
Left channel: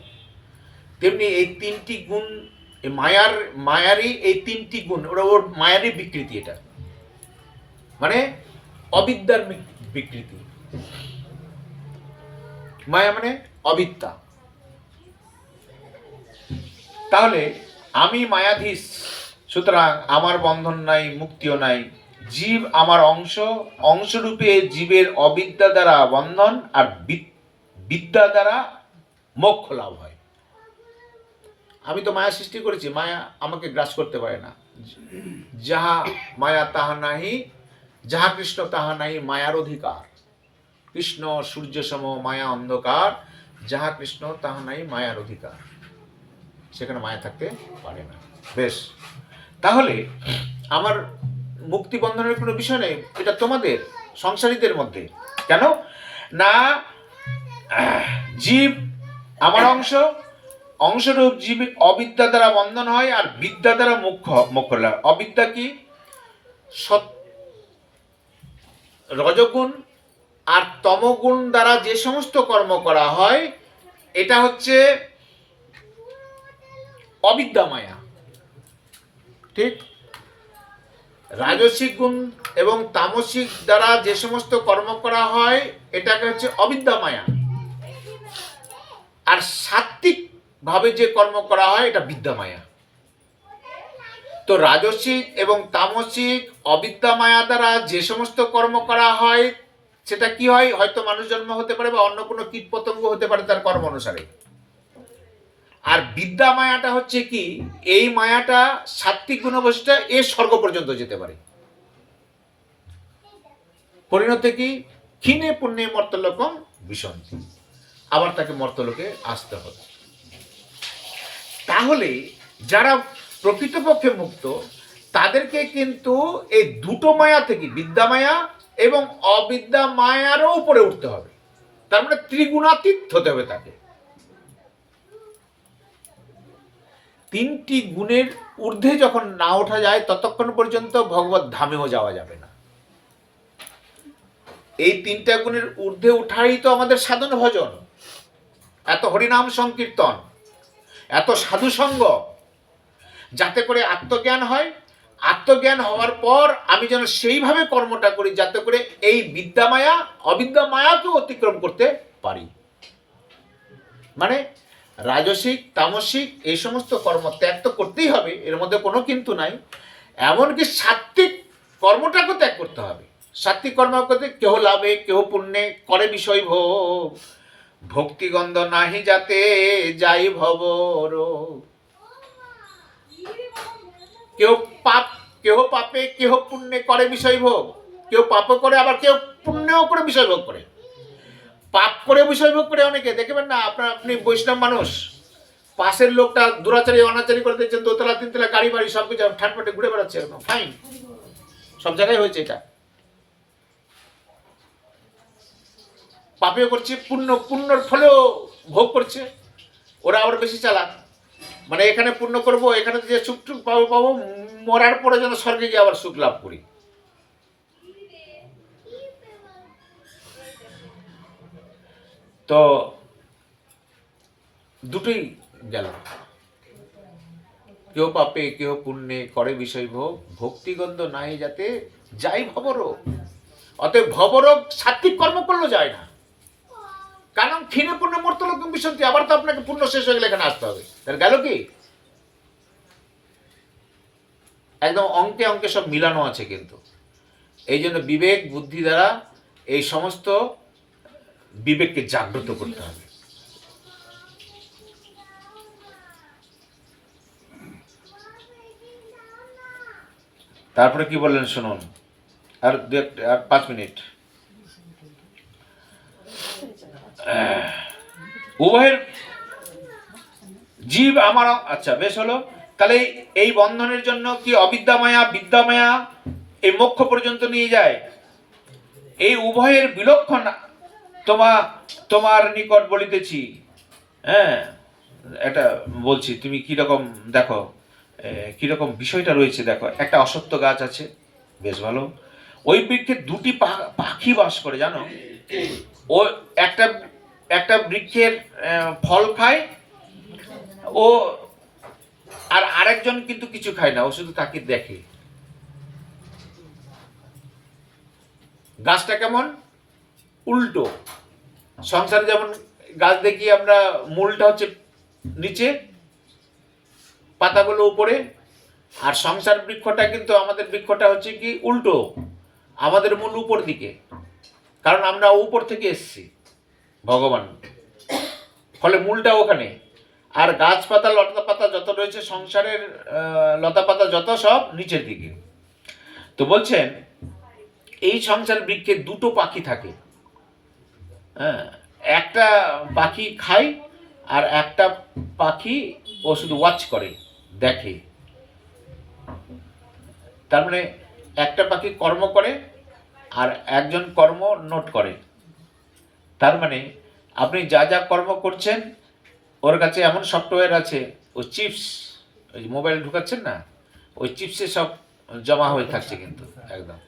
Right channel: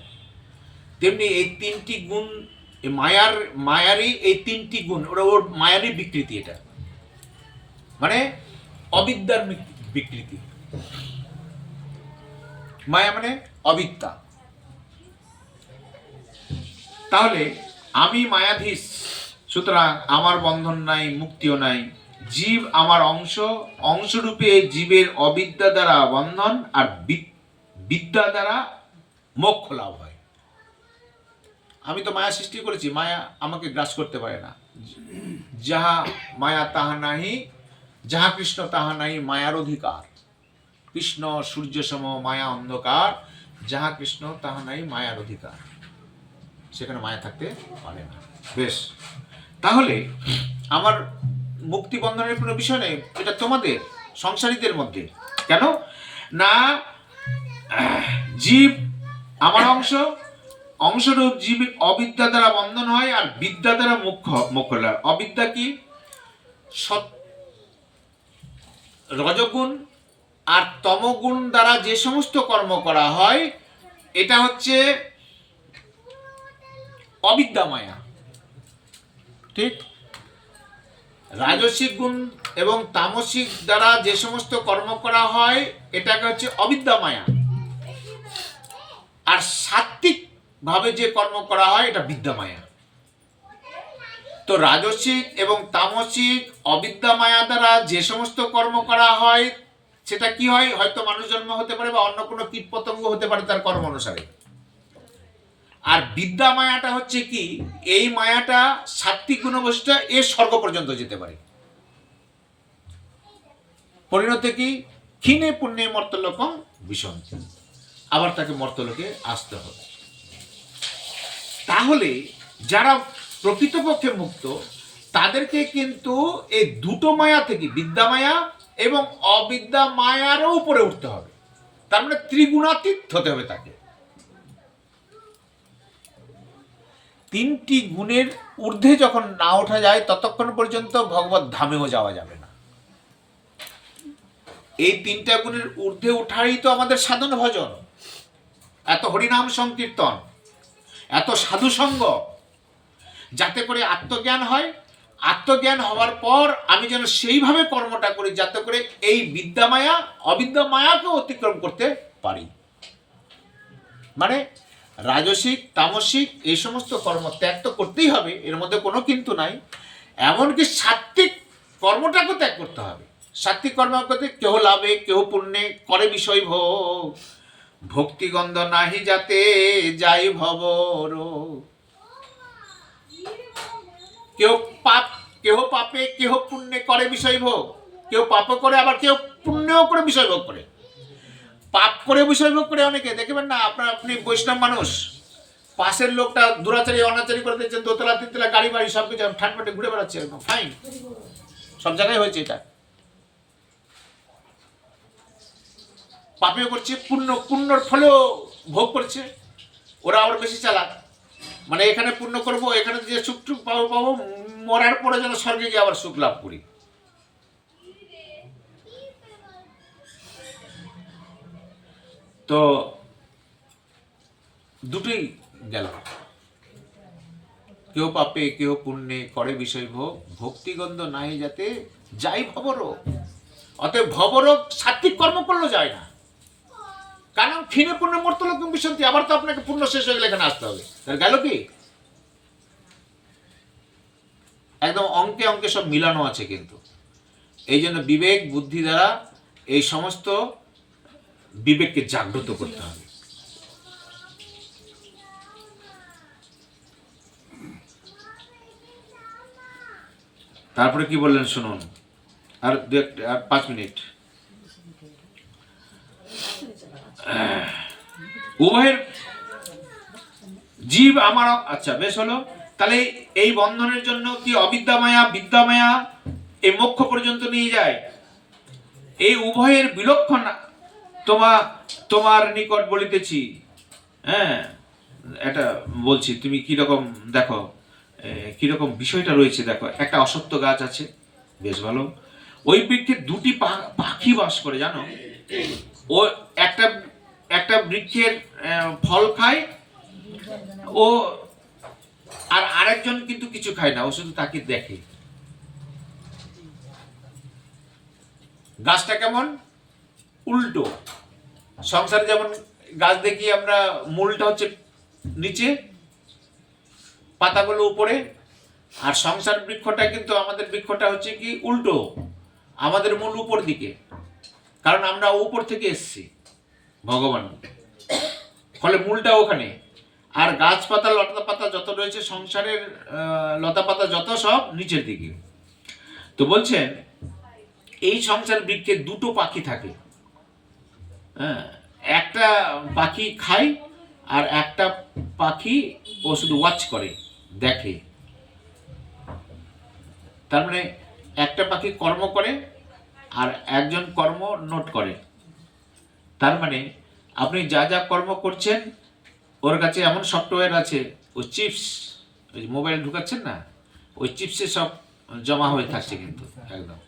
তেমনি এই তিনটি গুণ, মায়ারই এই তিনটি গুণ, ওর মায়ারই বিকৃতি। এটা মানে অবিদ্যার বিকৃতি। মায়া মানে অবিদ্যা। তাহলে আমি মায়াধীশ, সুতরাং আমার বন্ধন নাই, মুক্তিও নাই। জীব আমার অংশ, অংশরূপে জীবের অবিদ্যা দ্বারা বন্ধন আর বিদ্যা দ্বারা মোক্ষ লাভ হয়। আমি তো মায়া সৃষ্টি করেছি, মায়া আমাকে গ্রাস করতে পারে না। যাহা মায়া তাহা নাহি, যাহা কৃষ্ণ তাহা নাহি মায়ার অধিকার। কৃষ্ণ সূর্য সম, মায়া অন্ধকার, যাহা কৃষ্ণ তাহা নাই মায়ার অধিকার। সেখানে মায়া থাকতে পারে না। বেশ, তাহলে আমার মুক্তি বন্ধনের কোনো বিষয় নেই, এটা তোমাদের সংসারীদের মধ্যে। কেন না, জীব আমার অংশ, অংশরূপ জীব অবিদ্যা দ্বারা বন্ধন হয় আর বিদ্যা দ্বারা মোক্ষ লাভ। অবিদ্যা কি? রজগুণ আর তমগুণ দ্বারা যে সমস্ত কর্ম করা হয়, এটা হচ্ছে অবিদ্যা মায়া। ঠিক? রাজসিক গুণ এবং তামসিক দ্বারা যে সমস্ত কর্ম করা হয়, এটাকে হচ্ছে অবিদ্যা মায়া। আর সাত্ত্বিক ভাবে যে কর্ম করা হয়, এটা বিদ্যা মায়া। তো রাজসিক এবং তামসিক অবিদ্যা মায়া দ্বারা যে সমস্ত কর্ম করা হয়, সেটা কি হয়? হয়তো মানুষ জন্ম হতে পারে বা অন্য কোনো কীট পতঙ্গ হতে পারে তার কর্ম অনুসারে। আর বিদ্যা মায়াটা হচ্ছে কি? এই মায়াটা সাত্ত্বিক গুণবৈশিষ্ট্য, এ স্বর্গ পর্যন্ত যেতে পারে। পরিণতি কি? ক্ষীণে পুণ্যে মর্তলোকম বিশন্তি, আবার তাকে মর্তলোকে আসতে হবে। তাহলে যারা প্রকৃতপক্ষে মুক্ত, তাদেরকে কিন্তু এই দুটো মায়া থেকে, বিদ্যা মায়া এবং অবিদ্যা মায়ারও উপরে উঠতে হবে। তার মানে ত্রিগুণাতীত হতে হবে তাকে। তিনটি গুণের ঊর্ধ্বে যখন না ওঠা যায়, ততক্ষণ পর্যন্ত ভগবত ধামেও যাওয়া যাবে না। এই তিনটা গুণের ঊর্ধ্বে ওঠাই তো আমাদের সাধন ভজন, এত হরিনাম সংকীর্তন, এত সাধুসঙ্গ, যাতে করে আত্মজ্ঞান হয়। আত্মজ্ঞান হওয়ার পর আমি যেন সেইভাবে কর্মটা করি যাতে করে এই বিদ্যা মায়া অবিদ্যা মায়াকে অতিক্রম করতে পারি। মানে রাজসিক তামসিক এই সমস্ত কর্ম ত্যাগ তো করতেই হবে, এর মধ্যে কোনো কিন্তু নাই। এমনকি সাত্ত্বিক কর্মটাকে ত্যাগ করতে হবে। সাত্ত্বিক কর্ম করতে কেহ লাভে কেহ পুণ্যে করে বিষয় ভোগ, ভক্তিগন্ধ নাহি যাতে যাই ভবর। কেউ পাপে কেহ পুণ্যে করে বিষয় ভোগ, কেউ পাপ করে আবার কেউ পুণ্যও করে বিষয় ভোগ করে। পাপ করে বিষয় ভোগ করে অনেকে, দেখবেন না আপনি বৈষ্ণব মানুষ, পাশের লোকটা দুরাচারী অনাচারী করে দিচ্ছেন, দোতলা তিনতলা গাড়ি বাড়ি সব কিছু ঠাটপাটে ঘুরে বেড়াচ্ছে, ফাইন, সব জায়গায় হয়েছে এটা। পাপেও করছে, পুণ্যর ফলেও ভোগ করছে। ওরা আবার বেশি চালাক, মানে এখানে পুণ্য করবো, এখানে যে সুখ টুক পাবো, মরার পরে যেন স্বর্গে গিয়ে আবার সুখ লাভ করি। তো দুটোই গেল, কেউ পাপে কেউ পুণ্যে করে বিষয় ভোগ, ভক্তিগন্ধ নাই যাতে যাই ভবরোগ। অতএব ভবরোগ সাত্ত্বিক কর্ম করলে যায় না, কারণ ক্ষীণে পুণ্যে মর্তলোকম বিশন্তি, আবার তো আপনাকে পুণ্য শেষ হয়ে গেলে এখানে আসতে হবে। তার গেল কি? একদম অঙ্কে অঙ্কে সব মিলানো আছে। কিন্তু এই জন্য বিবেক বুদ্ধি দ্বারা এই সমস্ত বিবেককে জাগ্রত করতে হবে। তারপরে কি বললেন শুনুন, আর 5 মিনিট। উভয়ের জীব আমার, আচ্ছা বেশ হলো। তাহলে এই বন্ধনের জন্য কি অবিদ্যা মায়া বিদ্যা মায়া এই মোক্ষ পর্যন্ত নিয়ে যায়। এই উভয়ের বিলক্ষণ তোমার নিকট বলিতেছি। হ্যাঁ, এটা বলছি, তুমি কিরকম দেখো, কিরকম বিষয়টা রয়েছে দেখো। একটা অসত্য গাছ আছে, বেশ ভালো। ওই বৃক্ষে দুটি পাখি বাস করে জানো। ও একটা একটা বৃক্ষের ফল খায় ও, আর আরেকজন কিন্তু কিছু খায় না, ও শুধু তাকে দেখে। গাছটা কেমন উল্টো, সংসারে যেমন গাছ দেখি আমরা মূলটা হচ্ছে নিচে, পাতাগুলো উপরে, আর সংসার বৃক্ষটা কিন্তু আমাদের বৃক্ষটা হচ্ছে কি উল্টো, আমাদের মূল উপর দিকে, কারণ আমরা উপর থেকে এসেছি ভগবান, ফলে মূলটা ওখানে। আর গাছপাতা লতা পাতা যত রয়েছে সংসারের লতা পাতা যত সব নিচের দিকে। তো বলছেন এই সংসার বৃক্ষে দুটো পাখি থাকে, হ্যাঁ, একটা পাখি খায় আর একটা পাখি ও শুধু ওয়াচ করে, দেখে। তার মানে একটা পাখি কর্ম করে আর একজন কর্ম নোট করে। তার মানে আপনি যা যা কর্ম করছেন ওর কাছে এমন সফটওয়্যার আছে, ওই চিপস, ওই মোবাইল ঢুকাচ্ছেন না, ওই চিপসে সব জমা হয়ে থাকছে কিন্তু একদম।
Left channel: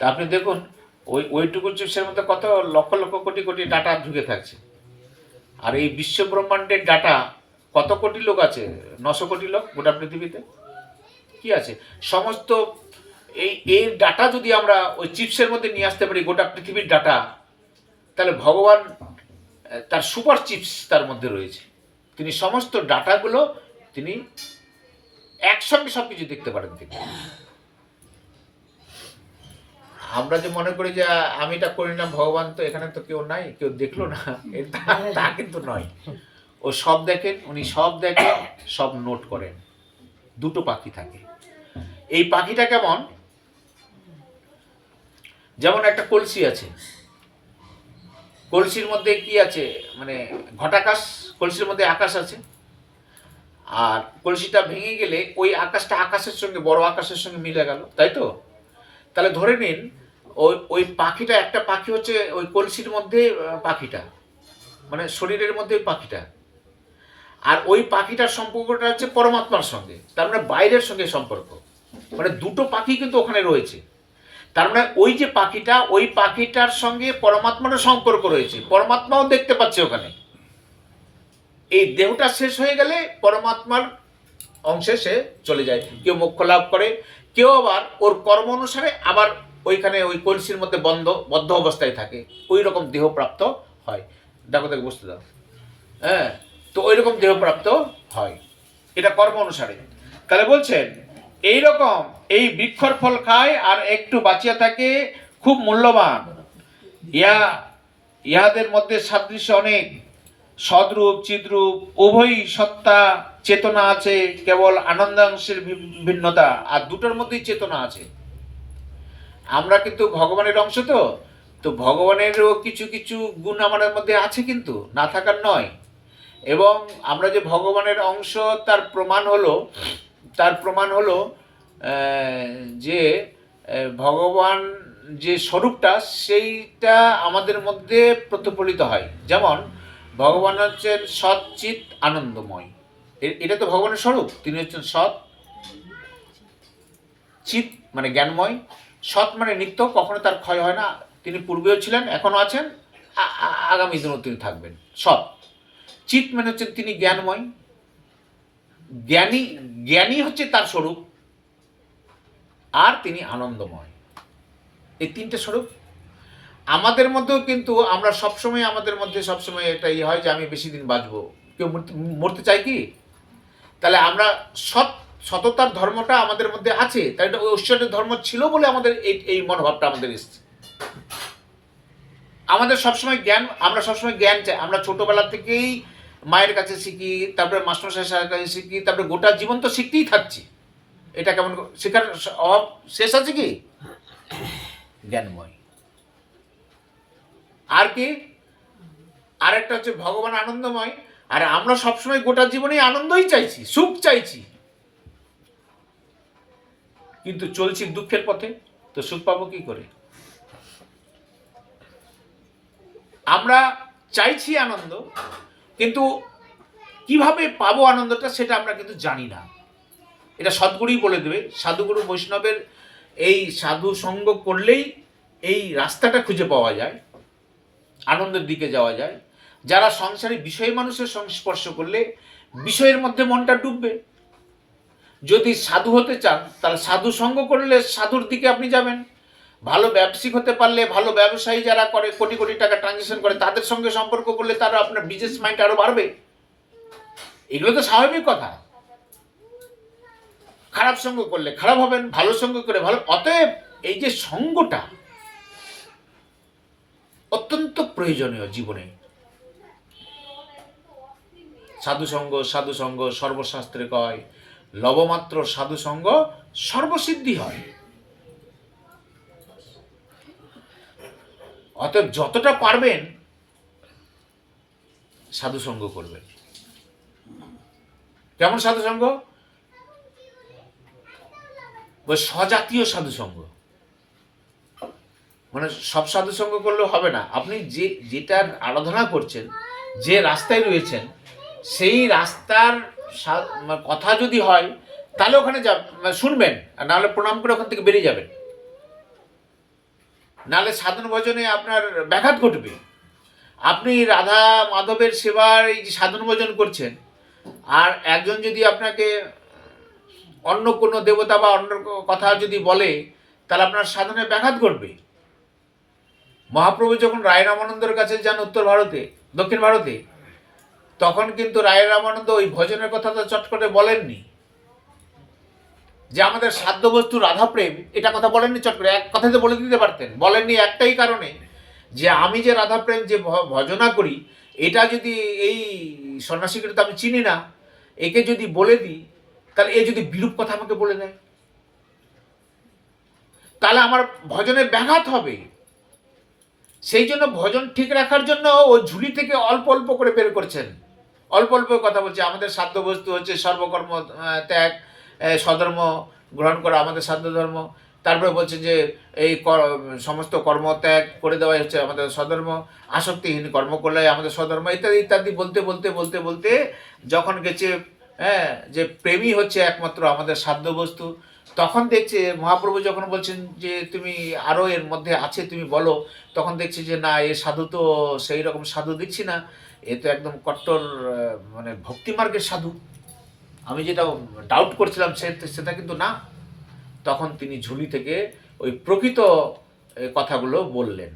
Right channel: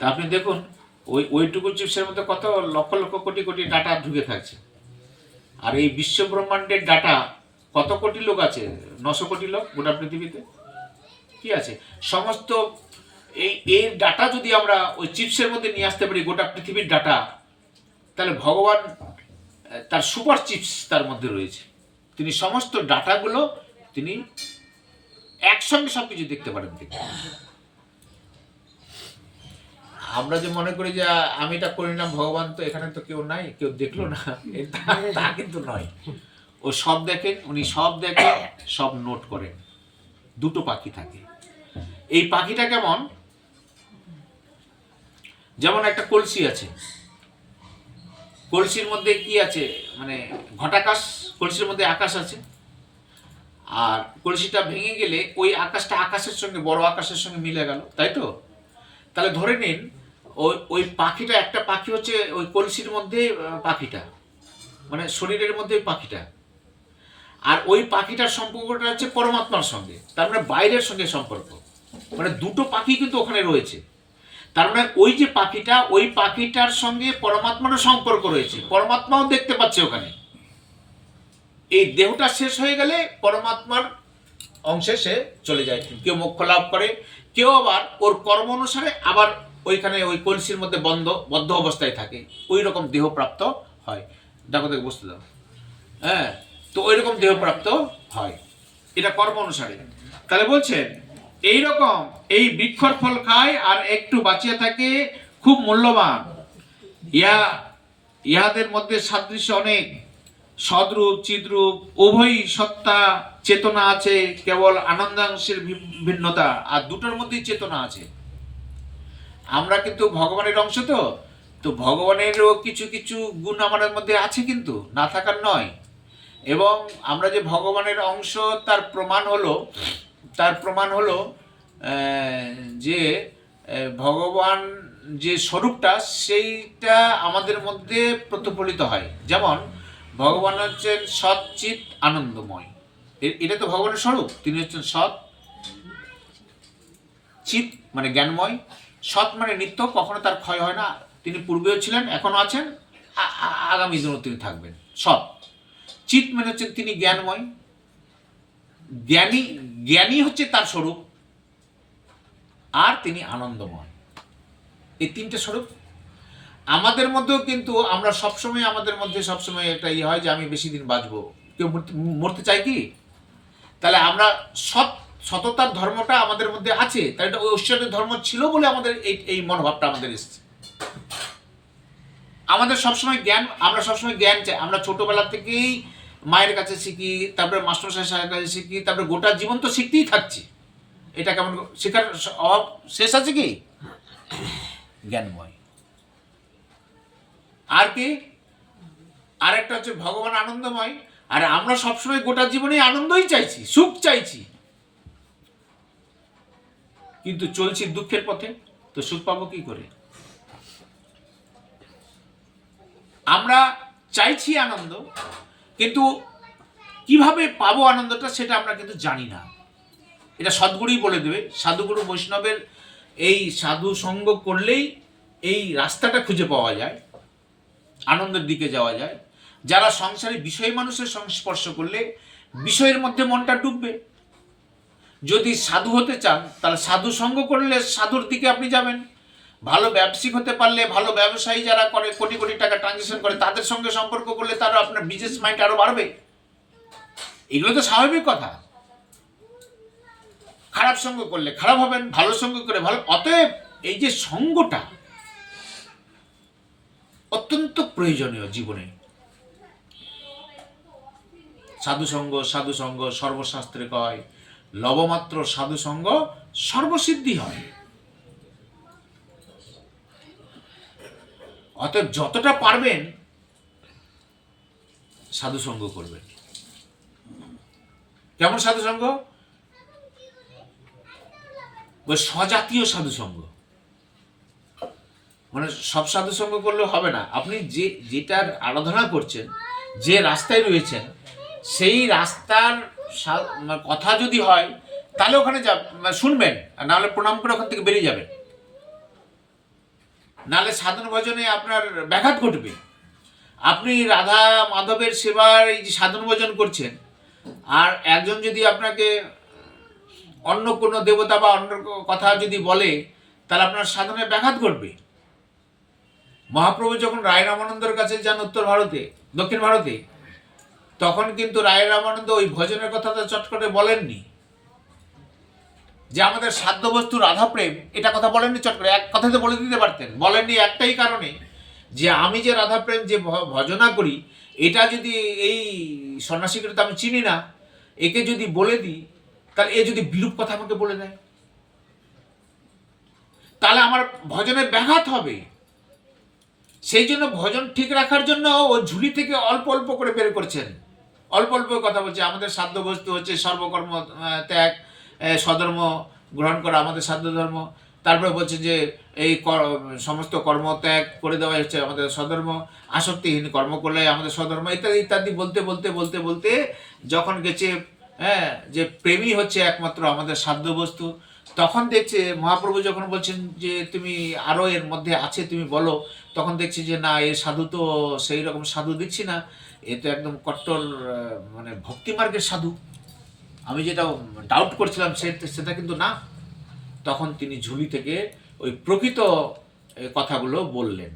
তা আপনি দেখুন ওইটুকু চিপসের মধ্যে কত লক্ষ লক্ষ কোটি কোটি ডাটা ঢুকে থাকছে। আর এই বিশ্ব ব্রহ্মাণ্ডের ডাটা কত কোটি লোক আছে, 900 কোটি লোক গোটা পৃথিবীতে। কি আছে সমস্ত এই ডাটা যদি আমরা ওই চিপসের মধ্যে নিয়ে আসতে পারি, গোটা পৃথিবীর ডাটা, তাহলে ভগবান তার সুপার চিপস তার মধ্যে রয়েছে। তিনি সমস্ত ডাটাগুলো তিনি একসঙ্গে সব কিছু দেখতে পারেন। তিনি, আমরা যে মনে করি যে আমি এটা করি না, ভগবান তো এখানে তো কেউ নাই, কেউ দেখলো না, তা কিন্তু নয়। ও সব দেখেন, উনি সব দেখেন, সব নোট করেন। দুটো পাখি থাকে। এই পাখিটা কেমন, যেমন একটা কলসি আছে, কলসির মধ্যে কি আছে, মানে ঘটাকাশ, কলসির মধ্যে আকাশ আছে, আর কলসিটা ভেঙে গেলে ওই আকাশটা আকাশের সঙ্গে, বড় আকাশের সঙ্গে মিলে গেল, তাই তো? তাহলে ধরে নিন ওই পাখিটা, একটা পাখি হচ্ছে ওই কলসির মধ্যে পাখিটা, মানে শরীরের মধ্যে পাখিটা, আর ওই পাখিটার সম্পর্কটা হচ্ছে পরমাত্মার সঙ্গে, তার মানে বাইরের সঙ্গে সম্পর্ক, মানে দুটো পাখি কিন্তু ওখানে রয়েছে। তার মানে ওই যে পাখিটা, ওই পাখিটার সঙ্গে পরমাত্মারও সম্পর্ক রয়েছে, পরমাত্মাও দেখতে পাচ্ছে ওখানে। এই দেহটা শেষ হয়ে গেলে পরমাত্মার অংশে সে চলে যায়, কেউ মোক্ষ লাভ করে, কেউ আবার ওর কর্ম অনুসারে আবার ওইখানে ওই কলসির মধ্যে বদ্ধ অবস্থায় থাকে, ওই রকম দেহ প্রাপ্ত হয়। দেখো দেখো বুঝতে দাও, হ্যাঁ, তো ওই রকম দেহ প্রাপ্ত হয়, এটা কর্ম অনুসারে। তাহলে বলছেন এই রকম এই বৃক্ষর ফল খায় আর একটু বাঁচিয়া থাকে, খুব মূল্যবান। ইহাদের মধ্যে সাদৃশ্য অনেক, সদরূপ চিদ্রূপ উভয়ই সত্তা চেতনা আছে, কেবল আনন্দাংশের ভিন্নতা, আর দুটোর মধ্যেই চেতনা আছে। আমরা কিন্তু ভগবানের অংশ, তো ভগবানেরও কিছু কিছু গুণ আমাদের মধ্যে আছে, কিন্তু না থাকার নয়। এবং আমরা যে ভগবানের অংশ তার প্রমাণ হলো যে ভগবান যে স্বরূপটা সেইটা আমাদের মধ্যে প্রতিফলিত হয়। যেমন ভগবান হচ্ছেন সৎ চিৎ আনন্দময়, এটা তো ভগবানের স্বরূপ। তিনি হচ্ছেন সৎ, চিৎ মানে জ্ঞানময়, সৎ মানে নিত্য, কখনো তার ক্ষয় হয় না, তিনি পূর্বেও ছিলেন, এখনো আছেন, আগামী দিনেও তিনি থাকবেন, সৎ। চিৎ মানে হচ্ছেন তিনি জ্ঞানময়, জ্ঞানী হচ্ছে তার স্বরূপ, আর তিনি আনন্দময়। এই তিনটে স্বরূপ আমাদের মধ্যেও, কিন্তু আমরা সবসময়, আমাদের মধ্যে সবসময় একটা ইয়ে হয় যে আমি বেশি দিন বাঁচবো, কেউ মরতে চাই কি? তাহলে আমরা সততার ধর্মটা আমাদের মধ্যে আছে, তাই এটা ঐশ্বর্যের ধর্ম ছিল বলে আমাদের এই মনোভাবটা আমাদের এসছে। আমাদের সবসময় জ্ঞান, আমরা সবসময় জ্ঞান চাই। আমরা ছোটবেলা থেকেই মায়ের কাছে শিখি, তারপরে মাস্টারমশাইয়ের কাছে শিখি, তারপরে গোটা জীবন তো শিখতেই থাকছি। এটা কেমন শেখার অভাব শেষ আছে কি? জ্ঞানময়। আর কি? আরেকটা হচ্ছে ভগবান আনন্দময়, আর আমরা সবসময় গোটা জীবনে আনন্দই চাইছি, সুখ চাইছি, কিন্তু চলছি দুঃখের পথে, তো সুখ পাবো কি করে? আমরা চাইছি আনন্দ, কিন্তু কিভাবে পাবো আনন্দটা সেটা আমরা কিন্তু জানি না। এটা সদ্গুরুই বলে দেবে, সাধুগুরু বৈষ্ণবের এই সাধু সঙ্গ করলেই এই রাস্তাটা খুঁজে পাওয়া যায়, আনন্দের দিকে যাওয়া যায়। যারা সংসারে বিষয় মানুষের সংস্পর্শ করলে বিষয়ের মধ্যে মনটা ডুববে। যদি সাধু হতে চান তাহলে সাধু সঙ্গ করলে সাধুর দিকে আপনি যাবেন। ভালো ব্যবসায়িক হতে পারলে, ভালো ব্যবসায়ী যারা করে, কোটি কোটি টাকা ট্রানজ্যাকশন করে, তাদের সঙ্গে সম্পর্ক করলে তারা আপনার বিজনেস মাইন্ড আরো বাড়বে। এগুলো তো স্বাভাবিক কথা। খারাপ সঙ্গ করলে খারাপ হবেন, ভালো সঙ্গ করে ভালো। অতএব এই যে সঙ্গটা অত্যন্ত প্রয়োজনীয় জীবনে। সাধু সঙ্গ সর্বশাস্ত্রে কয়, লবমাত্র সাধু সঙ্গ সর্বসিদ্ধি হয়। অতএব যতটা পারবেন সাধু সঙ্গ করবেন। কেমন সাধু সঙ্গ? স্বজাতীয় সাধু সঙ্গ। মানে সব সাধু সঙ্গ করলেও হবে না। আপনি যেটার আরাধনা করছেন, যে রাস্তায় রয়েছেন, সেই রাস্তার কথা যদি হয় তাহলে ওখানে শুনবেন, আর নাহলে প্রণাম করে ওখান থেকে বেরিয়ে যাবেন। নাহলে সাধন ভজনে আপনার ব্যাঘাত ঘটবে। আপনি রাধা মাধবের সেবার এই যে সাধন ভজন করছেন, আর একজন যদি আপনাকে অন্য কোনো দেবতা বা অন্য কথা যদি বলে, তাহলে আপনার সাধনে ব্যাঘাত ঘটবে। মহাপ্রভু যখন রায় রামানন্দের কাছে যান উত্তর ভারতে, দক্ষিণ ভারতে, তখন কিন্তু রায় রামানন্দ ওই ভজনের কথাটা চট করে বলেননি যে আমাদের সাধ্য বস্তু রাধা প্রেম, এটা কথা বলেননি চট করে। এক কথাতে বলে দিতে পারতেন। বলেননি একটাই কারণে, যে আমি যে রাধা প্রেম যে ভজনা করি, এটা যদি এই সন্ন্যাসীকে তো আমি চিনি না, একে যদি বলে দিই, তাহলে এ যদি বিরূপ কথা আমাকে বলে দেয়, তাহলে আমার ভজনের ব্যাঘাত হবে। সেই জন্য ভজন ঠিক রাখার জন্য ও ঝুলি থেকে অল্প অল্প করে বের করছেন, অল্প অল্প কথা বলছে। আমাদের সাধ্য বস্তু হচ্ছে সর্বকর্ম ত্যাগ, স্বধর্ম গ্রহণ করা আমাদের সাধ্য ধর্ম। তারপরে বলছে যে এই সমস্ত কর্ম ত্যাগ করে দেওয়াই হচ্ছে আমাদের স্বধর্ম, আসক্তিহীন কর্ম করলে আমাদের স্বধর্ম, ইত্যাদি ইত্যাদি বলতে বলতে বলতে বলতে যখন গেছে যে প্রেমই হচ্ছে একমাত্র আমাদের সাধ্য বস্তু, তখন দেখছে মহাপ্রভু যখন বলছেন যে তুমি আরও এর মধ্যে আছে তুমি বলো, তখন দেখছি যে না, এ সাধু তো সেই রকম সাধু দেখছি না, এ তো একদম কট্টর মানে ভক্তিমার্গের সাধু। আমি যেটা ডাউট করছিলাম সেটা কিন্তু না। তখন তিনি ঝুলি থেকে ওই প্রকৃত কথাগুলো বললেন।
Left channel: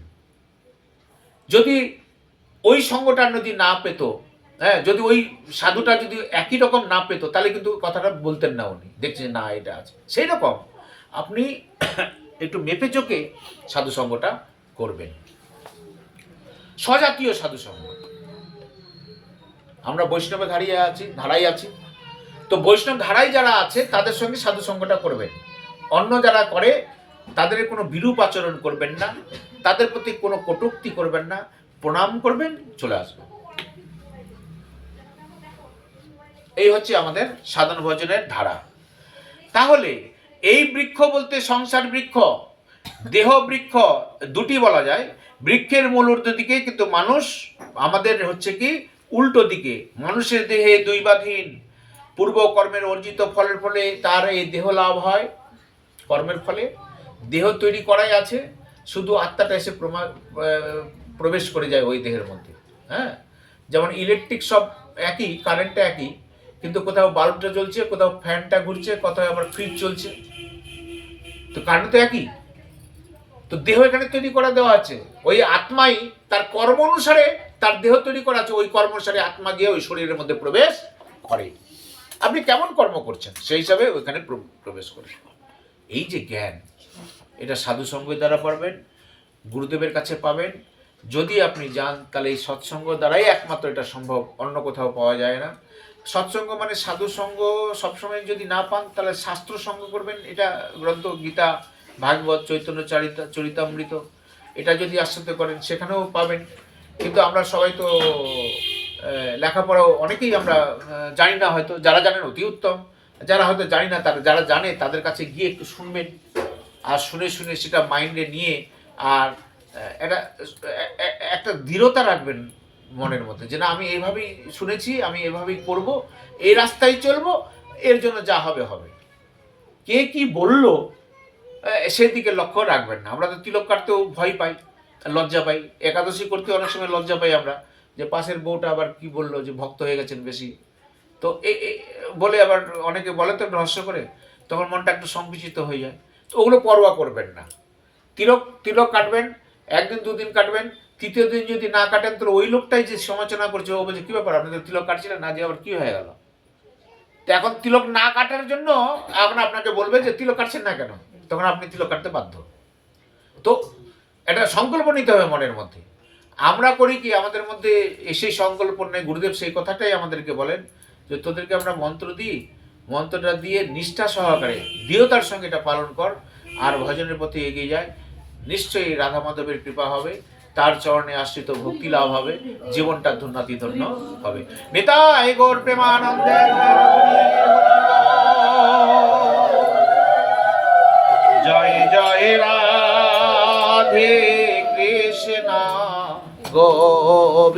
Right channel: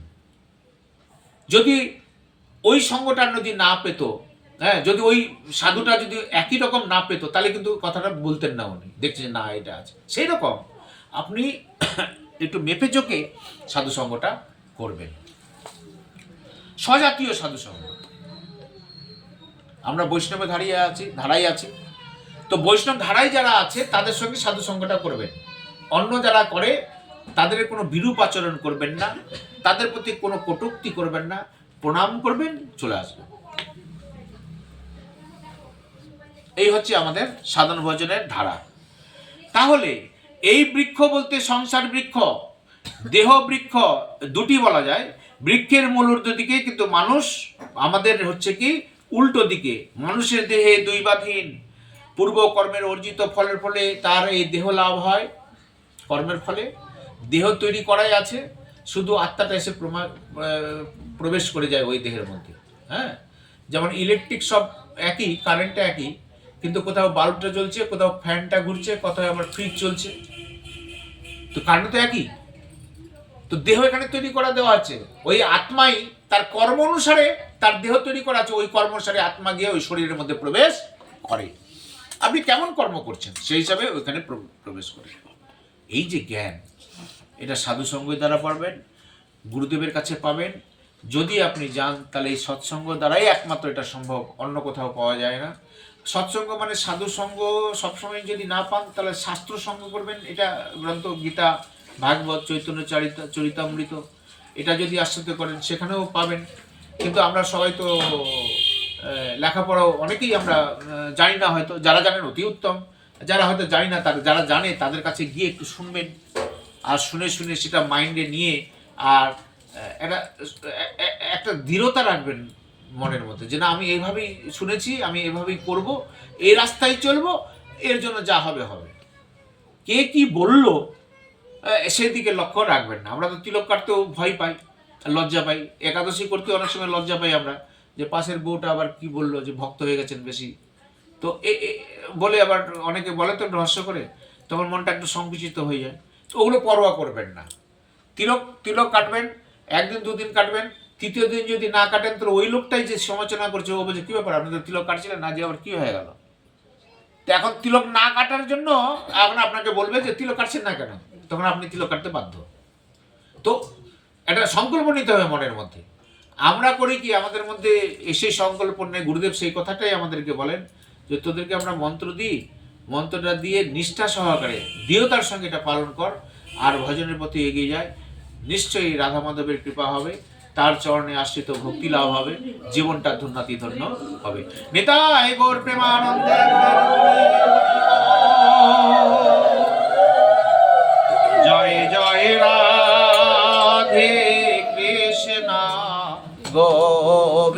যদি ওই সঙ্গটা যদি না পেত, যদি ওই সাধুটা যদি একই রকম না পেত, তাহলে কিন্তু কথাটা বলতেন না উনি। দেখছেন না এটা আছে। সেই রকম আপনি একটু মেপে চোখে সাধু সঙ্গটা করবেন। স্বজাতীয় সাধু সঙ্গ। আমরা বৈষ্ণবে ধারাই আছি, তো বৈষ্ণব ধারায় যারা আছে তাদের সঙ্গে সাধু সঙ্গটা করবেন। অন্য যারা করে তাদের কোনো বিরূপ আচরণ করবেন না, তাদের প্রতি কোনো কটূক্তি করবেন না, প্রণাম করবেন, চলে আসবেন। এই হচ্ছে আমাদের সাধন ভজনের ধারা। তাহলে এই বৃক্ষ বলতে সংসার বৃক্ষ, দেহ বৃক্ষ দুটি বলা যায়। বৃক্ষের মূল ঊর্ধ্ব দিকে, কিন্তু মানুষ আমাদের হচ্ছে কি উল্টো দিকে। মানুষের দেহে দৈবাধীন, পূর্ব কর্মের অর্জিত ফলের ফলে তার এই দেহ লাভ হয়। কর্মের ফলে দেহ তৈরি করাই আছে, শুধু আত্মাটা এসে প্রবেশ করে যায় ওই দেহের মধ্যে। যেমন ইলেকট্রিক সব একই, কারেন্টটা একই, কিন্তু কোথাও বাল্বটা জ্বলছে, কোথাও ফ্যানটা ঘুরছে, কোথাও আবার ফ্রিজ চলছে, তো কারেন্ট তো একই। তো দেহ এখানে তৈরি করা দেওয়া আছে। ওই আত্মাই তার কর্ম অনুসারে তার দেহ তৈরি করা আছে, ওই কর্ম অনুসারে আত্মা গিয়ে ওই শরীরের মধ্যে প্রবেশ করে। আপনি কেমন কর্ম করছেন সেই হিসাবে ওইখানে প্রবেশ করে। এই যে জ্ঞান, এটা সাধুসঙ্গের দ্বারা পাবেন, গুরুদেবের কাছে পাবেন। যদি আপনি যান তাহলে এই সৎসঙ্গ দ্বারাই একমাত্র এটা সম্ভব, অন্য কোথাও পাওয়া যায় না। সৎসঙ্গ মানে সাধুসঙ্গ সবসময় যদি না পান, তাহলে শাস্ত্র সঙ্গ করবেন। এটা গ্রন্থ গীতা, ভাগবত, চৈতন্য চরিতামৃত, এটা যদি আশ্রয় করেন সেখানেও পাবেন। কিন্তু আমরা সবাই তো লেখাপড়াও অনেকেই আমরা জানি না, হয়তো যারা জানেন অতি উত্তম, যারা হয়তো জানি না, যারা জানে তাদের কাছে গিয়ে একটু শুনবেন, আর শুনে শুনে সেটা মাইন্ডে নিয়ে আর একটা দৃঢ়তা রাখবেন মনের মধ্যে, যে না আমি এইভাবেই শুনেছি, আমি এভাবেই করব, এই রাস্তায় চলবো, এর জন্য যা হবে হবে। কে কি বলল সেদিকে লক্ষ্য রাখবেন না। আমরা তো তিলক কাটতেও ভয় পাই, লজ্জা পাই, একাদশী করতে অনেক সময় লজ্জা পাই আমরা, যে পাশের বউটা আবার কি বললো যে ভক্ত হয়ে গেছেন বেশি, তো বলে আবার অনেকে বলে তো রহস্য করে, তখন মনটা একটু সংকুচিত হয়ে যায়। তো ওগুলো পরোয়া করবেন না। তিলক কাটবেন, একদিন দুদিন কাটবেন, তৃতীয় দিন যদি না কাটেন তাহলে ওই লোকটাই যে সমালোচনা করছে, ও বলছে কী ব্যাপার আপনি তো তিলক কাটছিলেন না, যে আবার কী হয়ে গেল। তো এখন তিলক না কাটার জন্য এখন আপনাকে বলবে যে তিলক কাটছেন না কেন, তখন আপনি তিলক কাটতে বাধ্য। তো এটা সংকল্প নিতে হবে মনের মধ্যে। আমরা করি কি, আমাদের মধ্যে সেই সংকল্প নেই। গুরুদেব সেই কথাটাই আমাদেরকে বলেন যে তোদেরকে আমরা মন্ত্র দিই, মন্ত্রটা দিয়ে নিষ্ঠা সহকারে দৃঢ়তার সঙ্গে এটা পালন কর, আর ভজনের পথে এগিয়ে যায়, নিশ্চয়ই রাধা মাধবের কৃপা হবে, তার চরণে আশ্রিত ভক্তি লাভ হবে, জীবনটা ধন্যাতি ধন্য হবে। নিতাই গৌর প্রেমানন্দে। জয় জয় রাধে কৃষ্ণ গোবিন্দ।